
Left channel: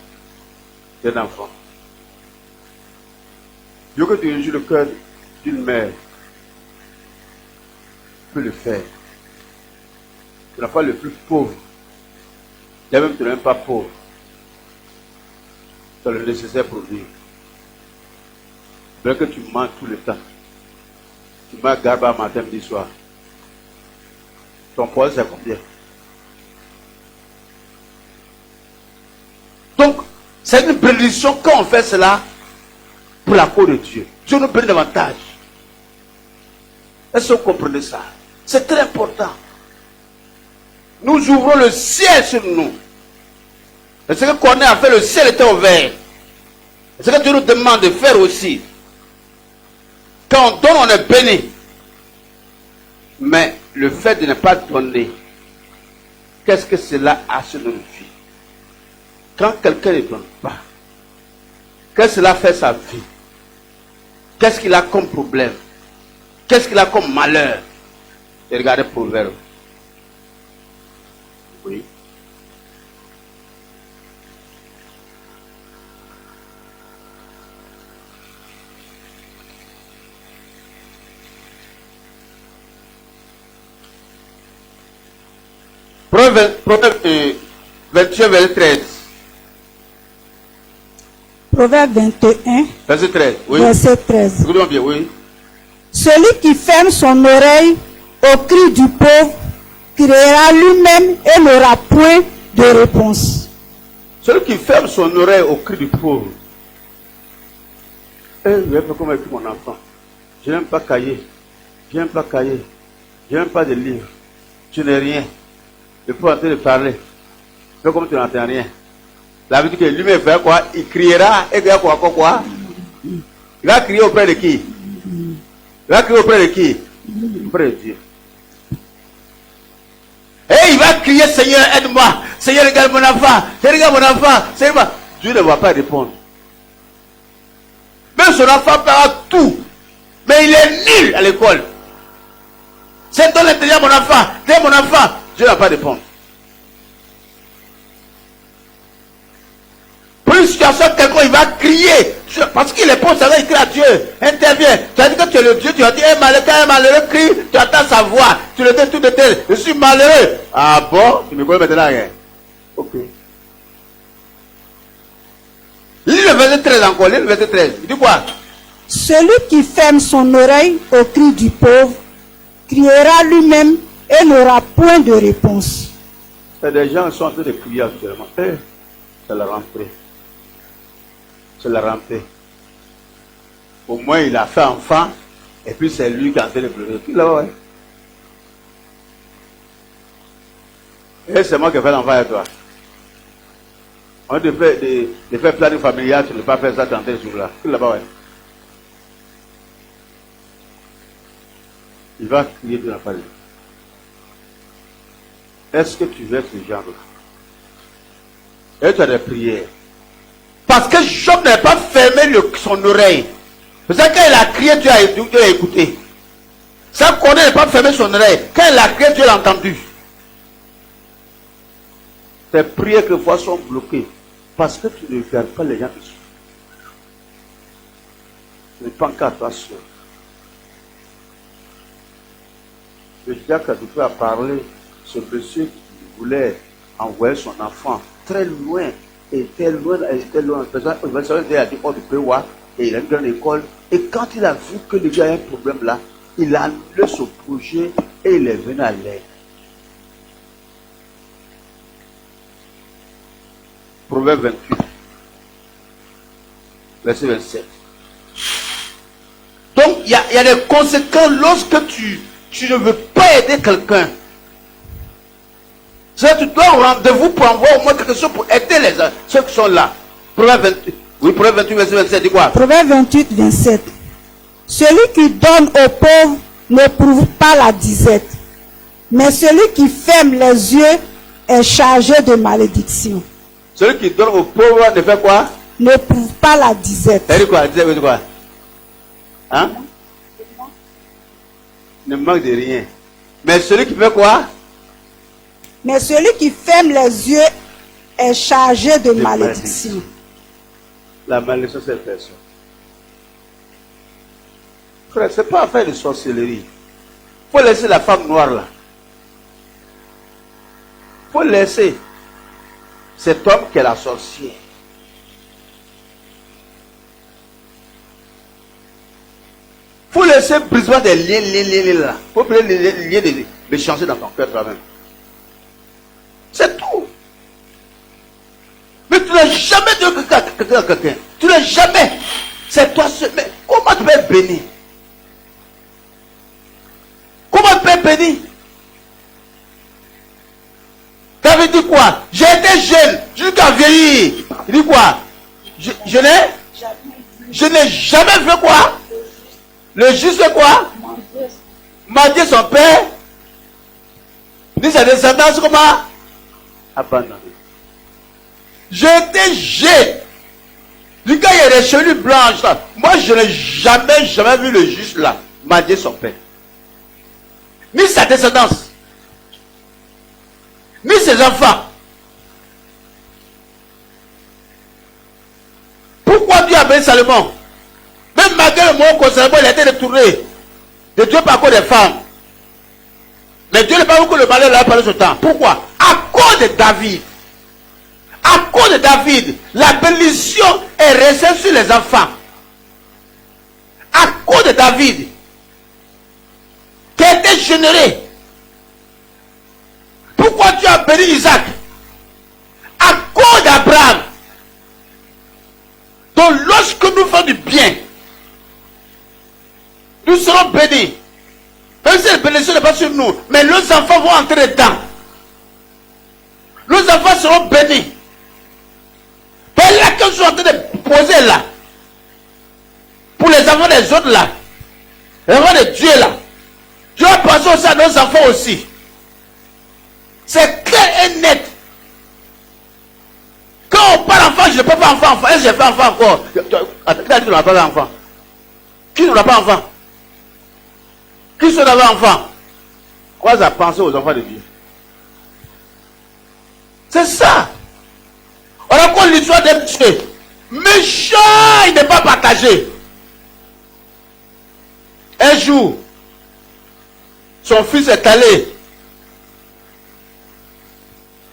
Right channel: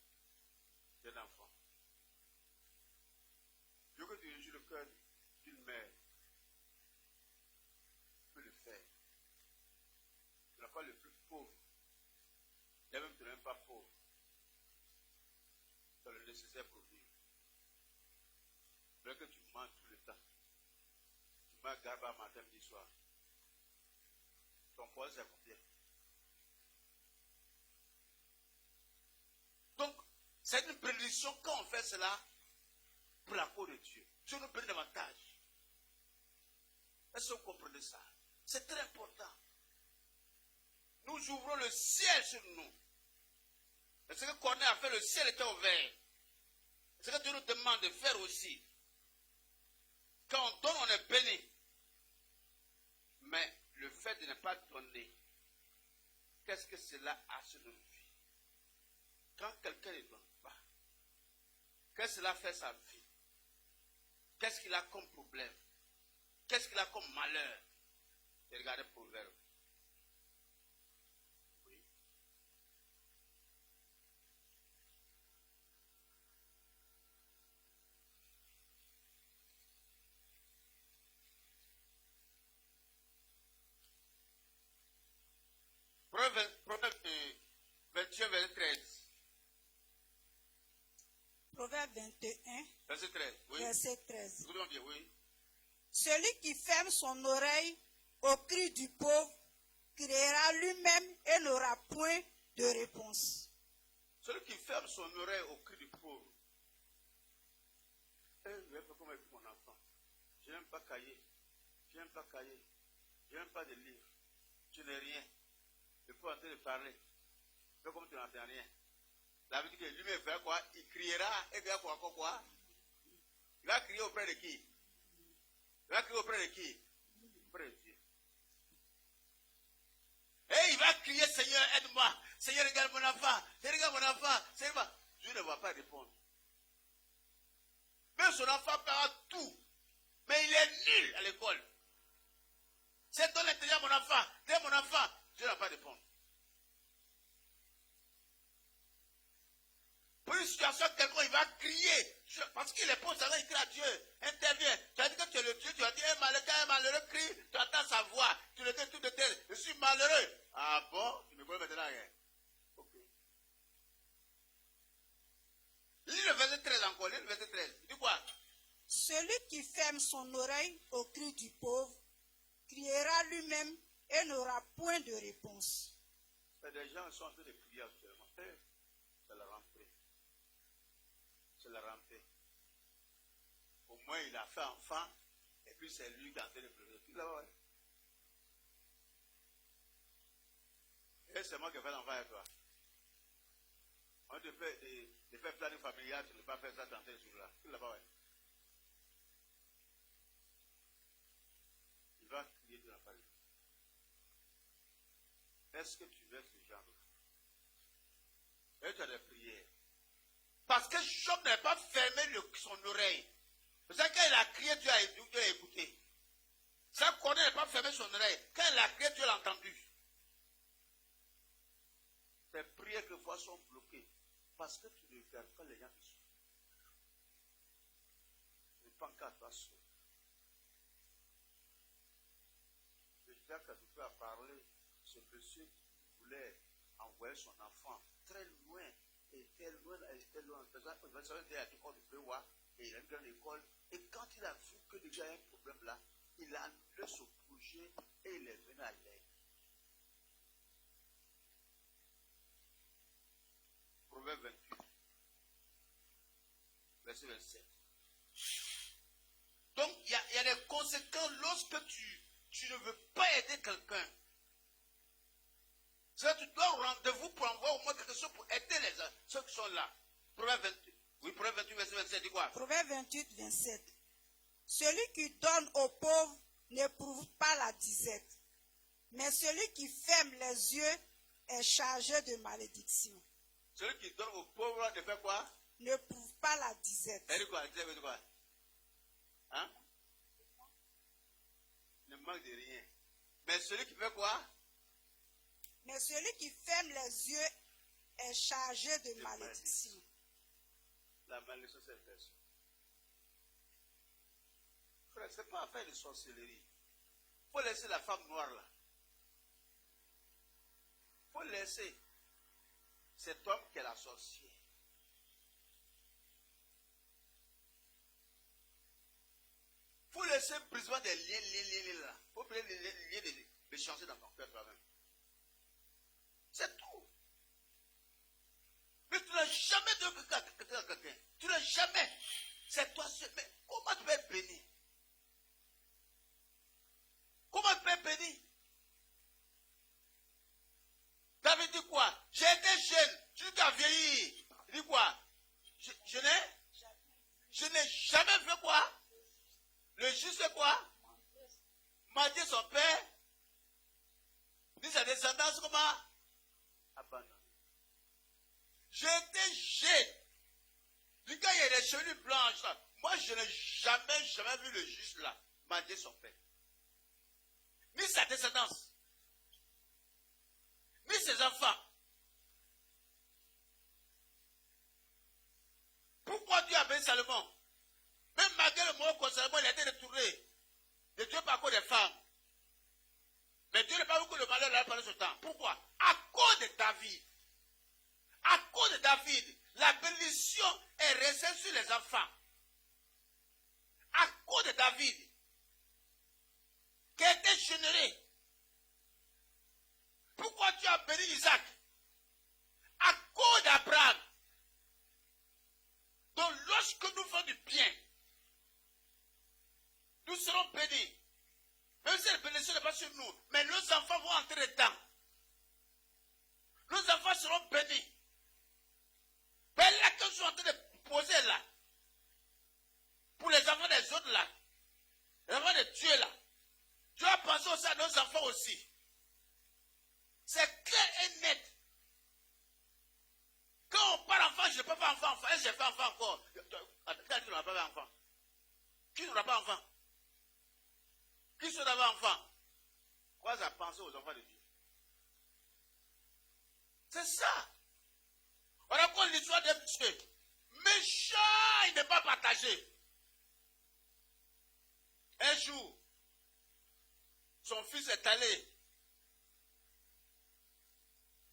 d'un enfant. Dieu veut que tu réjouis le cœur d'une mère. Tu peux le faire. Tu n'as pas le plus pauvre. Tu n'es même pas pauvre. Tu as le nécessaire pour vivre. Bien que tu manges tout le temps. Tu manges garba matin, midi, soir. Ton poids, c'est combien? Donc, c'est une bénédiction quand on fait cela pour la cause de Dieu. Dieu nous bénit davantage. Est-ce que vous comprenez ça? C'est très important. Nous ouvrons le ciel sur nous. Et ce que Corneille a fait, le ciel était ouvert. Et ce que Dieu nous demande de faire aussi. Quand on donne, on est béni. Mais le fait de ne pas donner, qu'est-ce que cela a sur notre vie? Quand quelqu'un ne donne pas, qu'est-ce que cela fait sa vie? Qu'est-ce qu'il a comme problème? Qu'est-ce qu'il a comme malheur? Et regardez Proverbe. Oui. Proverbe 21, verset 13. Proverbe 21, Verset 13. Oui. verset 13. Écoutez-moi bien, oui. Celui qui ferme son oreille au cri du pauvre criera lui-même et n'aura point de réponse. Celui qui ferme son oreille au cri du pauvre. Je vais faire comme avec mon enfant. Je n'aime pas cahier. Je n'aime pas cahier. Je n'aime pas de livres. Tu n'es rien. Il faut en train de parler. Fais comme tu n'entends rien. La vie que lui-même fait quoi? Il criera et il va quoi? Il va crier auprès de qui? Il va crier auprès de qui? Auprès de Dieu. Et il va crier, Seigneur, aide-moi. Seigneur, regarde mon enfant. Regarde mon enfant. Seigneur, Dieu ne va pas répondre. Même son enfant fera tout. Mais il est nul à l'école. C'est dans l'intérieur mon enfant. Dès mon enfant, Dieu ne va pas répondre. Pour une situation, quelqu'un il va crier. Parce qu'il est bon, ça va écrire à Dieu. Intervient. Tu as dit que tu es le Dieu, tu as dit un malheureux crie, tu attends sa voix. Tu le dis tout de tel. Je suis malheureux. Ah bon? Tu me connais maintenant rien. Ok. Lis le verset 13 encore. Lis le verset 13. Il dit quoi? Celui qui ferme son oreille au cri du pauvre criera lui-même et n'aura point de réponse. C'est des gens qui sont en train de crier actuellement. C'est la rentrée. C'est la rentrée. Au moins, il a fait enfant, et puis c'est lui qui est en train de pleurer. Puis là, ouais. Et c'est moi qui ai fait l'enfant avec toi. On de faire planning familial, tu ne peux pas faire ça quand tu es sur là. Puis là-bas, ouais. Il va crier de la famille. Est-ce que tu veux être ce genre-là? Et tu as des prières. Parce que Job n'a pas fermé son oreille. C'est ça quand il a crié, Dieu a écouté. Ça qu'on n'a pas fermé son oreille. Quand il a crié, Dieu l'a entendu. Tes prières quelquefois sont bloquées. Parce que tu ne regardes pas les gens qui sont. Ce n'est pas qu'à toi seul. Le diacre a parlé, ce monsieur qui voulait envoyer son enfant très loin, et était loin. Il a dit, oh, tu peux voir, et il a une grande école. Et quand il a vu que le gars a un problème là, il a annulé son projet et il est venu à l'aide. Proverbe 28, verset 27. Donc, il y a des conséquences lorsque tu ne veux pas aider quelqu'un. C'est tu dois au rendez-vous pour envoyer au moins quelque chose pour aider ceux qui sont là. Proverbe 28, oui, Proverbe 28, verset 27, dis quoi? Proverbe 28, 27. Celui qui donne aux pauvres n'éprouve pas la disette, mais celui qui ferme les yeux est chargé de malédiction. Celui qui donne aux pauvres ne fait quoi? N'éprouve pas la disette. Ça dit quoi? Disette veut dire quoi? Hein? ne manque de rien. Mais celui qui fait quoi? Mais celui qui ferme les yeux est chargé de malédiction. La malédiction, c'est personne. Frère, ce n'est pas affaire de sorcellerie. Il faut laisser la femme noire là. Il faut laisser cet homme qui est la sorcière. Il faut laisser brisement des liens là. Il faut les liens de changer dans ton cœur toi-même. C'est tout. Mais tu n'as jamais dit à quelqu'un. Tu n'as jamais. C'est toi seul. Mais comment tu peux être béni? Comment tu peux être béni? David dit quoi? J'ai été jeune, jusqu'à vieillir. Il dit quoi? Je n'ai jamais fait quoi? Le juste fait quoi? Mendier son père. Ni sa descendance comment? Abandonné. J'étais jeune. Du gars, il y a des chevelures blanches là. Moi, je n'ai jamais vu le juste là mendier son père. Ni sa descendance. Ni ses enfants. Pourquoi Dieu a béni Salomon? Même malgré le moment où Salomon il a été détourné de Dieu par cause des femmes. Mais Dieu n'a pas voulu que le malheur l'a parlé ce temps. Pourquoi? À cause de David. À cause de David, la bénédiction est restée sur les enfants. À cause de David, qui a été généré. Pourquoi Dieu a béni Isaac? À cause d'Abraham. Donc lorsque nous faisons du bien, nous serons bénis. Même si la bénédiction n'est pas sur nous, mais nos enfants vont entrer dedans. Nos enfants seront bénis. Mais là que je suis en train de poser là, pour les enfants des autres là, les enfants de Dieu là, Dieu a pensé aussi à nos enfants aussi. C'est clair et net. Quand on parle enfant, je ne peux pas enfant. Est-ce que j'ai fait enfant encore? Qui a dit qu'on n'a pas enfant? Qui n'aura pas enfant? Qui sont d'avoir enfant? Quoi à penser aux enfants de Dieu? C'est ça. On raconte l'histoire d'un monsieur. Méchant, il n'est pas partagé. Un jour, son fils est allé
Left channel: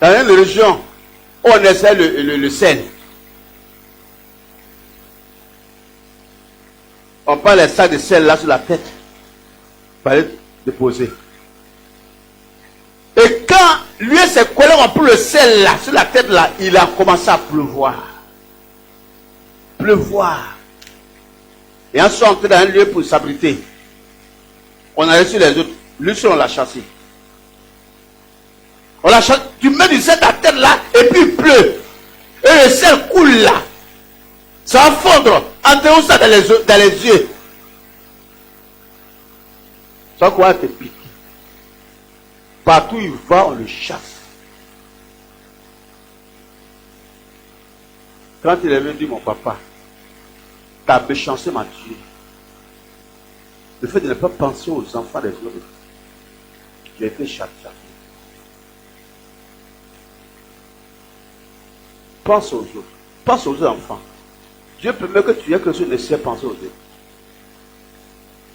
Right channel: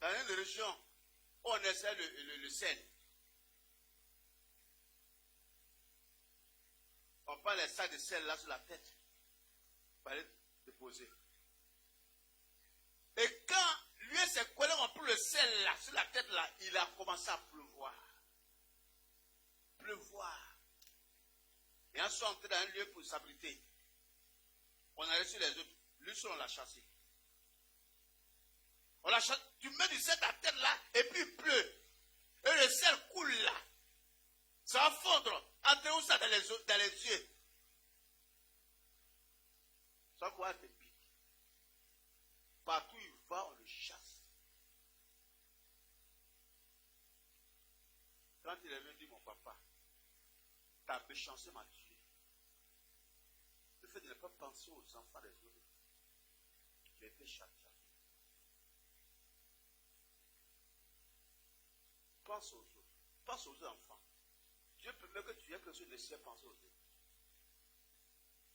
dans une région où on essaie le sel. On prend les sacs de sel là sur la tête. Il fallait déposer. Et quand lui et ses collègues ont pris le sel là, sur la tête là, il a commencé à pleuvoir. Pleuvoir. Et en sont entrés dans un lieu pour s'abriter. On a reçu les autres. Lui seul, on l'a chassé. On l'a chassé. Tu mets du sel à la tête là, et puis il pleut. Et le sel coule là. Ça va fondre. Entre ça dans les yeux. Ça quoi te pique. Partout où il va, on le chasse. Quand il est venu dire, mon papa, ta méchanceté m'a tué. Le fait de ne pas penser aux enfants des autres, j'ai été châtié. Pense aux autres. Pense aux enfants. Dieu permet que tu aies quelque chose de nécessaire penser aux autres.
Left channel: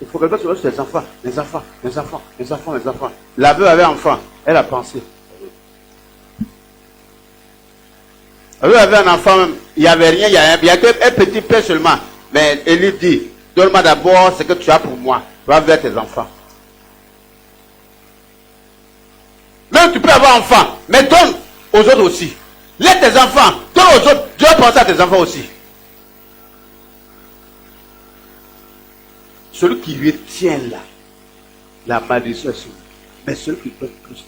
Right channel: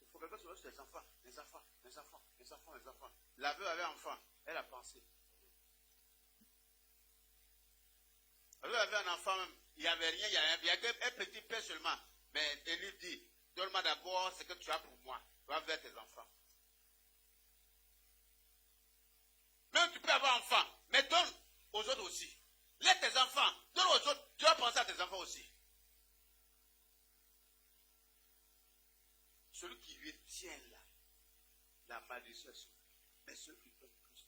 Il faut que quelqu'un soit sur les enfants, les enfants, les enfants, les enfants, les enfants. La veuve avait enfant, elle a pensé. La veuve avait un enfant même, il n'y avait rien, il n'y a qu'un petit peu seulement. Mais elle lui dit, donne-moi d'abord ce que tu as pour moi. Va vers tes enfants. Même tu peux avoir enfant, mais donne aux autres aussi. Laisse tes enfants, donne aux autres. Dieu va penser à tes enfants aussi. Celui qui lui tient là, la malédiction est sur lui. Mais celui qui peut plus.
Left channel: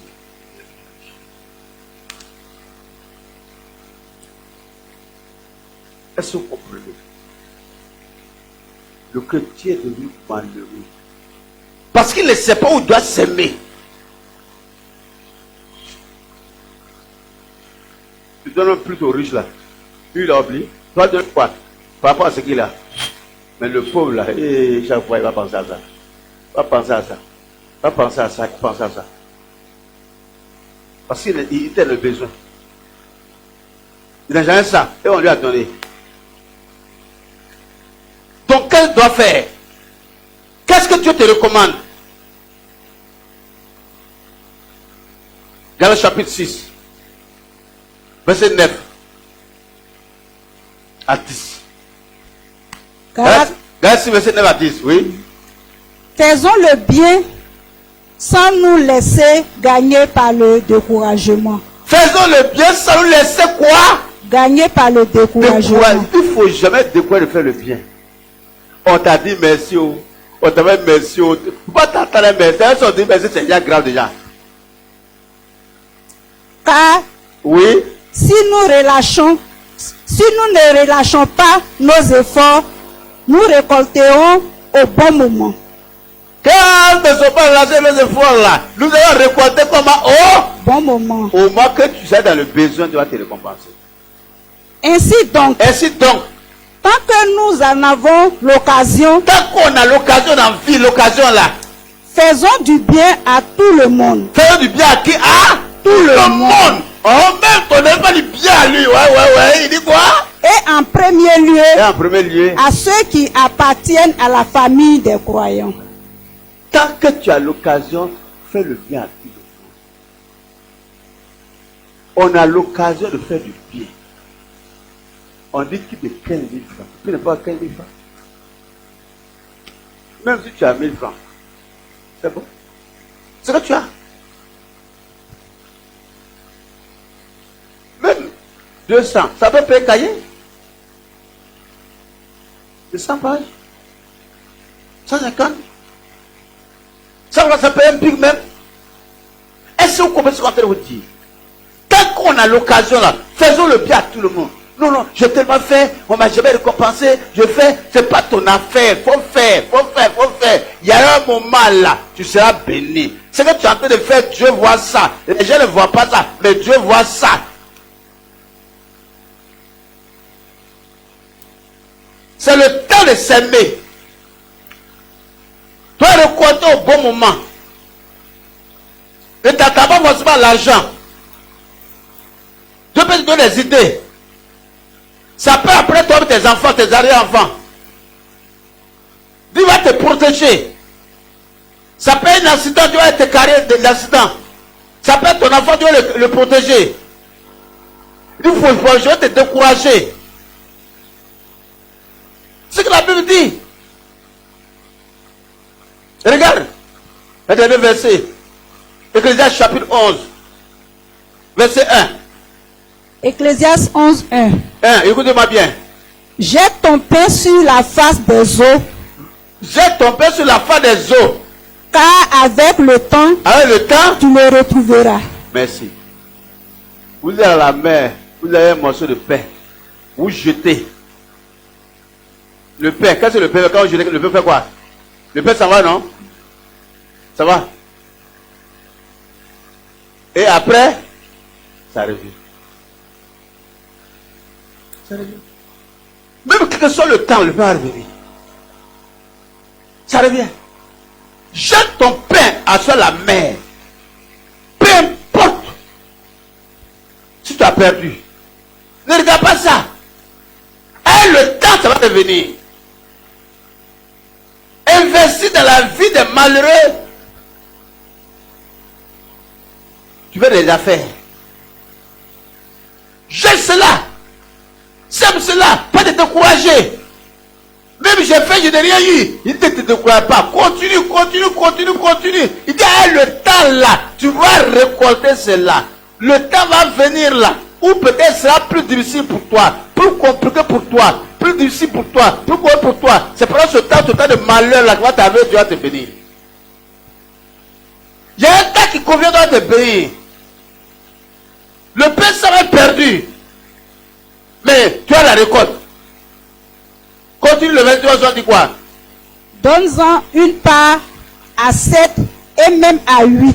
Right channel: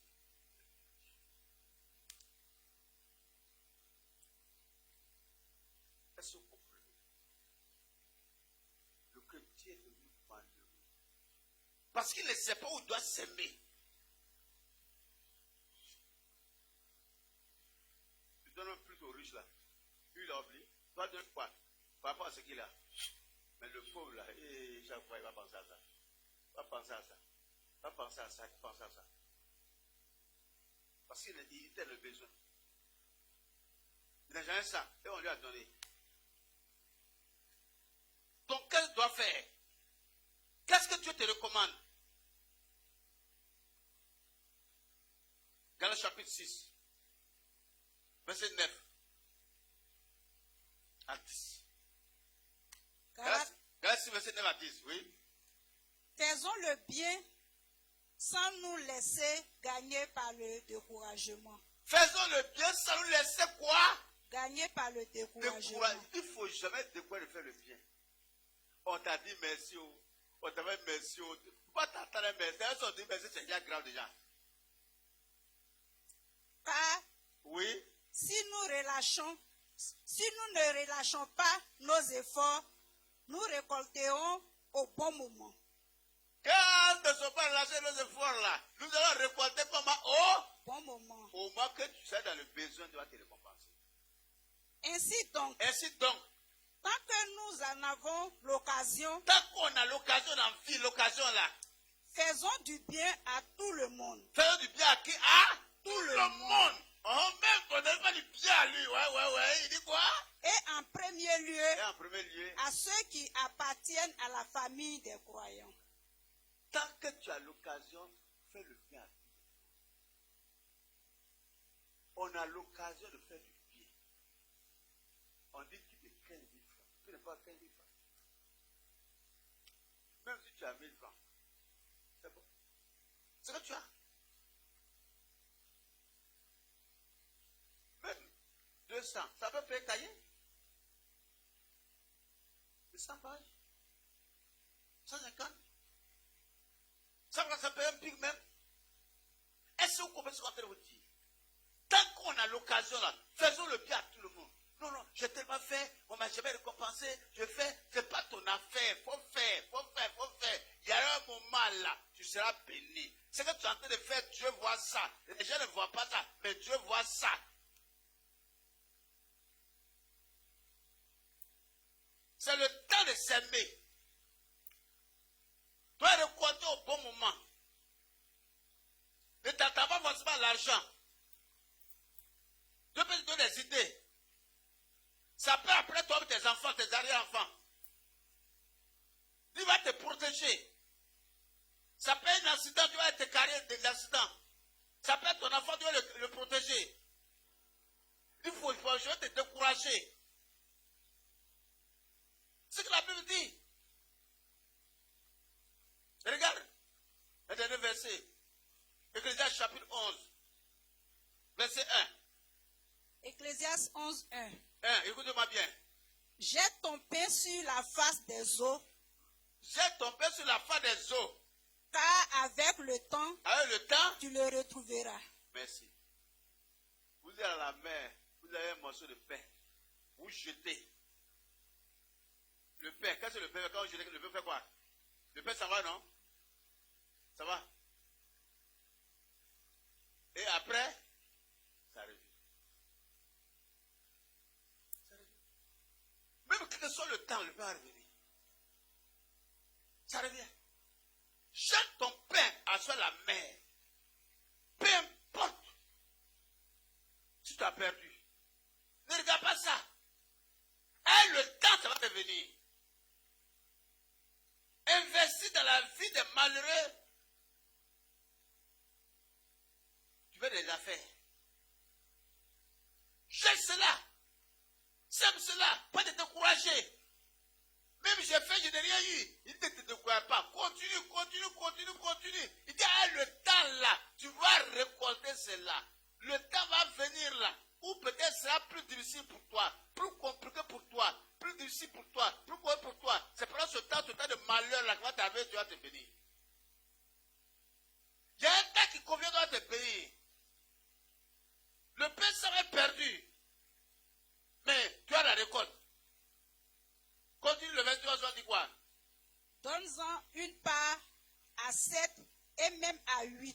Est-ce que vous comprenez? Le chrétien est devenu malheureux. Parce qu'il ne sait pas où il doit s'aimer. Tu donnes plus aux riches là. Lui il a oublié. Toi donnes quoi? Par rapport à ce qu'il a. Mais le pauvre là, chaque fois il va penser à ça. Il va penser à ça. Pas penser à ça, penser à ça. Parce qu'il était le besoin. Il n'a jamais ça. Et on lui a donné. Donc, qu'est-ce qu'il doit faire? Qu'est-ce que Dieu te recommande? Galates chapitre 6, verset 9 à 10. Galates 6, verset 9 à 10, oui. Faisons le bien sans nous laisser gagner par le découragement. Faisons le bien sans nous laisser quoi? Gagner par le découragement. Il ne faut jamais décourager de faire le bien. On t'a dit merci, on t'a dit merci. Pourquoi t'attends merci? Si on dit merci, c'est déjà grave déjà. Car Oui. si nous ne relâchons pas nos efforts, nous récolterons au bon moment. Quand ne sont pas relâchés les efforts là, nous allons récolter comment? Bon moment. Au moment que tu es dans le besoin, tu vas te récompenser. Ainsi donc, tant que nous en avons l'occasion, tant qu'on a l'occasion dans la vie, l'occasion là, faisons du bien à tout le monde. faisons du bien à qui? À tout le monde. Oh, même ton n'est pas du bien à lui. Ouais. Il dit quoi? Et en premier lieu, Et en premier lieu, à ceux qui appartiennent à la famille des croyants. tant que tu as l'occasion, fais le bien à tout le monde. On a l'occasion de faire du bien. On dit qu'il de 15 000 francs. Tu n'as pas 15 000 francs. Même si tu as 1000 francs, c'est bon. C'est ce que tu as. Même 200, ça peut payer cahier. 200 pages. 150. Ça paye un pic même. Est-ce que vous comprenez ce qu'on est en train de vous dire? Tant qu'on a l'occasion là, faisons le bien à tout le monde. Non, j'ai tellement fait, on m'a jamais récompensé, je fais, c'est pas ton affaire, faut faire. Il y a un moment là, tu seras béni. Ce que tu es en train de faire, Dieu voit ça. Les gens ne voient pas ça, mais Dieu voit ça. C'est le temps de s'aimer. Toi, récolter au bon moment. Ne t'attends pas forcément à l'argent. Dieu peut te donner des idées. Ça peut après toi, tes enfants, tes arrière-enfants. Dieu va te protéger. Ça peut être un accident, Dieu va te carrer de l'accident. Ça peut être ton enfant, Dieu va le protéger. Il faut je vais te décourager. C'est ce que la Bible dit. Regarde, le dernier verset. Ecclésiaste chapitre 11, verset 1. Ecclésiaste 11, 1. Écoutez-moi bien. Jette ton pain sur la face des eaux, Jette ton pain sur la face des eaux. car avec le temps, tu le retrouveras. Merci. Vous êtes à la mer, vous avez un morceau de pain. Vous jetez. Le pain, qu'est-ce que le pain? Quand vous jetez, le pain fait quoi? Le pain, ça va, non? Ça va? Et après, ça revient. Ça revient. Même quel que soit le temps, le pain va revenir. Ça revient. Jette ton pain sur la mer. Peu importe si tu as perdu. Ne regarde pas ça. Et le temps, ça va revenir. Investis dans la vie des malheureux. Tu veux des affaires. Jette cela. Sème cela. Pas de te décourager. Même j'ai fait, je n'ai rien eu. Il ne te décourage pas. Continue. Il dit, le temps là, tu vas récolter cela. Le temps va venir là, où peut-être sera plus difficile pour toi, plus compliqué pour toi, plus difficile pour toi, plus compliqué pour toi. C'est pendant ce temps de malheur là que va t'arriver, Dieu va te bénir. Il y a un temps qui convient de te bénir. Le pain sera perdu. Mais tu as la récolte. Continue le 23, on dit quoi? Donne-en une part à 7 et même à 8.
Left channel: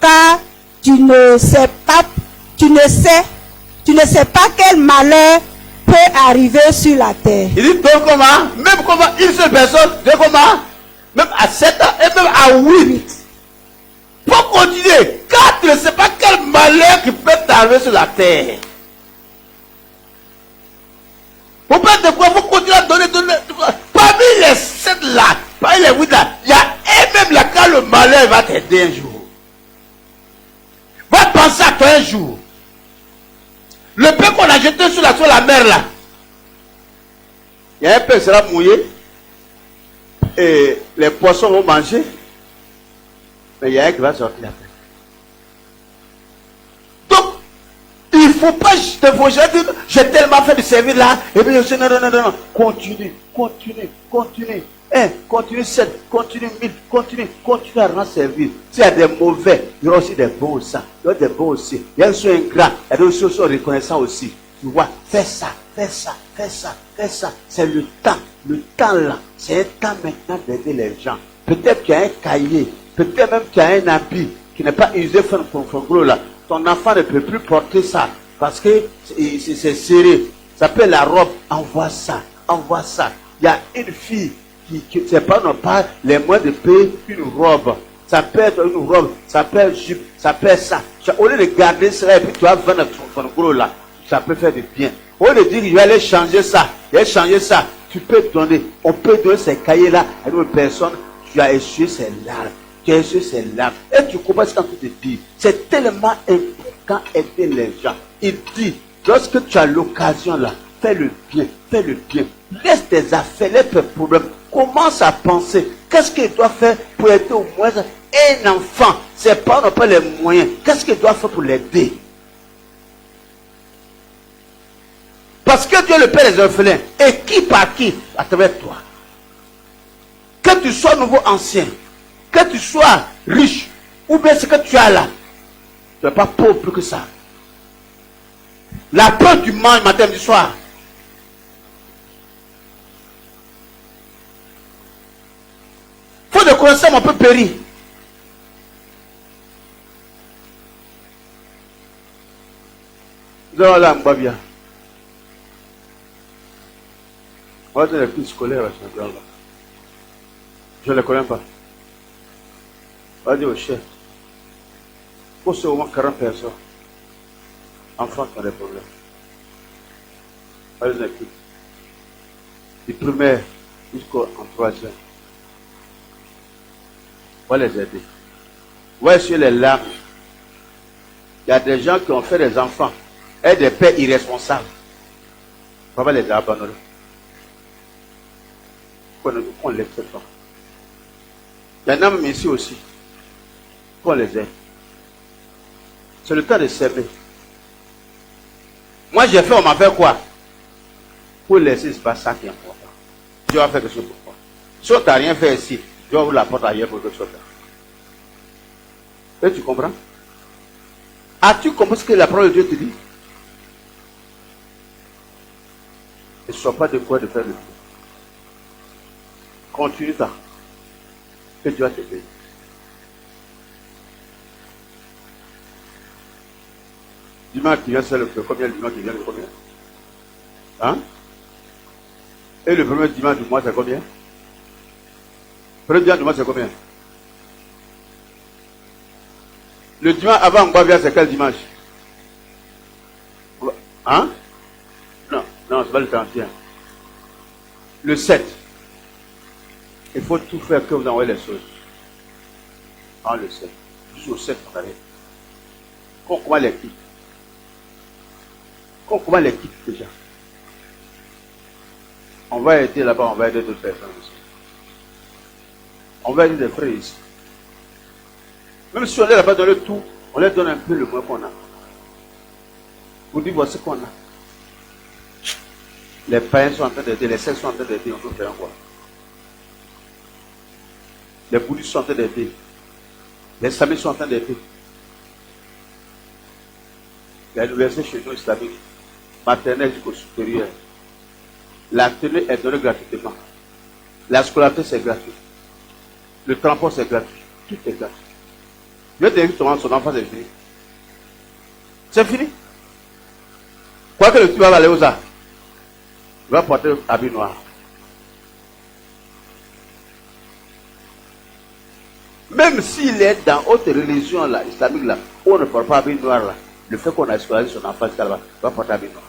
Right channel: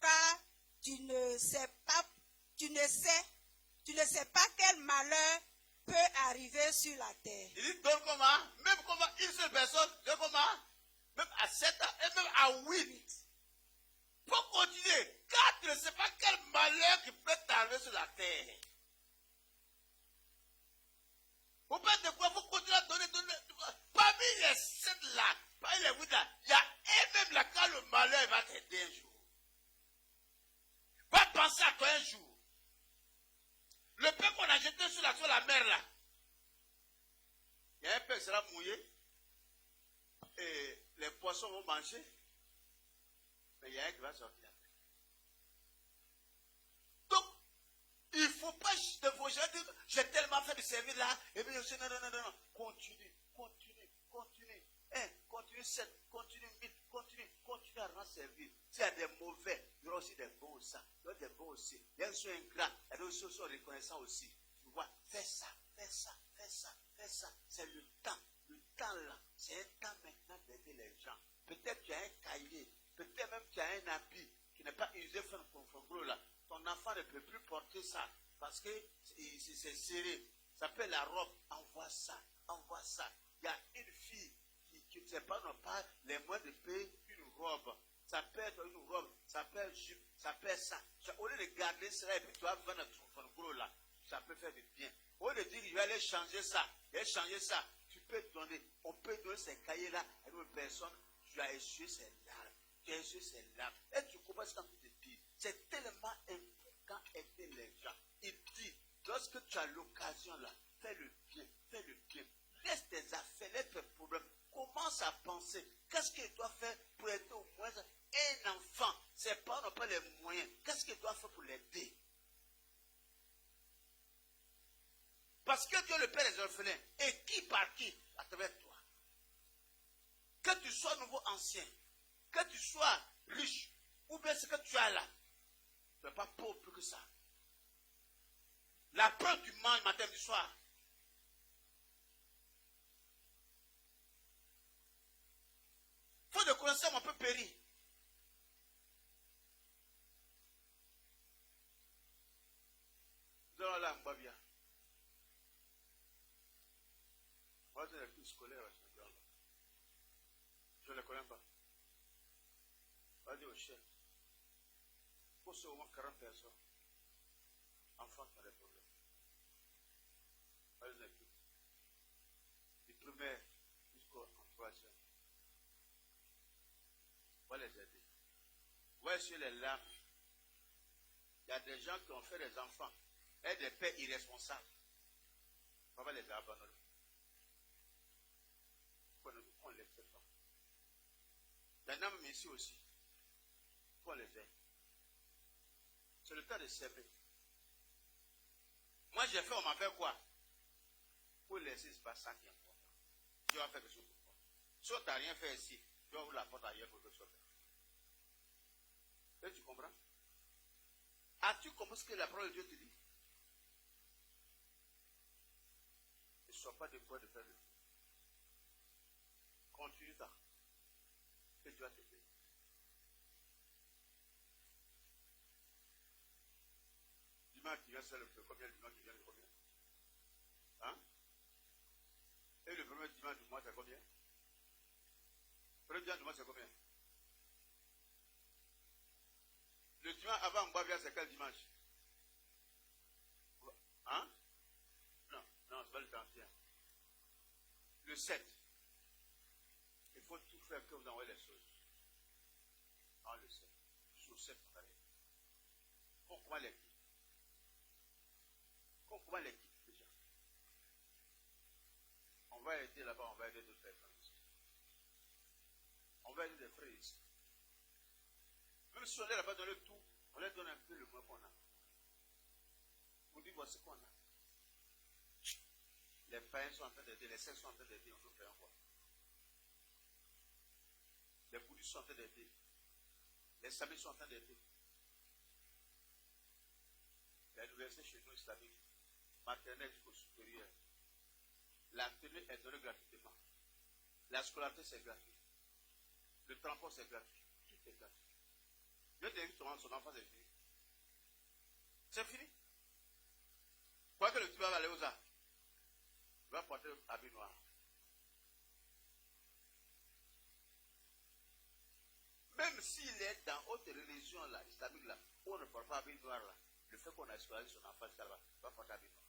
Car tu ne sais pas quel malheur peut arriver sur la terre. Il dit donc comment? Même comment une seule personne, comment? Même à 7 et même à 8. Faut continuer. Car tu ne sais pas quel malheur qui peut t'arriver sur la terre. Vous parlez de quoi? Vous continuez à donner. Parmi les 7 là, parmi les 8 là, il y a un même là quand le malheur va t'aider un jour. Va penser à toi un jour. Le peu qu'on a jeté sur la mer là, il y a un peu qui sera mouillé et les poissons vont manger, mais il y a un qui va sortir après. Donc, il ne faut pas te faucher, j'ai tellement fait du service là, et puis je dis non. Continue. Continue 7, continue 1000, continue à rendre service. S'il y a des mauvais, il y aura aussi des bons aussi. Il y aura des bons aussi. Il y a ceux ingrats, il y a ceux qui sont reconnaissants aussi. Tu vois, fais ça. C'est le temps. Le temps là, c'est un temps maintenant d'aider les gens. Peut-être qu'il y a un cahier, peut-être même qu'il y a un habit qui n'est pas usé pour là. Ton enfant ne peut plus porter ça parce que c'est serré. Ça peut être la robe, envoie ça. Il y a une fille qui c'est pas non pas les moyens de payer une robe. Ça peut être une robe, ça peut être jupe, ça peut être ça. Au lieu de garder cela et puis tu vas vendre ton gros là, ça peut faire du bien. Au lieu de dire je vais aller changer ça, tu peux donner. On peut donner ces cahiers là à une personne, tu as essuyé ses larmes. Et tu comprends ce qu'il te dit. C'est tellement important d'aider les gens. Il dit, lorsque tu as l'occasion là, fais le bien. Laisse tes affaires, laisse tes problèmes. Commence à penser. Qu'est-ce qu'il doit faire pour aider au moins un enfant? Ses parents n'ont pas les moyens. Qu'est-ce qu'il doit faire pour l'aider? Parce que Dieu est le Père des orphelins. Et qui par qui? À travers toi. Que tu sois nouveau ancien, que tu sois riche, ou bien ce que tu as là, tu n'es pas pauvre plus que ça. La peur du manges matin du soir. Faut de connaissance, on peut périr. Nous allons là, on bien. On va donner les prix scolaires à ce là. Je ne les connais pas. On va dire au chef. Pour ce moment, 40 personnes. Enfants qui ont des problèmes. On va les équipe. Du primaire jusqu'en troisième. On va les aider. On va essuyer les larmes. Il y a des gens qui ont fait des enfants et des pères irresponsables. On va les abandonner. On les fait pas. Il y en a même ici aussi. Qu'on les aide. C'est le temps de servir. Moi j'ai fait, on m'a fait quoi? Pour laisser, c'est pas ça qui est important. Dieu va faire quelque chose pour toi. Si on t'a rien fait ici, Dieu ouvre la porte ailleurs pour quelque chose. Et tu comprends? As-tu compris ce que la parole de Dieu te dit? Ne sois pas de quoi de faire le bien. Continue ça. Que Dieu va te payer. Dimanche qui vient, c'est le combien? Le dimanche qui vient, le combien? Hein? Et le premier dimanche du mois, c'est combien? Le premier dimanche du mois, c'est combien? Le dimanche avant Mbavia, c'est quel dimanche? Hein? Non, c'est pas le 31. Le 7. Il faut tout faire que vous envoyez les choses. En le 7. Jusqu'au 7, on arrive. Comment les quitte? Comment les quitte déjà? On va aider là-bas, on va aider d'autres personnes aussi. On va aider des frères ici. Même si on est là-bas dans le tout, on leur donne un peu le moins qu'on a. Vous dites, voici ce qu'on a. Les païens sont en train d'aider, les sectes sont en train d'aider, on peut faire quoi? Les bouddhistes sont en train d'aider. Les islamiques sont en train d'aider. Il y a l'université chez nous islamique, maternelle jusqu'au supérieur. La tenue est donnée gratuitement. La scolarité, c'est gratuit. Le transport, c'est gratuit. Tout est gratuit. Je vais dire que son enfant, c'est fini. C'est fini. Quoi que le petit va aller aux arts, il va porter un habit noir. Même s'il est dans autre religion là, islamique là, où on ne porte pas habit noir là, le fait qu'on a scolarisé son enfant jusqu'à là-bas, il va porter habit noir.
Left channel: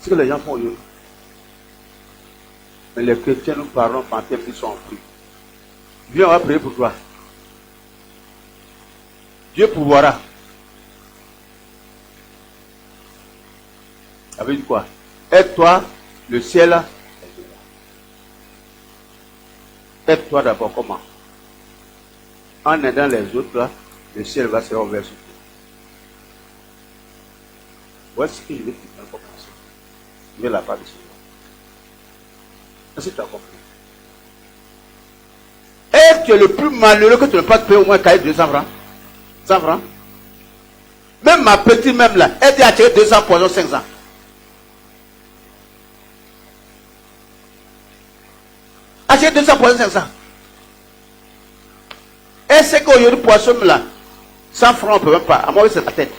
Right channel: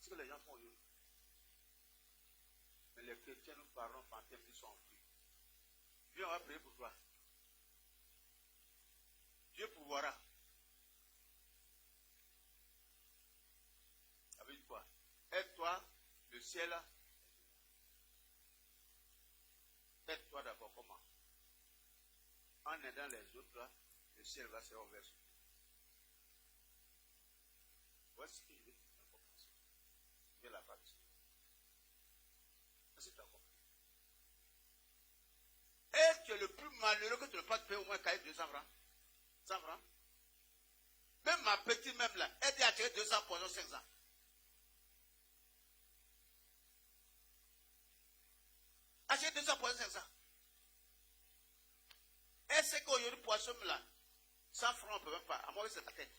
C'est ce que les gens font eux. Mais les chrétiens nous parlons quand ils sont en prière. Viens, on va prier pour toi. Dieu pourvoira. Ça veut dire quoi? Aide-toi, le ciel. Aide-toi d'abord, comment? En aidant les autres, là, le ciel va se ouvrir sur toi. Voici ce que je vais te dire pour commencer. Je vais la part de Seigneur. Est-ce que tu as compris? Et tu es le plus malheureux que tu ne pas te payer au moins 200 francs. 100 francs. Même ma petite, même là, elle t'a acheté 200 poisons 500. Acheter 200 poissons 500. Et c'est qu'aujourd'hui, poisson là, 100 francs, on ne peut même pas. À moi, c'est la tête.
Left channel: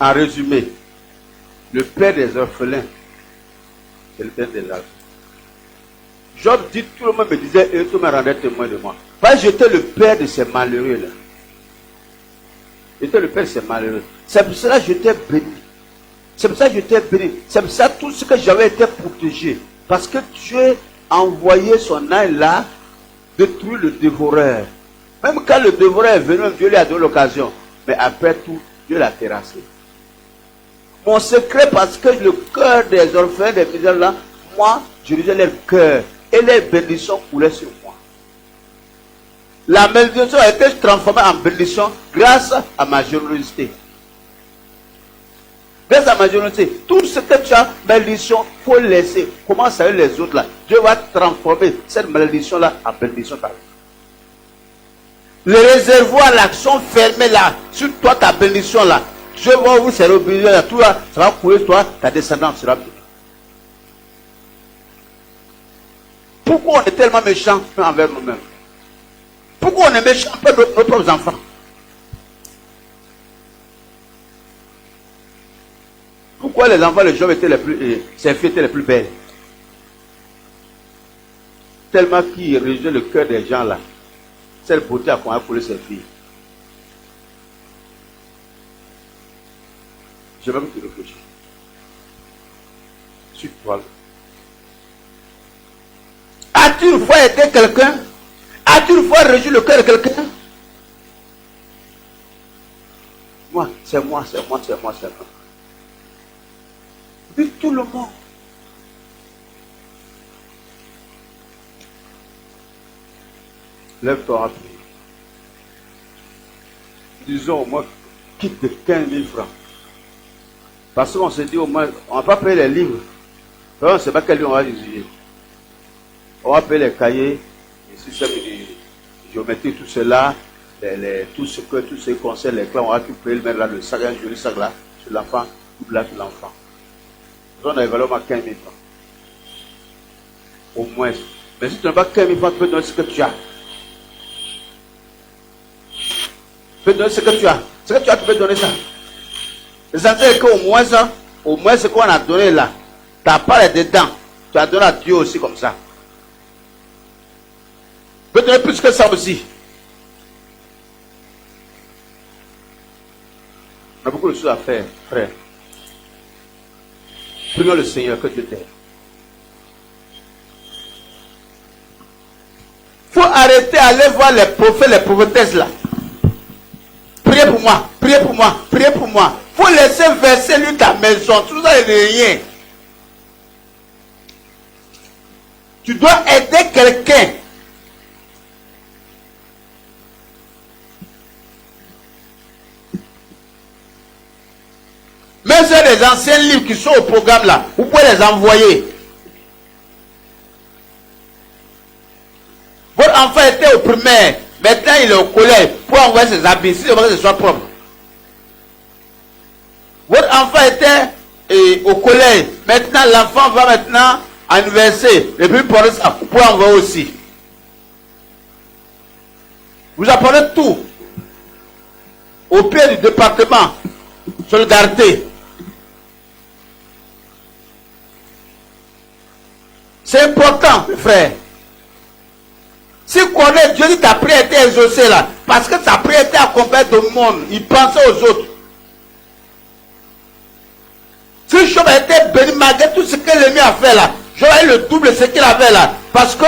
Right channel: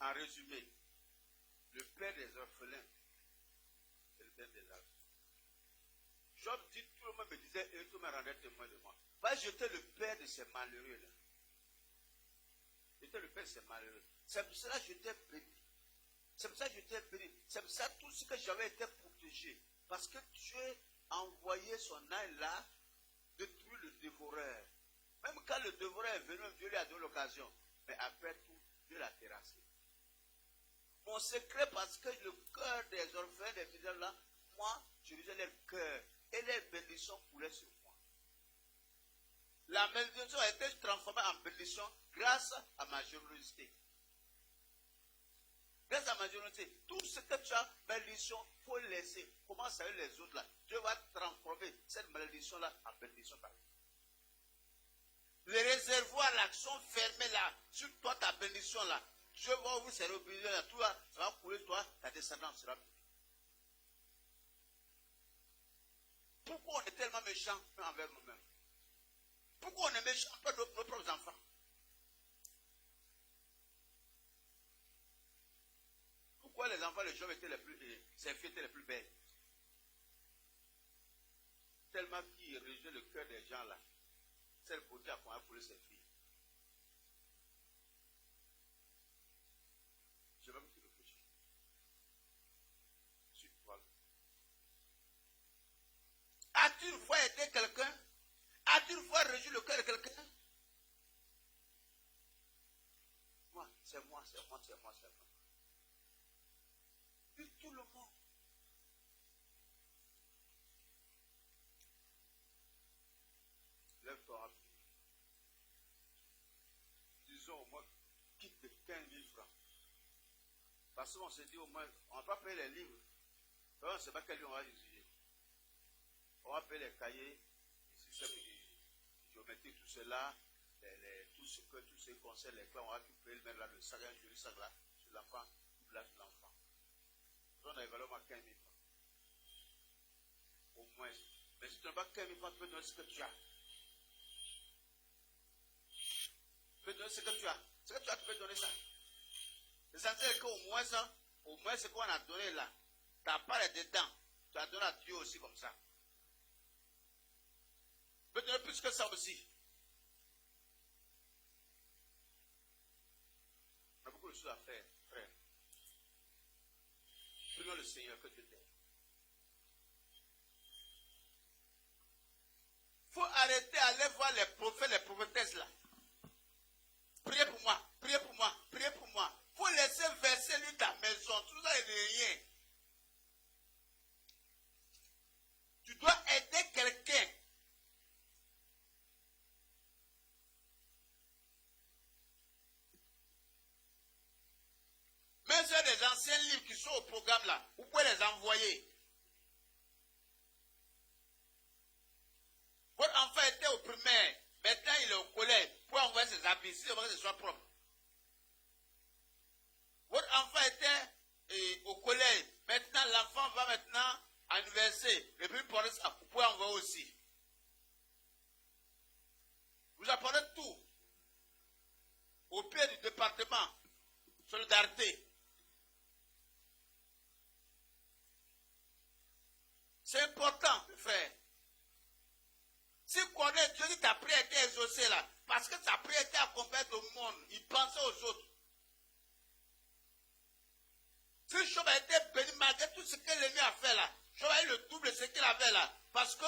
En résumé, le père des orphelins, c'est le père des orphelins. Job dit, tout le monde me disait, et tout le monde rendait témoin de moi. Parce que j'étais le père de ces malheureux-là. J'étais le père de ces malheureux. C'est pour cela que j'étais béni. C'est pour ça que j'étais béni. C'est pour ça que tout ce que j'avais été protégé. Parce que Dieu a envoyé son âne là, détruire le dévoreur. Même quand le dévoreur est venu, Dieu lui a donné l'occasion. Mais après tout, Dieu l'a terrassé. Mon secret, parce que le cœur des orphelins, des misères là, moi, je lisais leur cœur. Et les bénédictions coulaient sur moi. La malédiction a été transformée en bénédiction grâce à ma générosité. Grâce à ma générosité, tout ce que tu as, malédiction, il faut laisser. Commence avec les autres là. Dieu va transformer cette malédiction là en bénédiction. Le réservoir, l'action fermée là, sur toi, ta bénédiction là. Dieu va ouvrir ses robinets là, tout là, ça va couler sur toi, ta descendance sera bénie. Pourquoi on est tellement méchant envers nous-mêmes? Pourquoi on est méchant envers nos propres enfants? Pourquoi les enfants, les jeunes étaient les plus, ces filles étaient les plus belles? Tellement qu'ils réjouissent le cœur des gens là. Cette beauté a coulé ces filles. Je vais te réfléchir. Sur toi. As-tu une fois aidé quelqu'un? As-tu une fois réjoui le cœur de quelqu'un? Moi, c'est moi, c'est moi, c'est moi, c'est moi. Puis tout le monde. Lève-toi à prier. Disons au moins, quitte de 15 000 francs. Parce qu'on se dit au moins, on ne va pas payer les livres. On ne sait pas quel livre on va utiliser. On va payer les cahiers, les systèmes de géométrie, tout cela, tout ce qui concerne les clés, on va tout payer, mettre là le sac, un joli sac là, sur l'enfant, tout là sur l'enfant. On a évalué à 15 000 francs. Au moins. Mais si tu n'as pas 15 000 francs, tu peux donner ce que tu as. Tu peux donner ce que tu as. Ce que tu as, tu peux donner ça. L'essentiel qu'au moins ce qu'on a donné là, ta part est dedans. Tu as donné à Dieu aussi comme ça. Tu peux donner plus que ça aussi. On a beaucoup de choses à faire, frère. Prions le Seigneur que Dieu t'aide. Il faut arrêter d'aller voir les prophètes, les prophétesses là. Priez pour moi, priez pour moi, priez pour moi. Il faut laisser verser lui ta maison. Tout ça n'est rien. Tu dois aider quelqu'un. Même si les anciens livres qui sont au programme là, vous pouvez les envoyer. Votre enfant était au primaire, maintenant il est au collège, pour envoyer ses habits, si ce soit propre. Votre enfant était au collège, maintenant l'enfant va maintenant à l'université, et puis pour ça, vous pouvez envoyer aussi. Vous apprenez tout. Au pied du département, solidarité. C'est important, frère. Si connaît Dieu dit ta prière était exaucée là, parce que ta prière était accompagnée de monde, il pensait aux autres. Si Job était béni malgré tout ce que l'ennemi a fait là, Job a eu le double de ce qu'il avait là. Parce que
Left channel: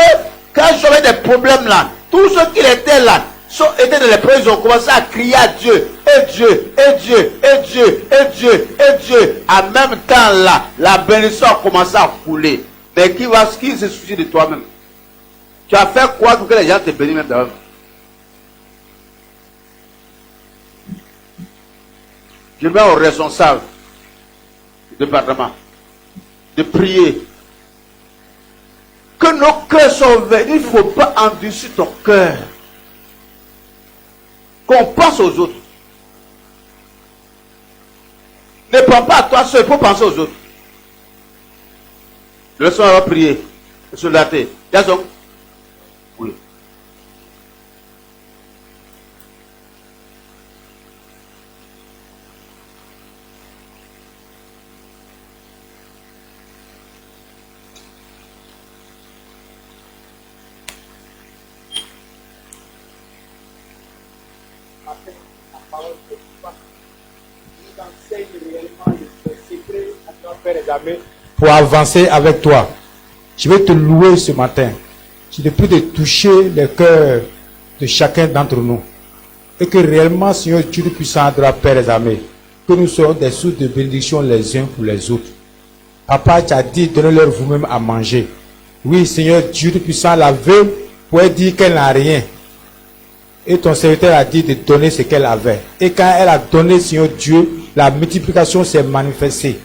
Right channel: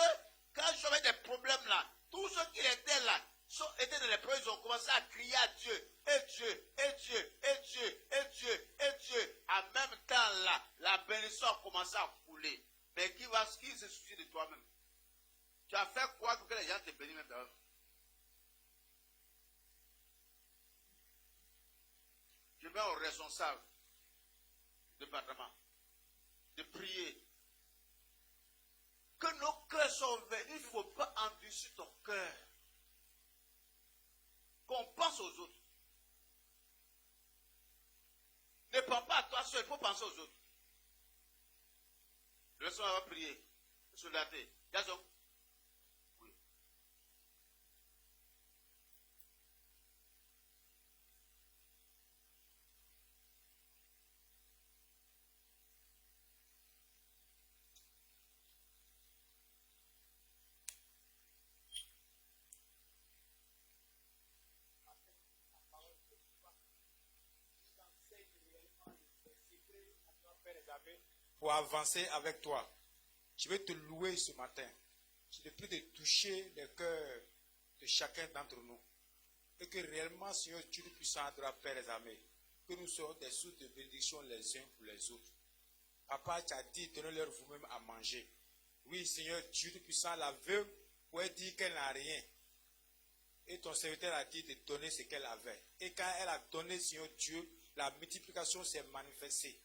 quand Job avait des problèmes là, tous ceux qui étaient là, étaient dans les prêts, ils ont commencé à crier à Dieu, et Dieu, et Dieu, et Dieu, et Dieu, et Dieu. En même temps là, la bénédiction a commencé à couler. Mais qui se soucie de toi-même? Tu as fait quoi pour que les gens te bénissent même d'eux? Je mets aux responsables du département de prier que nos cœurs sont ouverts. Il ne faut pas endurcir ton cœur. Qu'on pense aux autres. Ne prends pas à toi seul, il faut penser aux autres. Le soir, on va prier. Soldaté. Jason. Oui. Pour avancer avec toi, je vais te louer ce matin. Je te prie de toucher le cœur de chacun d'entre nous. Et que réellement, Seigneur Dieu puissant, de la Père des armées, que nous soyons des sources de bénédiction les uns pour les autres. Papa, tu as dit, donnez-leur vous-même à manger. Oui, Seigneur Dieu puissant, la veuve pouvait dire qu'elle n'a rien. Et ton serviteur a dit de donner ce qu'elle avait. Et quand elle a donné, Seigneur Dieu, la multiplication s'est manifestée.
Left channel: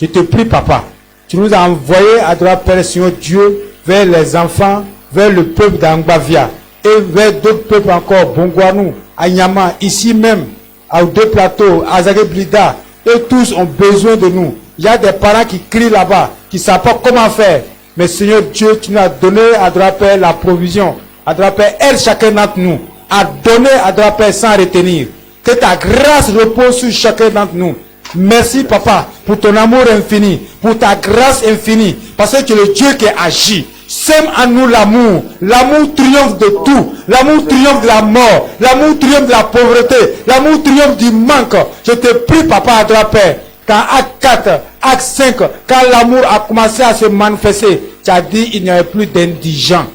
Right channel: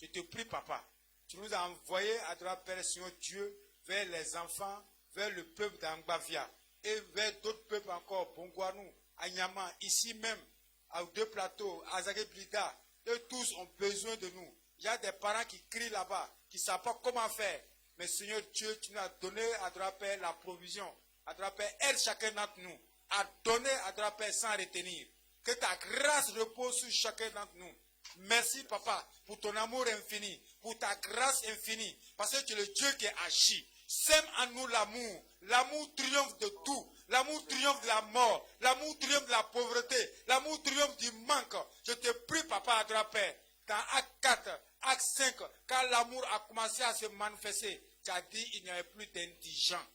Je te prie, Papa, tu nous as envoyés à droite, Père, Seigneur Dieu, vers les enfants, vers le peuple d'Angbavia, et vers d'autres peuples encore, Bongwanou, Anyama, ici même, à deux plateaux, à Zageblida, et tous ont besoin de nous. Il y a des parents qui crient là-bas, qui ne savent pas comment faire. Mais Seigneur Dieu, tu nous as donné à droite, Père, la provision. À droite, Père, aide chacun d'entre nous à donner à droite, Père, sans retenir. Que ta grâce repose sur chacun d'entre nous. Merci, Papa, pour ton amour infini, pour ta grâce infinie, parce que tu es le Dieu qui agit. Sème en nous l'amour. L'amour triomphe de tout. L'amour triomphe de la mort. L'amour triomphe de la pauvreté. L'amour triomphe du manque. Je te prie, Papa, à toi, Père, quand acte 4, acte 5, quand l'amour a commencé à se manifester, tu as dit il n'y avait plus d'indigents.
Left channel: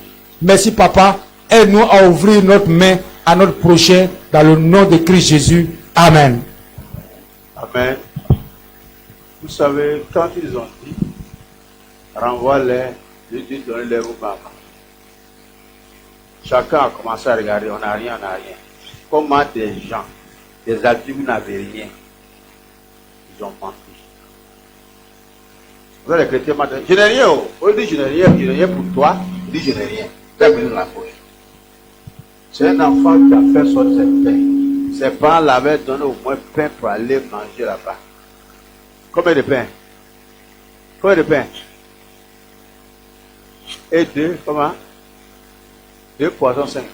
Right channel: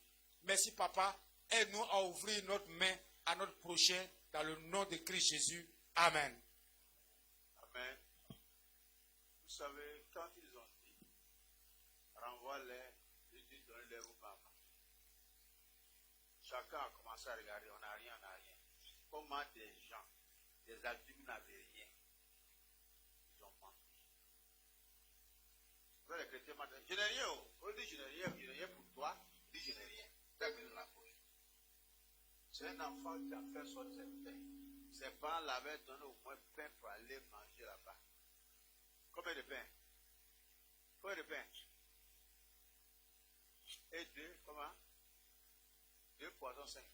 Merci, Papa. Aide-nous à ouvrir notre main à notre prochain dans le nom de Christ Jésus. Amen. Amen. Vous savez, quand ils ont dit, renvoie-les, je dis, donnez-les aux mamans. Chacun a commencé à regarder, on n'a rien, on n'a rien. Comment des gens, des adultes n'avaient rien, ils ont menti. Vous avez les chrétiens maintenant, je n'ai rien, on dit je n'ai rien pour toi, il dit je n'ai rien. Tu as besoin de la poche. C'est un enfant qui a fait sortir cette pain. Ses parents l'avaient donné au moins pain pour aller manger là-bas. Combien de pain? Combien de pain? Et deux, comment? 2 poissons, 5 pains.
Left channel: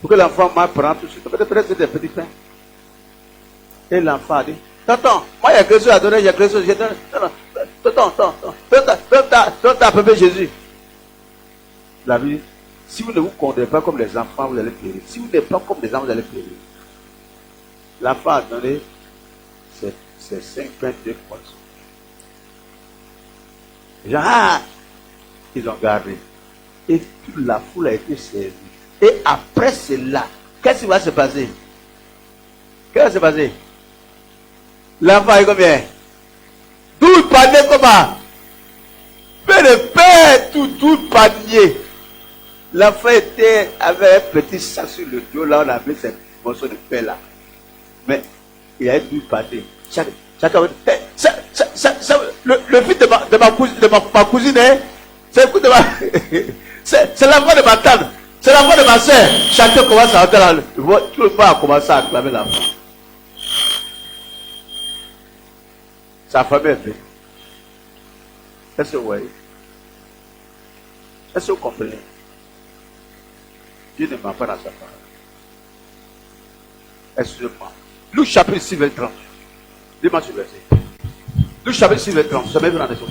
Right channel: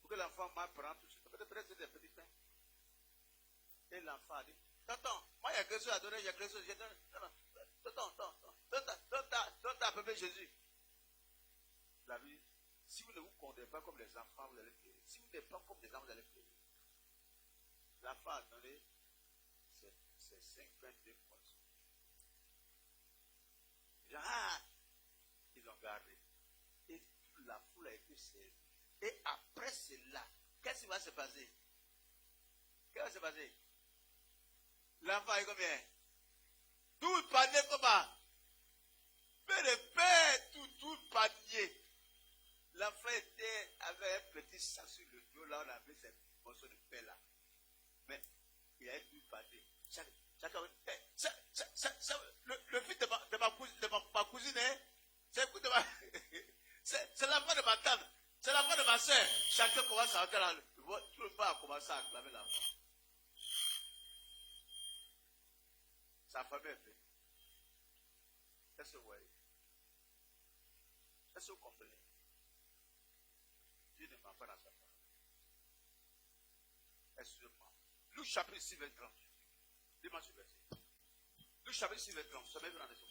Pour que l'enfant m'apprenne tout de suite. Peut-être c'est des petits pains. Et l'enfant a dit, tonton, moi il y a quelque chose à donner, il y a quelque chose, j'ai donné. Tonton, t'as appelé Jésus. La vie. Si vous ne vous condamnez pas comme les enfants, vous allez périr. Si vous n'êtes pas comme les enfants, vous allez périr. L'enfant a donné ses 5 pains, 2 poissons. Les gens, ils ont gardé. Et toute la foule a été servie. Et après cela, qu'est-ce qui va se passer? Qu'est-ce qui va se passer? L'enfant est combien? 12 paniers comment? Peu de pain, tout panier. L'enfant avait un petit sac sur le dos, là on avait ces morceaux de pain là. Mais il y a 12 paniers. Chacun le fils de ma cousine, hein, c'est l'enfant de ma tante, c'est l'enfant de ma soeur. Chacun commence à entrer là. Tout le monde a commencé à acclamer l'enfant. Sa famille est belle. Est-ce que vous voyez? Est-ce que vous comprenez? Dieu ne ment pas dans sa parole. Excusez-moi. Luc chapitre 6, verset 30. Dis-moi ce verset. Luc chapitre 6, verset 30. Ça m'est venu dans les choses.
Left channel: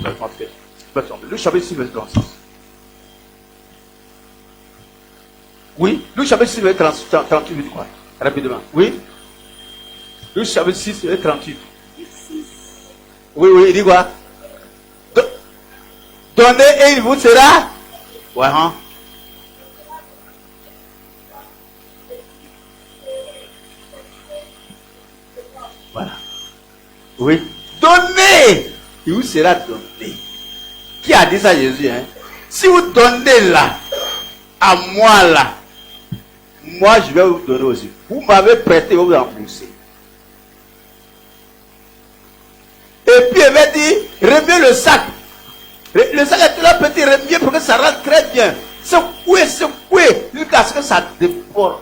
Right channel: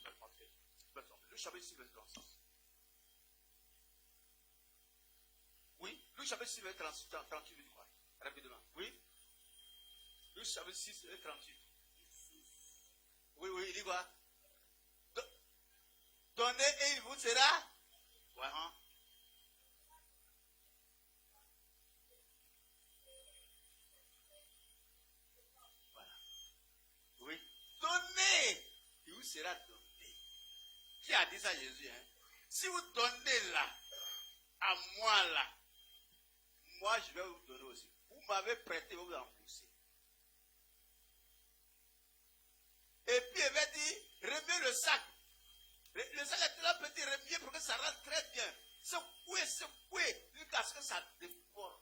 Luc chapitre 6, verset 36. Oui, Luc chapitre 6, verset 38, veut dire quoi? Rapidement. Oui. Luc chapitre 6, verset 38. Oui, il dit quoi? Donnez et il vous sera. Ouais, hein? Voilà. Oui. Donnez, il vous sera donné. Qui a dit ça, Jésus, hein? Si vous donnez là, à moi là, moi je vais vous donner aussi. Vous m'avez prêté, vous rembourser. Et puis il va dire, remets le sac. Le sac est là petit, remets pour que ça rentre très bien. Secouez, jusqu'à ce que ça déborde.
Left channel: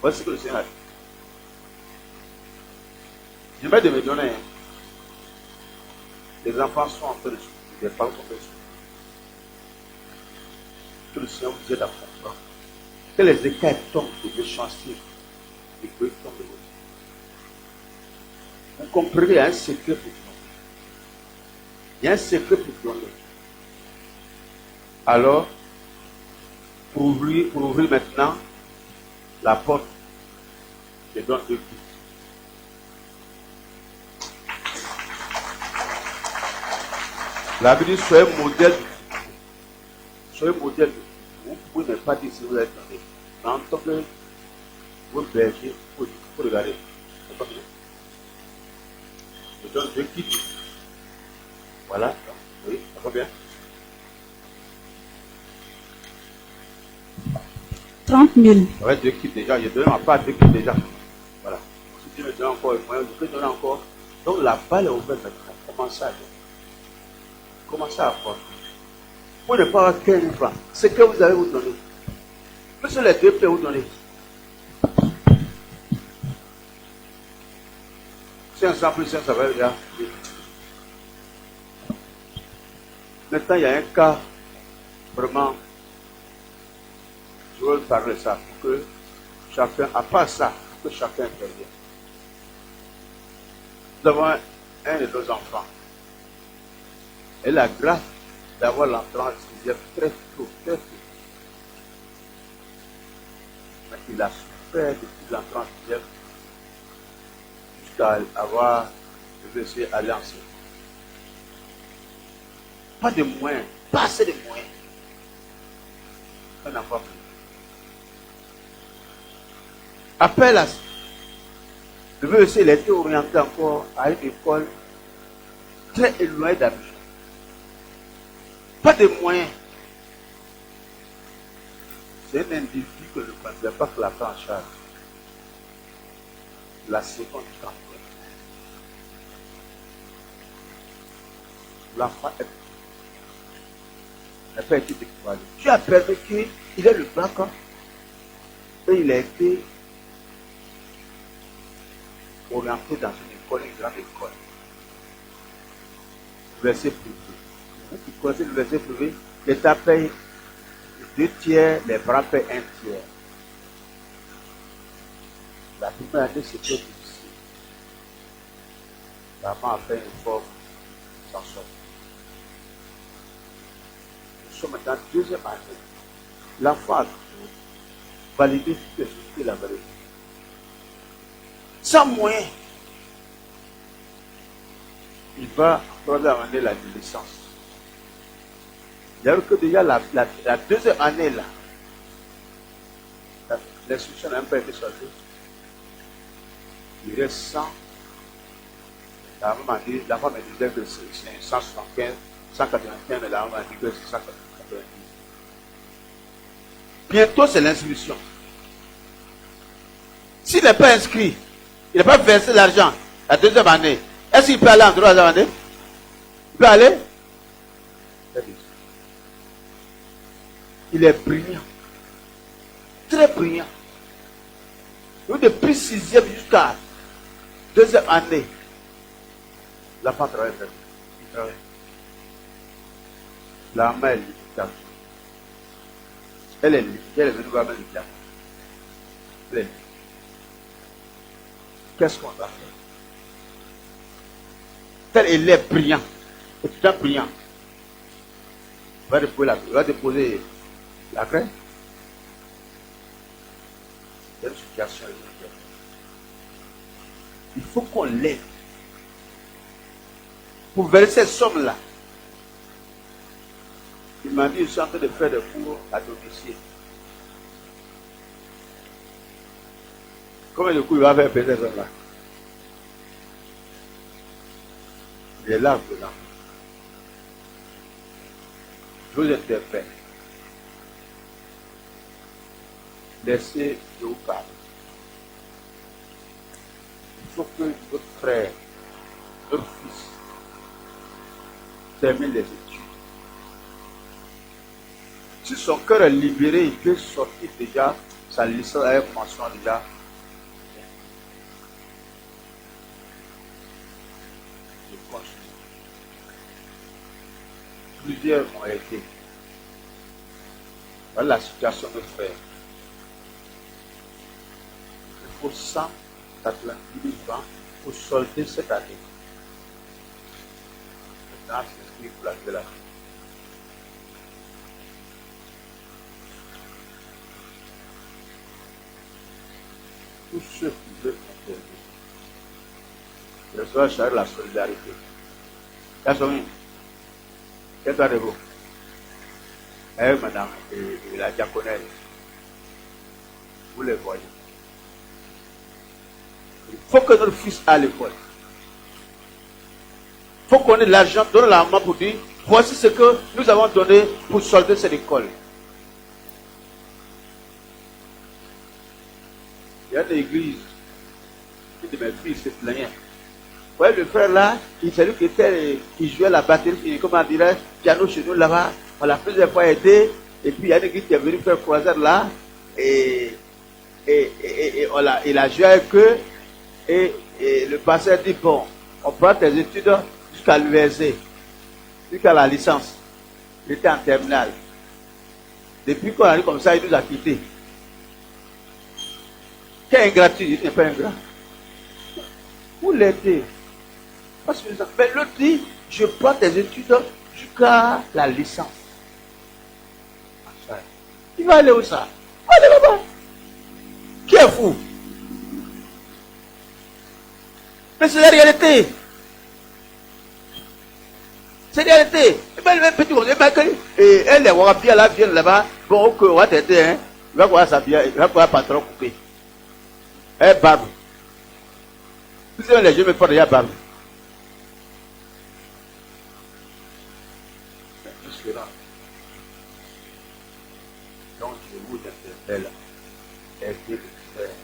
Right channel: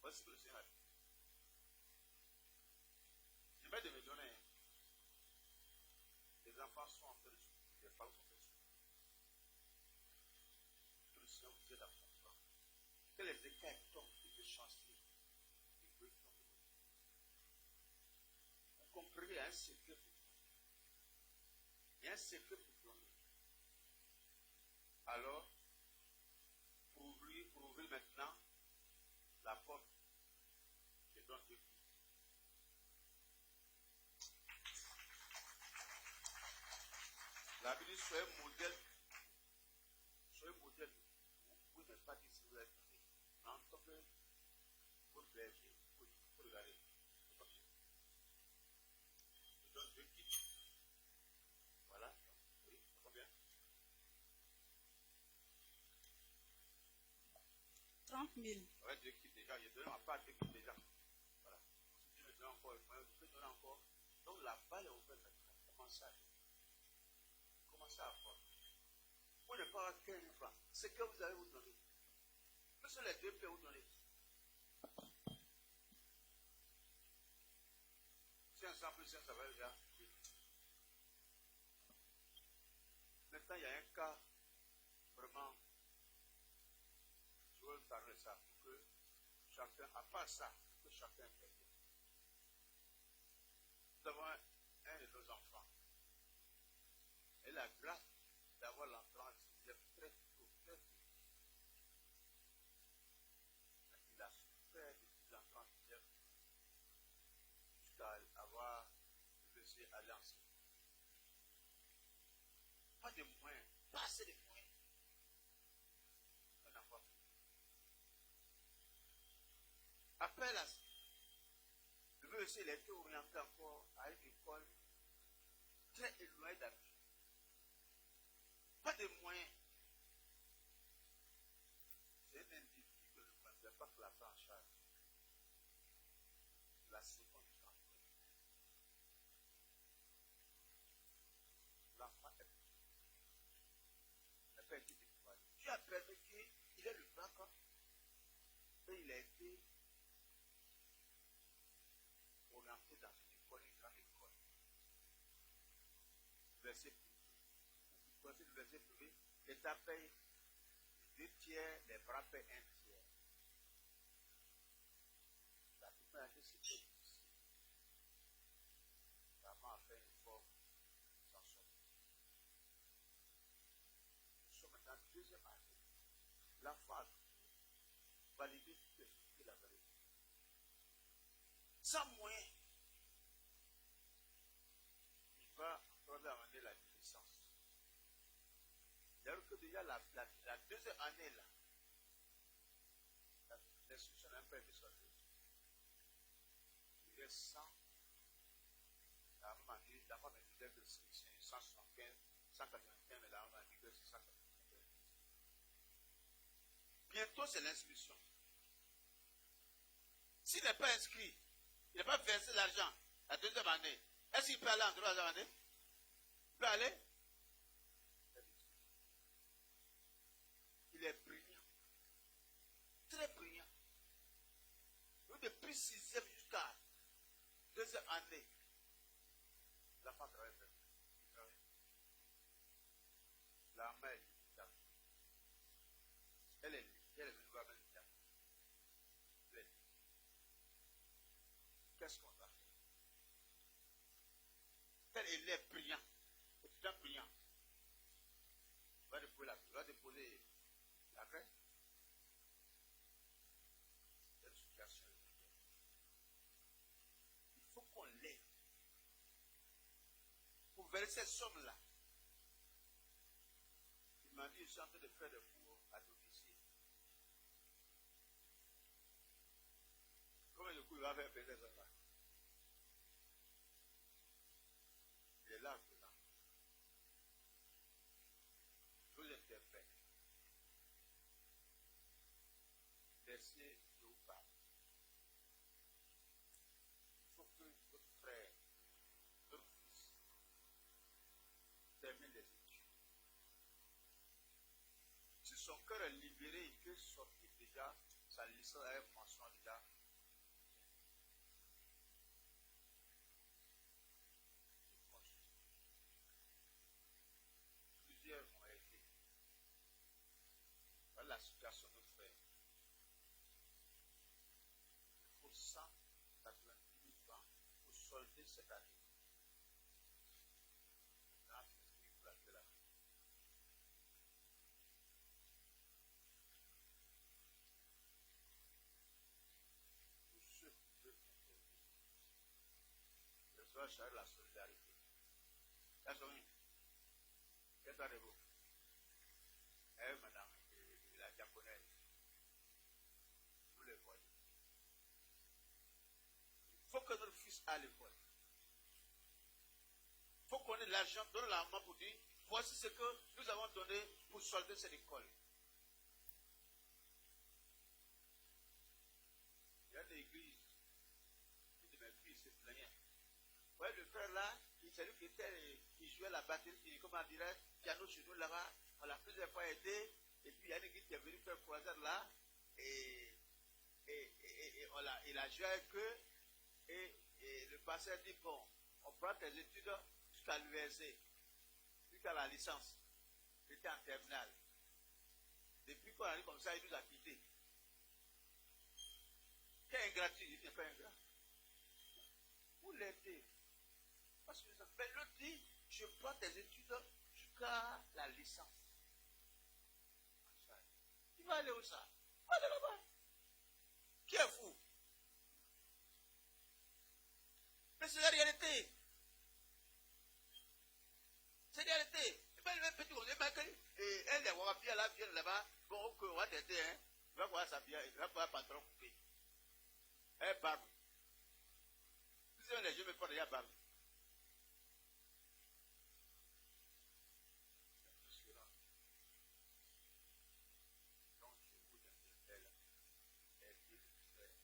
Voici ce que le Seigneur a dit. Je vais de me donner. Les enfants sont en train de souffrir, les parents sont en train de souffrir. Que le Seigneur vous aide à comprendre. Que les écailles tombent de vos chantiers et que tombent de vos vies. Vous comprenez, il y a un secret pour donner. Il y a un secret pour donner. Alors, pour ouvrir maintenant la porte, je donne 2 coups. La Bible dit, soyez modèle. Soyez modèle. Vous pouvez ne pas dire si vous êtes donné. Mais en tant que vous berger, il faut regarder. Je donne 2 kits. Voilà. Oui, ça va bien. 30 000. Ouais, 2 kits déjà. Je donne ma part 2 kits déjà. Voilà. Si tu me donnes encore le moyen, je peux donner encore. Donc la balle est ouverte maintenant. Commencez à donner. Commencez à apporter. Vous ne pas avoir 15 francs. Ce que vous allez vous donner. Plus les 2 peuvent vous donner. 500 plus 500, ça va bien. Maintenant, il y a un cas, vraiment, je veux parler de ça, pour que chacun, à part ça, pour que chacun intervienne. Nous avons un de nos enfants. Et la grâce d'avoir l'entrée en sixième très tôt, très tôt. Mais il a souffert depuis l'entrée en sixième jusqu'à avoir réussi à aller en sixième. Pas de moyens, pas assez de moyens. Un enfant plus. Après la le monsieur, il a été orienté encore à une école très éloignée d'Abidjan. Pas de moyens. C'est un individu que je ne pensais pas que la prend en charge. La seconde temps. L'enfant n'a pas été découvert. Tu as permis qu'il ait le bac et il a été orienté dans une école, une grande école. Verset privé. Vous connaissez le verset privé, l'État paye 2 tiers, les parents payent 1 tiers. La première année, c'était difficile. La maman a fait un effort sans sortir. Nous sommes dans la 2e année. L'enfant a validé toutes les choses qu'il a validées. Sans moyen, il va amener la licence. Il y a que déjà la 2e année là, l'instruction n'a même pas été choisie. Il reste 100. La maman dit, la femme me disait que c'est 175, 195, mais la maman dit que c'est 190. Bientôt c'est l'inscription. S'il n'est pas inscrit, il n'a pas versé l'argent la 2e année, est-ce qu'il peut aller en 3e année? Il peut aller? Il est brillant. Très brillant. Depuis 6e jusqu'à 2e année, l'enfant travaille très bien. Il travaille. La main est limitable. Elle est limitée. Elle est venue voir limitable. Elle est limitée. Qu'est-ce qu'on va faire? tel élève brillant, étudiant brillant, va déposer la craie. C'est une situation. Il faut qu'on l'aide. Pour verser cette somme-là, il m'a dit, je suis en train de faire des cours à domicile. Combien de coups il va faire payer cette somme-là? Il est là dedans. Je vous interpelle. Laissez de vous parler. Il faut que votre frère, votre fils, termine les études. Si son cœur est libéré, il peut sortir déjà sa licence avec mention déjà. Plusieurs ont été. Voilà la situation de frère. Il faut 190 000 francs pour solder cette année. Maintenant, c'est ce qu'il faut la faire. Tous ceux qui veulent intervenir, je dois chercher la solidarité. Personne. Qu'est-ce que vous? Madame et la diaconesse, vous les voyez. Il faut que notre fils aille à l'école. Il faut qu'on ait l'argent, donne la main pour dire, voici ce que nous avons donné pour solder cette école. Il y a une église, une de mes filles se plaignait. Vous voyez le frère là, c'est lui qui jouait la batterie, comment dirait, piano chez nous là-bas. On l'a plusieurs fois aidé, et puis il y a une église qui est venue faire croisade là, et il a joué avec eux, et le pasteur dit, bon, on prend tes études jusqu'à l'USC, jusqu'à la licence. Il était en terminale. Depuis qu'on a dit comme ça, il nous a quittés. Quel ingratitude, il n'est pas ingrat. Vous l'aidez. Mais l'autre dit, je prends tes études jusqu'à la licence. Il va aller où ça? Allez là-bas. Qui est fou? Mais c'est la réalité. C'est la réalité. Et bien, le même petit, et elle, les wapia là, viennent là-bas. Bon, ok, on va t'aider, hein. Il va voir sa bière, il va voir patron coupé. Eh, barbe. Vous savez, les jeunes me font déjà barbe. Donc, je vous interpelle. Aidez le frère.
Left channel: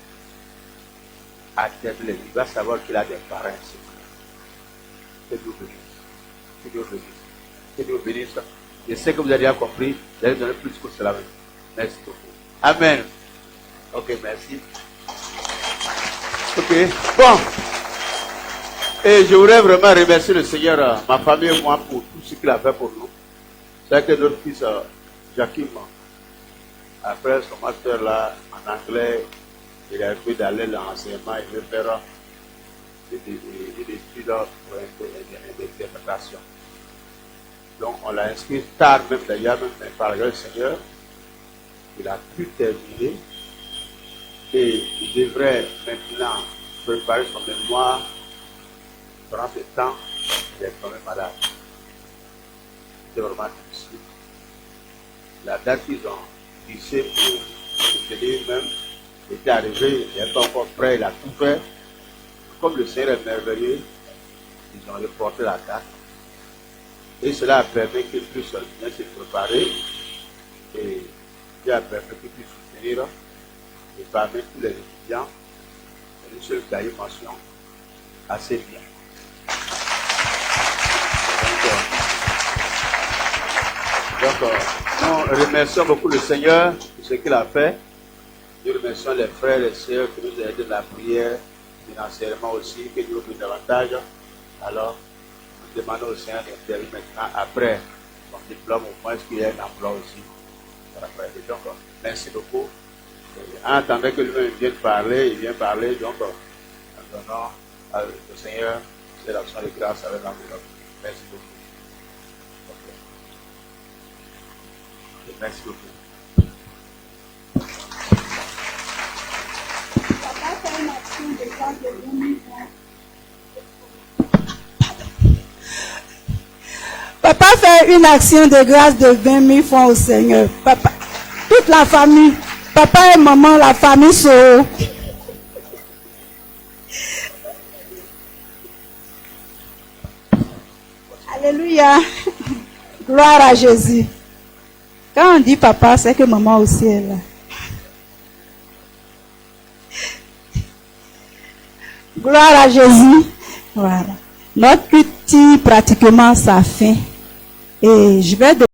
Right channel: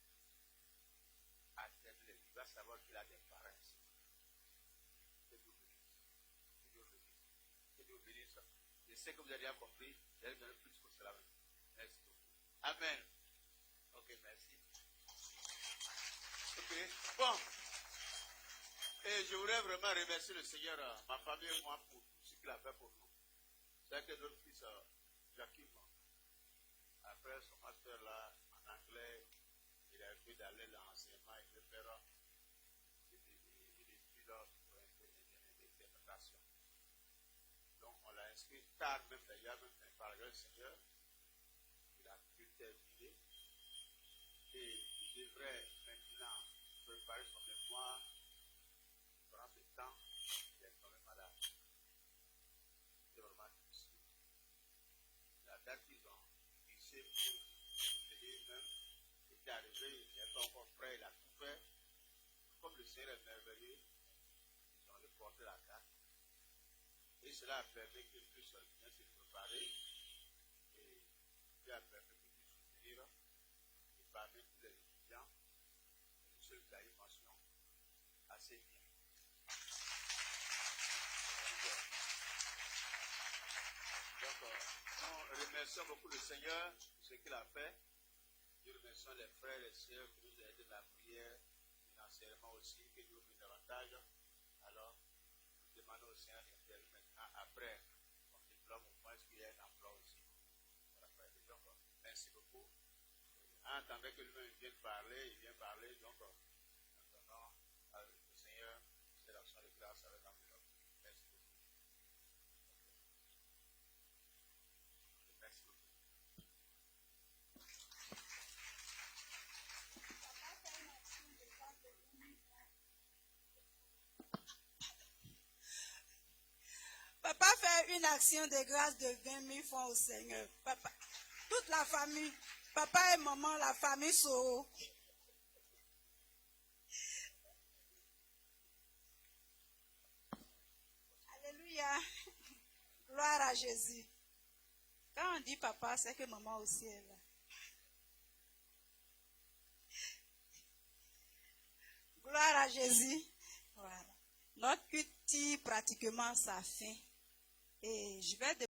Attendez-le. Il va savoir qu'il a des parents. Que Dieu bénisse. Que Dieu bénisse. Que Dieu bénisse. Je sais que vous avez déjà compris. Vous allez donner plus que cela. Merci beaucoup. Amen. Ok, merci. Ok. Bon. Et je voudrais vraiment remercier le Seigneur, ma famille et moi, pour tout ce qu'il a fait pour nous. C'est que notre fils, Jakim, après son master là, en anglais, il a pu d'aller dans l'enseignement, il veut faire des études pour l'interprétation. Donc on l'a inscrit tard, même d'ailleurs, mais par le Seigneur, il a pu terminer et il devrait maintenant préparer son mémoire. Pendant ce temps, il est quand même malade. C'est vraiment difficile. La date qu'ils ont fixée pour se tenir même était arrivée, il n'est pas encore prêt, il a tout fait. Comme le Seigneur est merveilleux, ils ont reporté la date. Et cela a permis qu'ils puissent bien se préparer et Dieu a permis qu'ils puissent soutenir. Et parmi tous les étudiants, une seule cahier mention assez bien. Donc, nous remercions beaucoup le Seigneur pour ce qu'il a fait. Nous remercions les frères et les sœurs qui nous aident dans la prière, financièrement aussi, que Dieu nous davantage. Alors, nous demandons au Seigneur d'intervenir maintenant après son diplôme, au moins qu'il y ait un emploi aussi. Donc, merci beaucoup. En attendant que lui-même vienne parler, il vient parler, donc, nous donnons au Seigneur apporter l'action de grâce avec l'enveloppe. Merci beaucoup. Ok. Merci beaucoup. Papa fait une action de grâce de 20 000 francs au Seigneur. Papa, toute la famille, papa et maman, la famille sont. Alléluia. Gloire à Jésus. Quand on dit papa, c'est que maman aussi est là. Gloire à Jésus. Voilà. Notre culte tire pratiquement sa fin. Et je vais